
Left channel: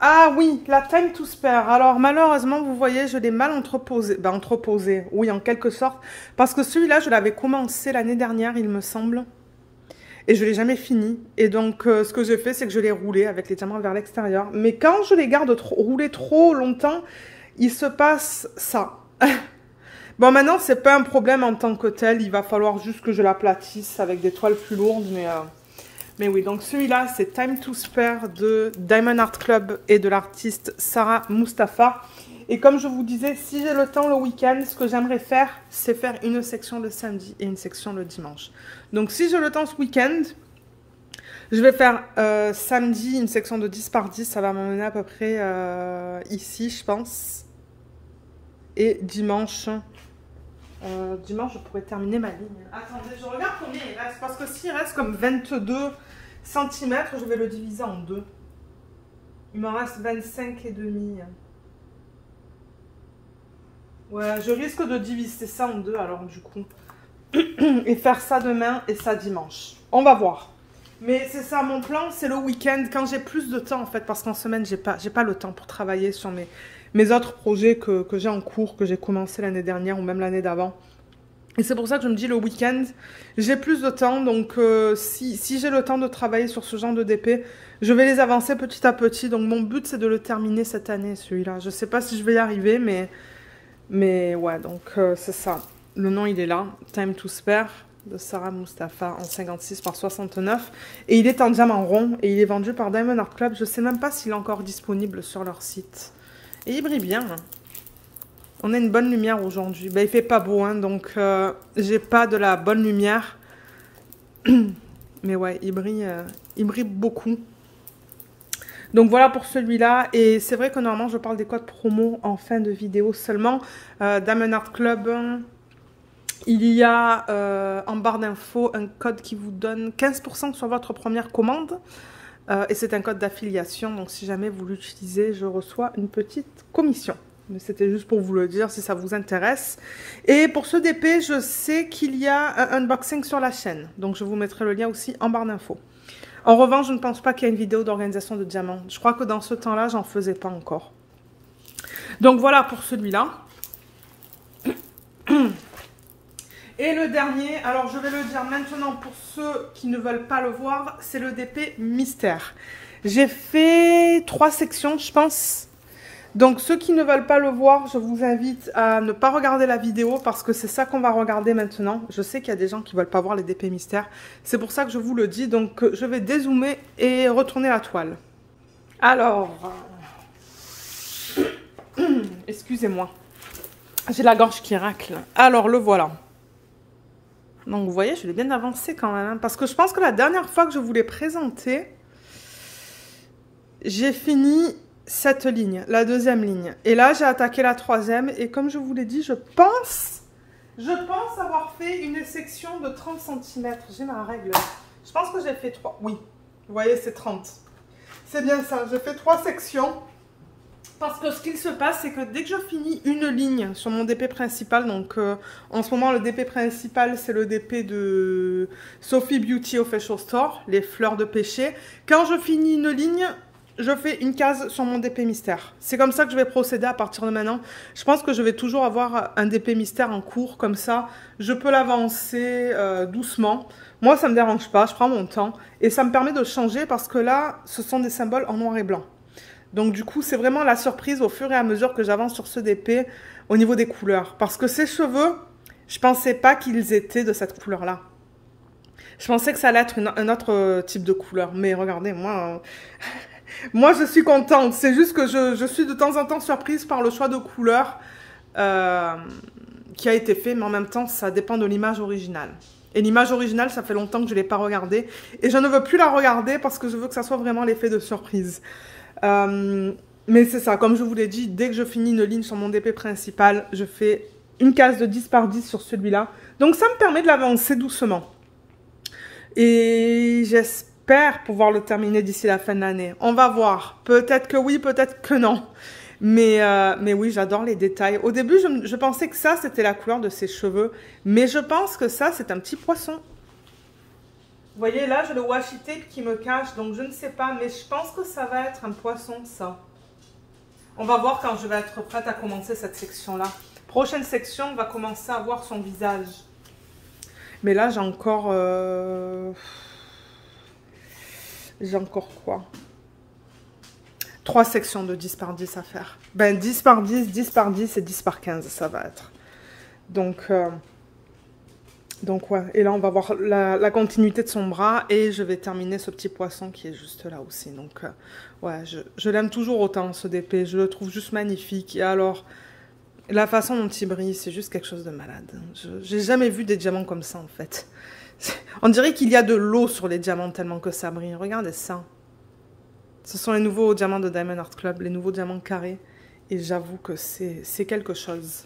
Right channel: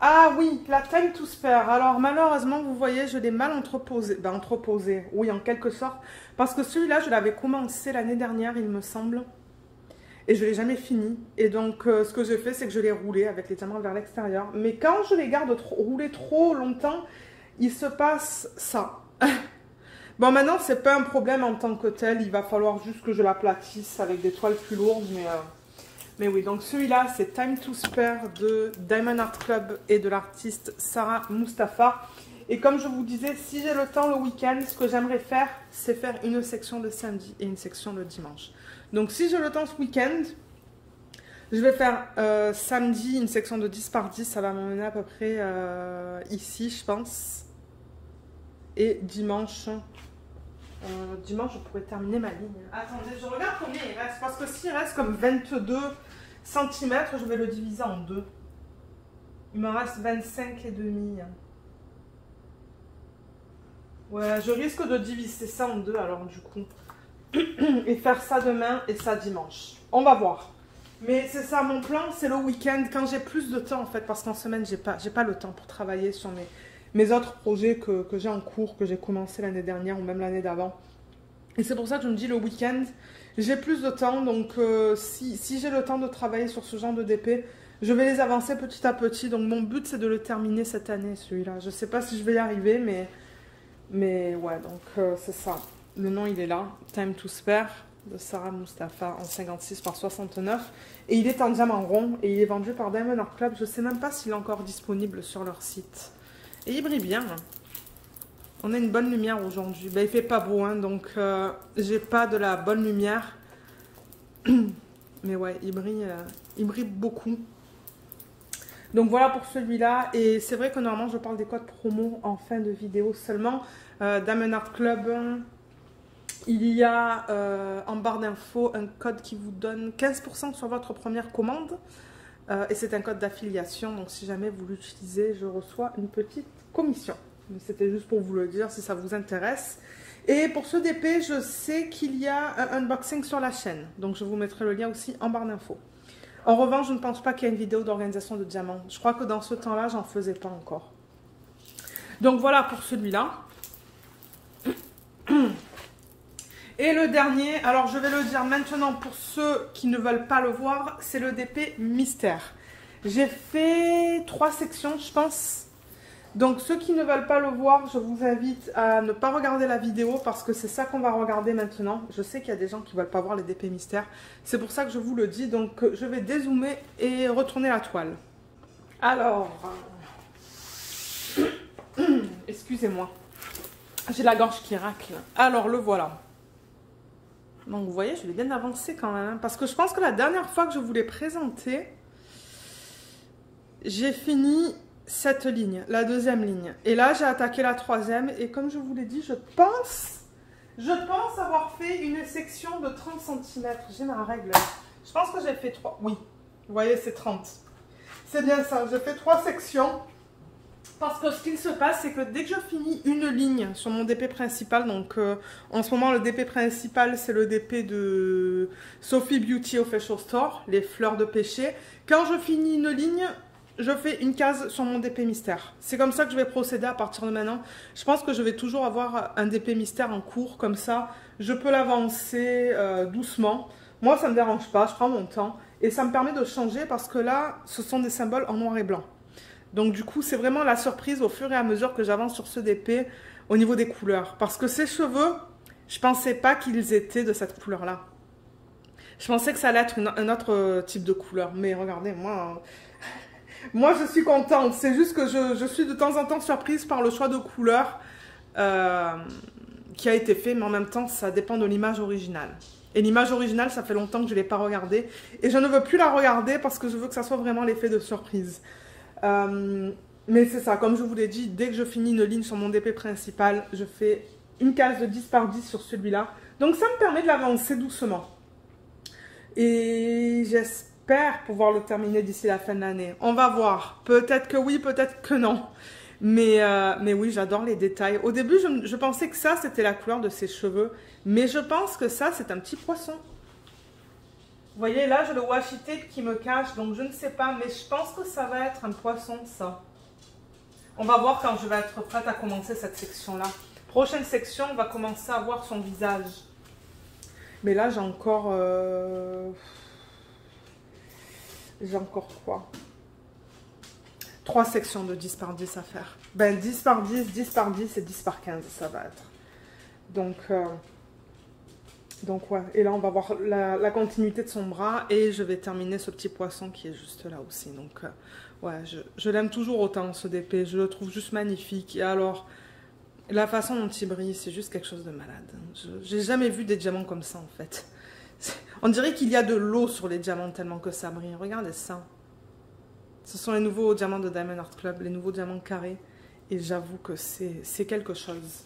ah oui, la Time to Spare. Alors malheureusement, vous voyez, je l'ai mal entreposé. Ben, entreposé, oui, en quelque sorte. Parce que celui-là, je l'avais commencé l'année dernière, il me semble. Et je ne l'ai jamais fini. Et donc, ce que j'ai fait, c'est que je l'ai roulé avec les diamants vers l'extérieur. Mais quand je les garde roulés trop longtemps, il se passe ça. Bon, maintenant, c'est pas un problème en tant que tel. Il va falloir juste que je l'aplatisse avec des toiles plus lourdes, mais oui, donc celui-là, c'est Time to Spare de Diamond Art Club et de l'artiste Sarah Mustafa. Et comme je vous disais, si j'ai le temps le week-end, ce que j'aimerais faire, c'est faire une section le samedi et une section le dimanche. Donc si j'ai le temps ce week-end, je vais faire samedi une section de 10 par 10. Ça va m'amener à peu près ici, je pense. Et dimanche... dimanche, je pourrais terminer ma ligne. Attendez, je regarde combien il reste. Parce que s'il reste comme 22 cm, je vais le diviser en 2. Il m'en reste 25 et demi. Ouais, je risque de diviser ça en 2 alors du coup. Et faire ça demain et ça dimanche. On va voir. Mais c'est ça, mon plan, c'est le week-end quand j'ai plus de temps en fait. Parce qu'en semaine, j'ai pas le temps pour travailler sur mes autres projets que j'ai en cours, que j'ai commencé l'année dernière ou même l'année d'avant. Et c'est pour ça que je me dis le week-end, j'ai plus de temps. Donc si j'ai le temps de travailler sur ce genre de DP, je vais les avancer petit à petit. Donc mon but, c'est de le terminer cette année, celui-là. Je ne sais pas si je vais y arriver, mais ouais, donc c'est ça. Le nom, il est là. Time to Spare de Sarah Mustafa en 56 par 69. Et il est en diamant rond et il est vendu par Diamond Art Club. Je ne sais même pas s'il est encore disponible sur leur site. Et il brille bien. On a une bonne lumière aujourd'hui. Ben, il fait pas beau, hein, donc j'ai pas de la bonne lumière. Mais ouais, il brille beaucoup. Donc voilà pour celui-là. Et c'est vrai que normalement, je parle des codes promo en fin de vidéo seulement. Diamond Art Club, il y a en barre d'infos un code qui vous donne 15% sur votre première commande. Et c'est un code d'affiliation, donc si jamais vous l'utilisez, je reçois une petite commission. Mais c'était juste pour vous le dire si ça vous intéresse. Et pour ce DP, je sais qu'il y a un unboxing sur la chaîne. Donc je vous mettrai le lien aussi en barre d'infos. En revanche, je ne pense pas qu'il y ait une vidéo d'organisation de diamants. Je crois que dans ce temps-là, j'en faisais pas encore. Donc voilà pour celui-là. Et le dernier, alors je vais le dire maintenant pour ceux qui ne veulent pas le voir, c'est le DP Mystère. J'ai fait 3 sections, je pense. Donc, ceux qui ne veulent pas le voir, je vous invite à ne pas regarder la vidéo parce que c'est ça qu'on va regarder maintenant. Je sais qu'il y a des gens qui ne veulent pas voir les DP mystères. C'est pour ça que je vous le dis. Donc, je vais dézoomer et retourner la toile. Alors, excusez-moi. J'ai la gorge qui racle. Alors, le voilà. Donc, vous voyez, je l'ai bien avancé quand même. Hein, parce que je pense que la dernière fois que je vous l'ai présenté, j'ai fini cette ligne, la deuxième ligne. Et là, j'ai attaqué la troisième. Et comme je vous l'ai dit, je pense avoir fait une section de 30 cm. J'ai ma règle. Je pense que j'ai fait 3. Oui, vous voyez, c'est 30. C'est bien ça. J'ai fait 3 sections. Parce que ce qu'il se passe, c'est que dès que je finis une ligne sur mon DP principal, donc en ce moment, le DP principal, c'est le DP de Sophie Beauty Official Store, les fleurs de péché. Quand je finis une ligne, je fais une case sur mon DP mystère. C'est comme ça que je vais procéder à partir de maintenant. Je pense que je vais toujours avoir un DP mystère en cours, comme ça, je peux l'avancer doucement. Moi, ça ne me dérange pas, je prends mon temps. Et ça me permet de changer parce que là, ce sont des symboles en noir et blanc. Donc du coup, c'est vraiment la surprise au fur et à mesure que j'avance sur ce DP au niveau des couleurs. Parce que ces cheveux, je ne pensais pas qu'ils étaient de cette couleur-là. Je pensais que ça allait être un autre type de couleur. Mais regardez, moi, moi je suis contente. C'est juste que je suis de temps en temps surprise par le choix de couleur qui a été fait. Mais en même temps, ça dépend de l'image originale. Et l'image originale, ça fait longtemps que je ne l'ai pas regardée. Et je ne veux plus la regarder parce que je veux que ça soit vraiment l'effet de surprise. Mais c'est ça, comme je vous l'ai dit, dès que je finis une ligne sur mon DP principal, je fais une case de 10 par 10 sur celui-là. Donc ça me permet de l'avancer doucement. Et j'espère pouvoir le terminer d'ici la fin de l'année. On va voir. Peut-être que oui, peut-être que non. Mais oui, j'adore les détails. Au début, je pensais que ça, c'était la couleur de ses cheveux. Mais je pense que ça, c'est un petit poisson. Vous voyez, là, j'ai le washi tape qui me cache, donc je ne sais pas, mais je pense que ça va être un poisson, ça. On va voir quand je vais être prête à commencer cette section-là. Prochaine section, on va commencer à voir son visage. Mais là, j'ai encore... J'ai encore quoi? 3 sections de 10 par 10 à faire. Ben, 10 par 10, 10 par 10 et 10 par 15, ça va être. Donc ouais, et là on va voir la continuité de son bras et je vais terminer ce petit poisson qui est juste là aussi. Donc ouais, je l'aime toujours autant ce DP, je le trouve juste magnifique. Et alors, la façon dont il brille, c'est juste quelque chose de malade. J'ai jamais vu des diamants comme ça en fait. On dirait qu'il y a de l'eau sur les diamants tellement que ça brille. Regardez ça. Ce sont les nouveaux diamants de Diamond Art Club, les nouveaux diamants carrés. Et j'avoue que c'est quelque chose.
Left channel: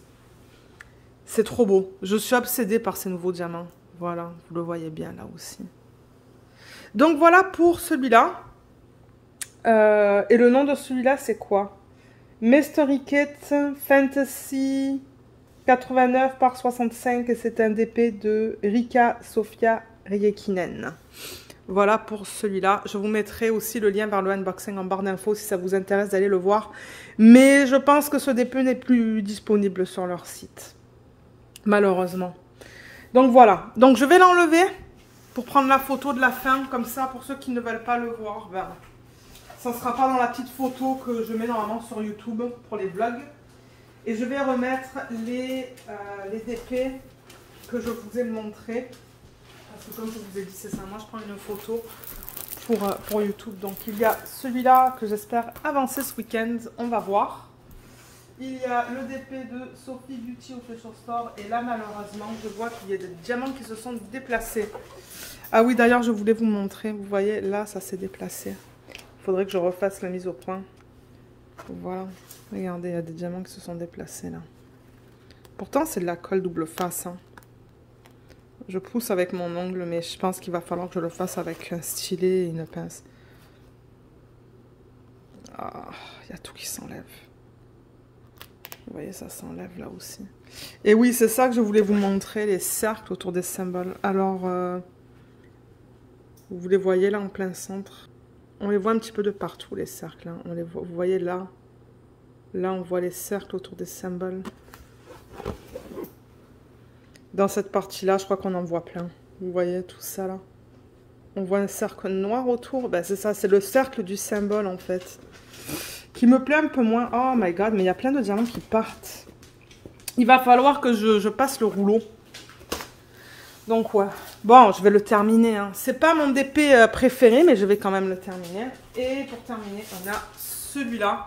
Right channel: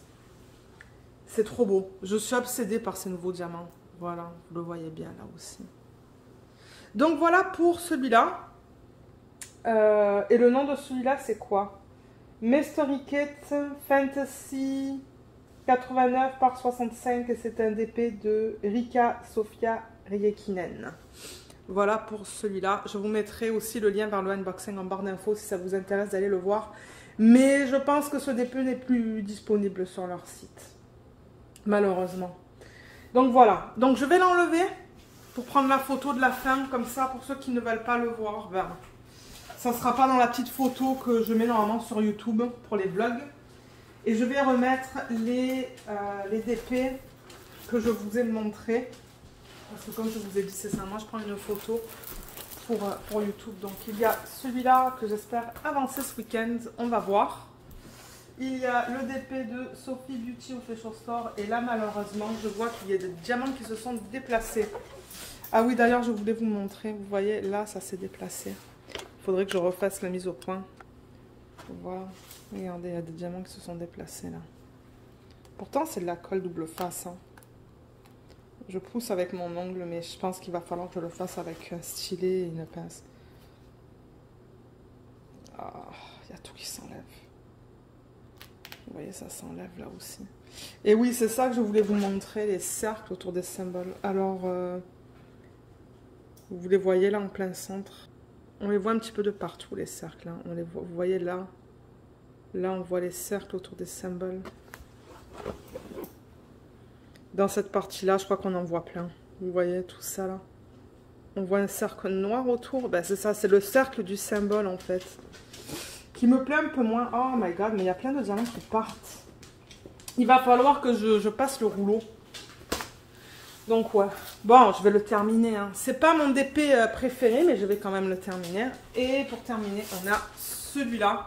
C'est trop beau. Je suis obsédée par ces nouveaux diamants. Voilà, vous le voyez bien là aussi. Donc voilà pour celui-là. Et le nom de celui-là, c'est quoi? Mystery Kit Fantasy 89 par 65. Et c'est un DP de Rika Sofia Riekinen. Voilà pour celui-là. Je vous mettrai aussi le lien vers le unboxing en barre d'infos si ça vous intéresse d'aller le voir. Mais je pense que ce DP n'est plus disponible sur leur site. Malheureusement. Donc voilà. Donc je vais l'enlever pour prendre la photo de la fin. Comme ça, pour ceux qui ne veulent pas le voir, ben, ça ne sera pas dans la petite photo que je mets normalement sur YouTube pour les vlogs. Et je vais remettre les DP que je vous ai montrés. Parce que comme je vous ai dit, c'est ça. Moi, je prends une photo pour YouTube. Donc il y a celui-là que j'espère avancer ce week-end. On va voir. Il y a le DP de Sophie Beauty Official Store. Et là, malheureusement, je vois qu'il y a des diamants qui se sont déplacés. Ah oui, d'ailleurs, je voulais vous montrer. Vous voyez, là, ça s'est déplacé. Il faudrait que je refasse la mise au point. Voilà. Regardez, il y a des diamants qui se sont déplacés, là. Pourtant, c'est de la colle double face. Hein. Je pousse avec mon ongle, mais je pense qu'il va falloir que je le fasse avec un stylet et une pince. Ah, il y a tout qui s'enlève. Vous voyez, ça s'enlève là aussi. Et oui, c'est ça que je voulais vous montrer, les cercles autour des symboles. Alors, vous les voyez là en plein centre. On les voit un petit peu de partout, les cercles. Hein. On les voit, vous voyez là. Là, on voit les cercles autour des symboles. Dans cette partie-là, je crois qu'on en voit plein. Vous voyez tout ça là. On voit un cercle noir autour. Ben, c'est ça, c'est le cercle du symbole en fait. Qui me plaît un peu moins. Oh my god, mais il y a plein de diamants qui partent. Il va falloir que je passe le rouleau. Donc ouais. Bon, je vais le terminer. Hein. C'est pas mon DP préféré, mais je vais quand même le terminer. Et pour terminer, on a celui-là.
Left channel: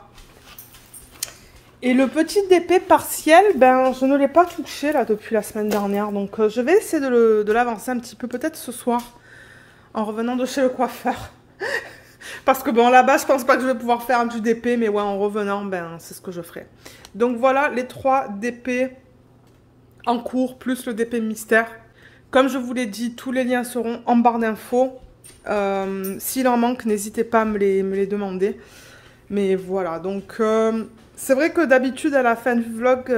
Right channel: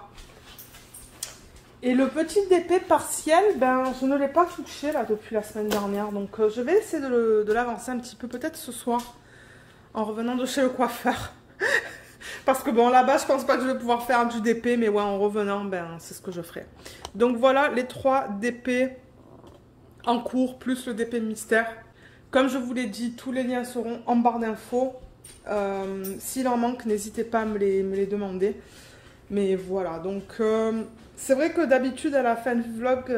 Et le petit DP partiel, ben, je ne l'ai pas touché là depuis la semaine dernière. Donc je vais essayer de l'avancer un petit peu, peut-être ce soir, en revenant de chez le coiffeur. Parce que bon, là-bas, je pense pas que je vais pouvoir faire du DP, mais ouais, en revenant, ben, c'est ce que je ferai. Donc voilà les 3 DP en cours, plus le DP mystère. Comme je vous l'ai dit, tous les liens seront en barre d'infos. S'il en manque, n'hésitez pas à me les demander. Mais voilà, donc c'est vrai que d'habitude à la fin du vlog,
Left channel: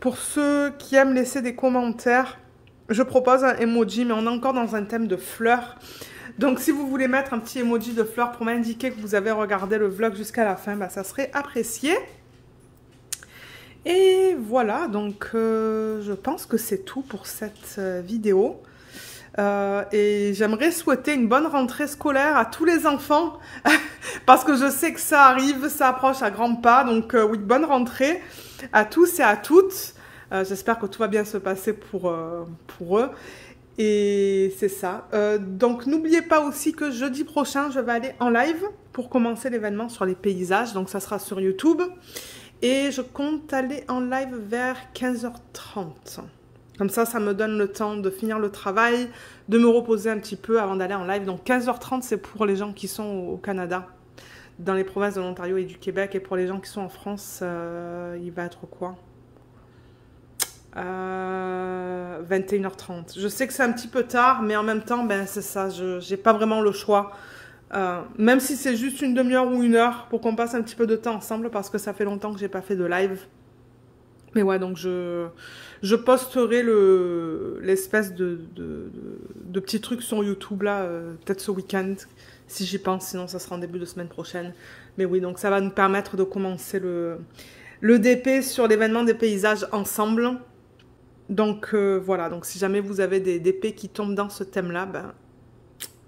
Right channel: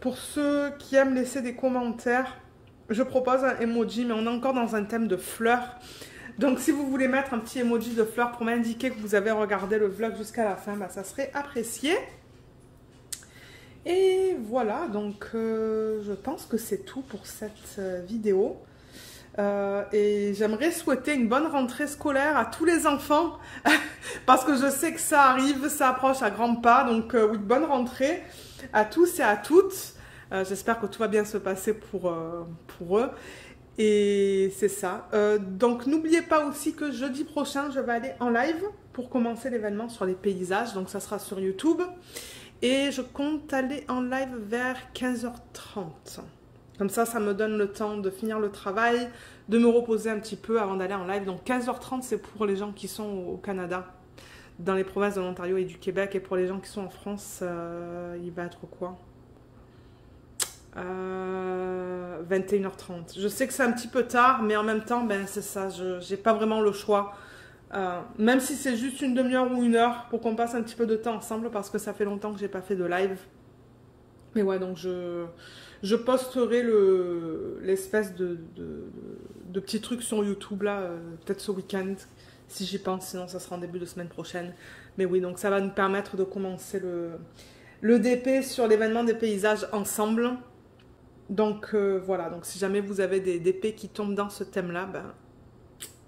pour ceux qui aiment laisser des commentaires, je propose un emoji, mais on est encore dans un thème de fleurs. Donc si vous voulez mettre un petit emoji de fleurs pour m'indiquer que vous avez regardé le vlog jusqu'à la fin, bah, ça serait apprécié. Et voilà, donc je pense que c'est tout pour cette vidéo. Et j'aimerais souhaiter une bonne rentrée scolaire à tous les enfants parce que je sais que ça arrive, ça approche à grands pas. Donc oui, bonne rentrée à tous et à toutes. J'espère que tout va bien se passer pour eux. Et c'est ça. Donc n'oubliez pas aussi que jeudi prochain, je vais aller en live pour commencer l'événement sur les paysages. Donc ça sera sur YouTube. Et je compte aller en live vers 15h30. Comme ça, ça me donne le temps de finir le travail, de me reposer un petit peu avant d'aller en live. Donc 15h30, c'est pour les gens qui sont au Canada, dans les provinces de l'Ontario et du Québec. Et pour les gens qui sont en France, il va être quoi 21h30. Je sais que c'est un petit peu tard, mais en même temps, ben, c'est ça, je n'ai pas vraiment le choix. Même si c'est juste une demi-heure ou 1 heure pour qu'on passe un petit peu de temps ensemble, parce que ça fait longtemps que j'ai pas fait de live. Mais ouais, donc je posterai l'espèce de petit truc sur YouTube là, peut-être ce week-end, si j'y pense, sinon ça sera en début de semaine prochaine. Mais oui, donc ça va nous permettre de commencer le DP sur l'événement des paysages ensemble. Donc voilà, donc si jamais vous avez des DP qui tombent dans ce thème-là, ben,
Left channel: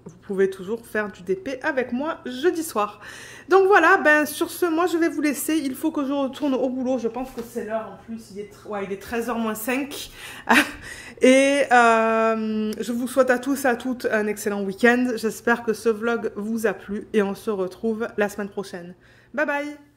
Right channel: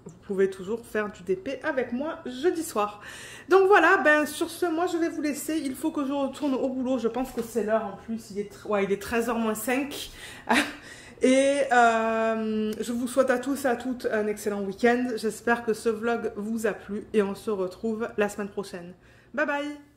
vous pouvez toujours faire du DP avec moi jeudi soir. Donc voilà, ben sur ce, moi je vais vous laisser. Il faut que je retourne au boulot. Je pense que c'est l'heure en plus. Il est 13h moins 5. Et je vous souhaite à tous et à toutes un excellent week-end. J'espère que ce vlog vous a plu. Et on se retrouve la semaine prochaine. Bye bye!